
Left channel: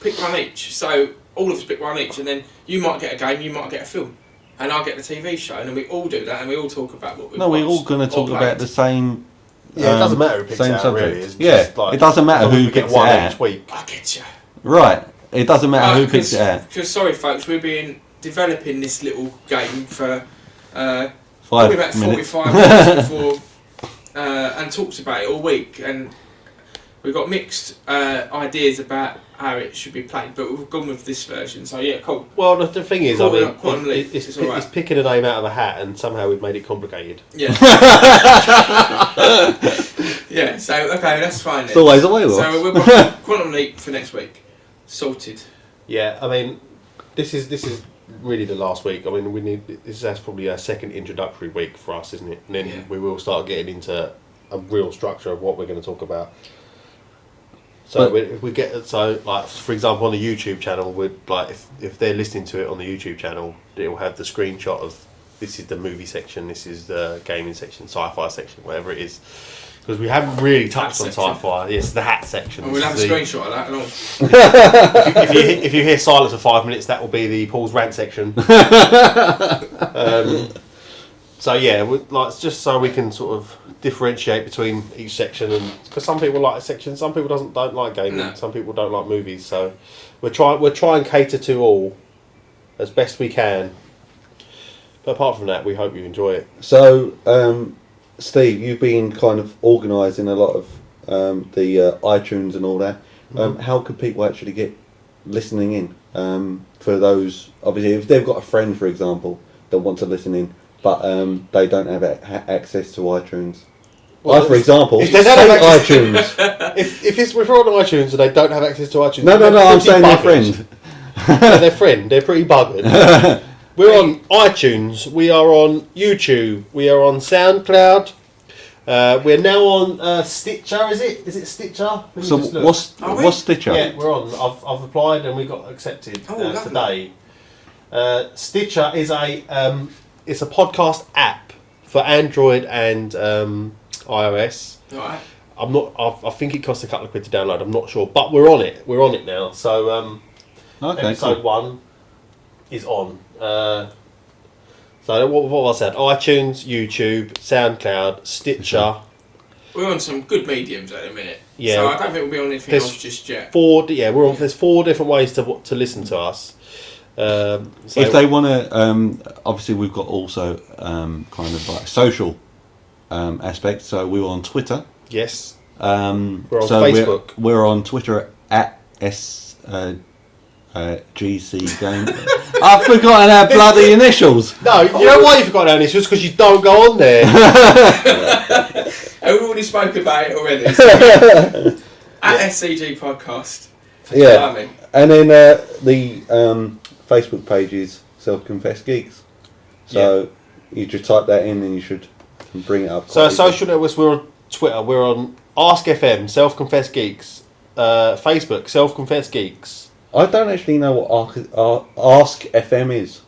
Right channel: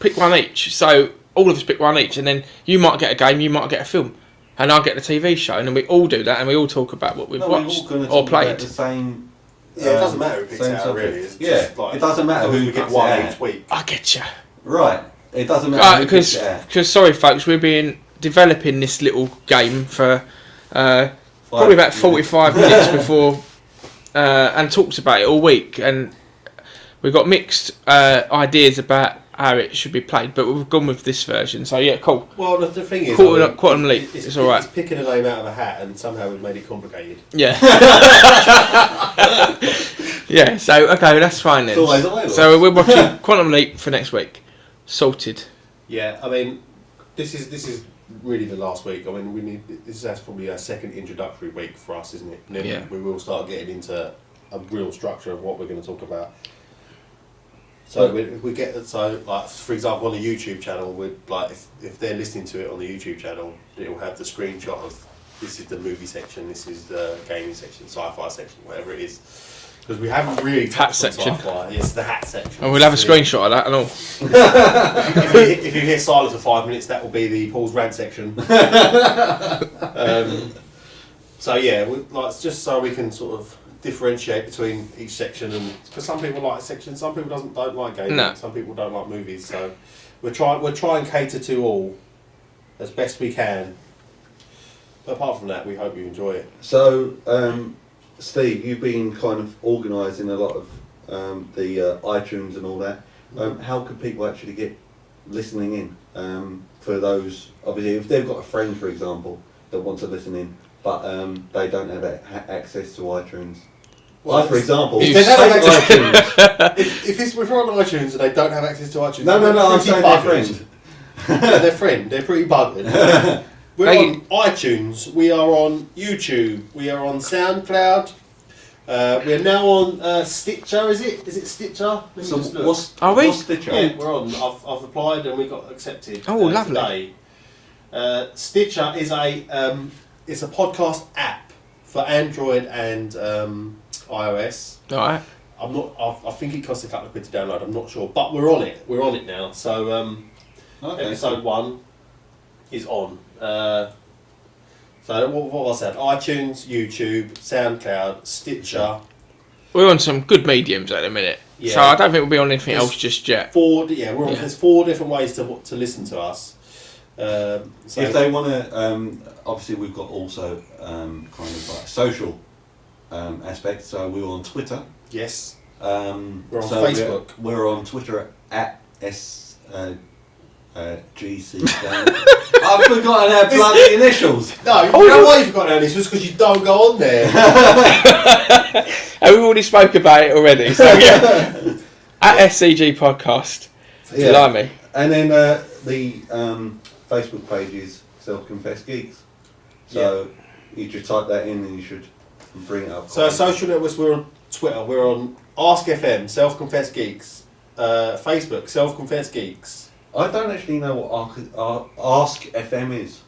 pick one each, so all of us pick one each, and then you might get a game, you might get a film, and I'll get the TV show, and then we all do that, and we all talk about what we've watched we're all going to talk about the same... Yeah, it doesn't matter who picks same it out, subject. really. It's Yeah, just like, it doesn't matter who gets picks one it out. each week. I get you. Right. It doesn't matter who picks it out. Because, sorry folks, we've been developing this little game for probably about 45 minutes before, and talked about it all week, and we've got mixed ideas about how it should be played, but we've gone with this version, so yeah, cool. Well, the thing is, it's alright. It's picking a name out of a hat, and somehow we've made it complicated. Yeah. Yeah, so, okay, that's fine then. It's always the way. So we're watching Quantum Leap for next week. Sorted. Yeah, I mean, this is really the last week. I mean, that's probably our second introductory week for us, isn't it? And then we will start getting into a real structure of what we're going to talk about. So we get like, for example, on the YouTube channel, if they're listening to it on the YouTube channel, it will have the screenshot of this is the movie section, this is the gaming section, sci-fi section, whatever it is. Because we haven't really touched on section. sci-fi. It's the hat section. And we'll have a screenshot of that and all. If you hear silence for 5 minutes, that will be the Paul's rant section. So yeah, like just so we can sort of differentiate between each section, and because some people like a section, some people don't like gaming, some people don't like movies. So we're trying and cater to all as best we can. But apart from that, we hope you enjoy it. So, Steve, you've been kind of organising a lot of the iTunes and all that. How can people actually get listening in? For those, obviously, if they've got a friend, for example, that wants to listen in, but they don't have access to iTunes. Well, for example, if they don't have iTunes. if we're on iTunes and they don't have access to iTunes, No, I'm saying their friend. Their friend, they're pretty buggered. We're on iTunes, we are on YouTube, we are on SoundCloud, we're now on Stitcher, is it Stitcher? So what's Stitcher? Yeah, we're on. I've applied and we got accepted today. Stitcher is it's a podcast app for Android and iOS. Alright. I think it costs a couple of quid to download. I'm not sure, but we're on it. We're on it now. So episode 1 is on. So what was that? iTunes, YouTube, SoundCloud, Stitcher. We're on some good mediums at the minute. Yeah. So I don't think we'll be on anything else just yet. There's 4 different ways to listen to us. If they want to, obviously we've got also kind of like social aspect. So we're on Twitter. Yes. We're on Facebook. We're on Twitter at GC Game. I've forgotten our bloody initials. No, you know why you've forgotten our initials? Because you don't go on there. And we've already spoke about it already. So yeah. At Scg Podcast. Yeah. Me. And then the Facebook page is Self-Confessed Geeks. So you just type that in and you should bring it up. So social networks, we're on Twitter, we're on Ask FM, Self-Confessed Geeks, Facebook, Self-Confessed Geeks. I don't actually know what Ask FM is.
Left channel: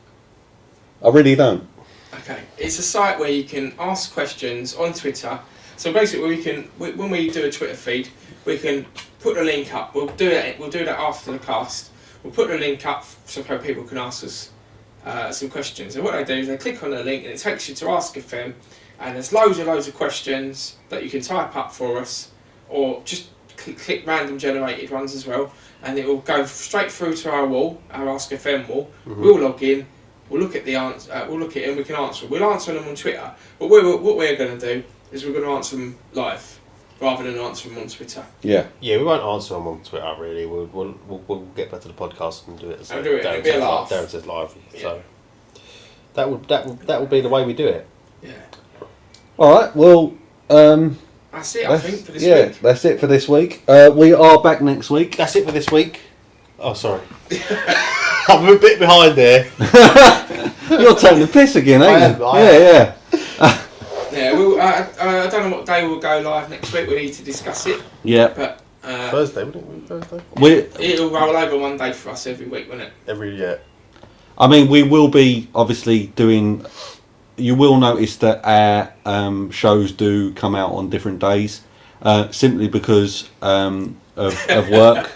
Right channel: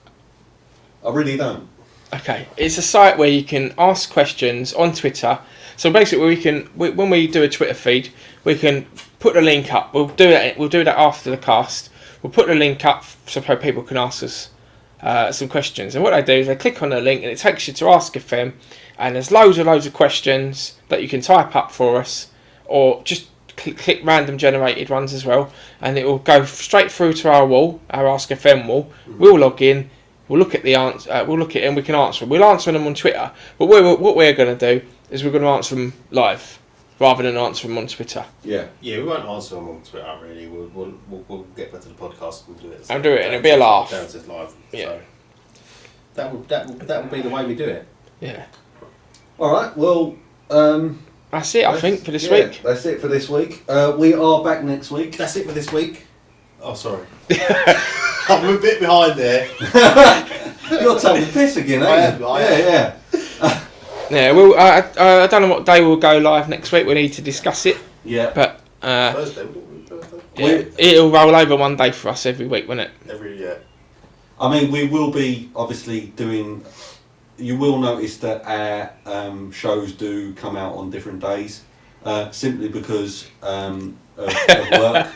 I really don't. Okay, it's a site where you can ask questions on Twitter. So basically, when we do a Twitter feed, we can put a link up. We'll do that after the cast. We'll put the link up so people can ask us some questions. And what they do is they click on the link and it takes you to Ask FM, and there's loads of questions that you can type up for us, or just click random generated ones as well, and it will go straight through to our wall, our Ask FM wall. Mm-hmm. We'll log in, we'll look at the answer, we'll look at it and we can answer them. We'll answer them on Twitter, but what we're going to do is we're going to answer them live rather than answer them on Twitter. Yeah, we won't answer them on Twitter really. We'll get back to the podcast and do it. I'll do it and it'll be a laugh. Darren says live. Yeah. So that will be the way we do it. Yeah. All right. Well. That's it, I think, for this week. That's it for this week. We are back next week. That's it for this week. Oh, sorry. I'm a bit behind there. You're taking the piss again, ain't you? Yeah. Yeah, well, I don't know what day we'll go live next week. We need to discuss it. Yeah. But Thursday, wouldn't it? It'll roll over one day for us every week, won't it? Every year. I mean, we will be obviously doing... You will notice that our shows do come out on different days, simply because of work.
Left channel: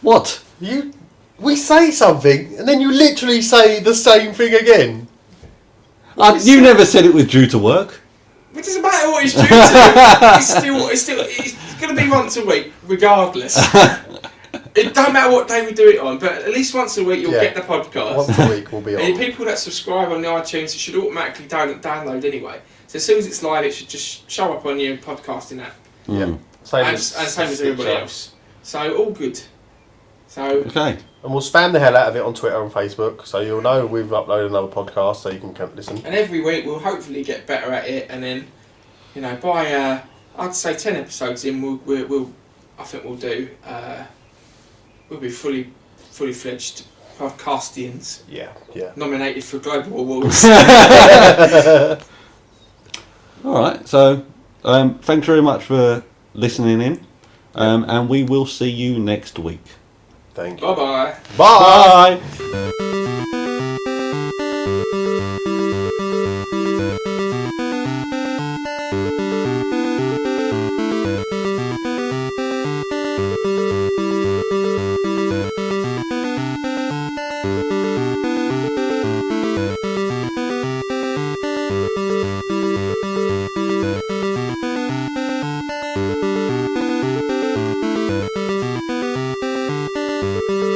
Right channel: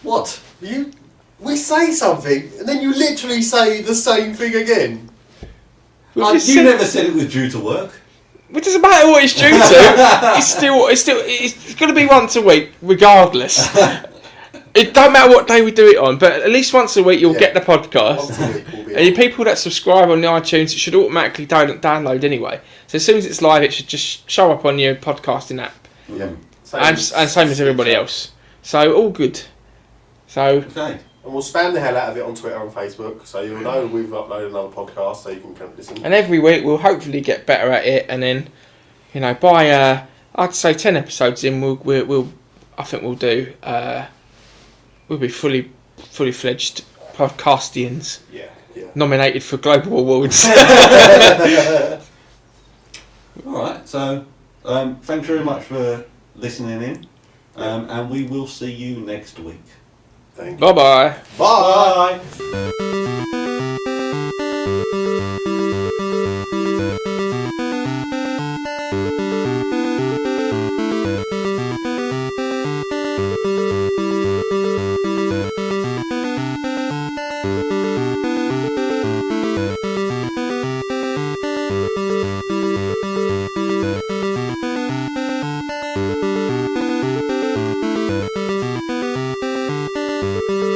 What? We say something, and then you literally say the same thing again. You never said it was due to work. It doesn't matter what it's due to. it's going to be once a week, regardless. It don't matter what day we do it on, but at least once a week you'll get the podcast. Once a week will be on. And people that subscribe on the iTunes, it should automatically download anyway. So as soon as it's live, it should just show up on your podcasting app. Yeah. And same as everybody else. So all good. So okay. And we'll spam the hell out of it on Twitter and Facebook, so you'll know we've uploaded another podcast, so you can listen. And every week we'll hopefully get better at it, and then, by I'd say 10 episodes in, I think we'll do. We'll be fully fledged podcastians. Yeah. Nominated for global awards. All right. So, thanks very much for listening in, and we will see you next week. Thank you. Bye-bye. Bye. Bye.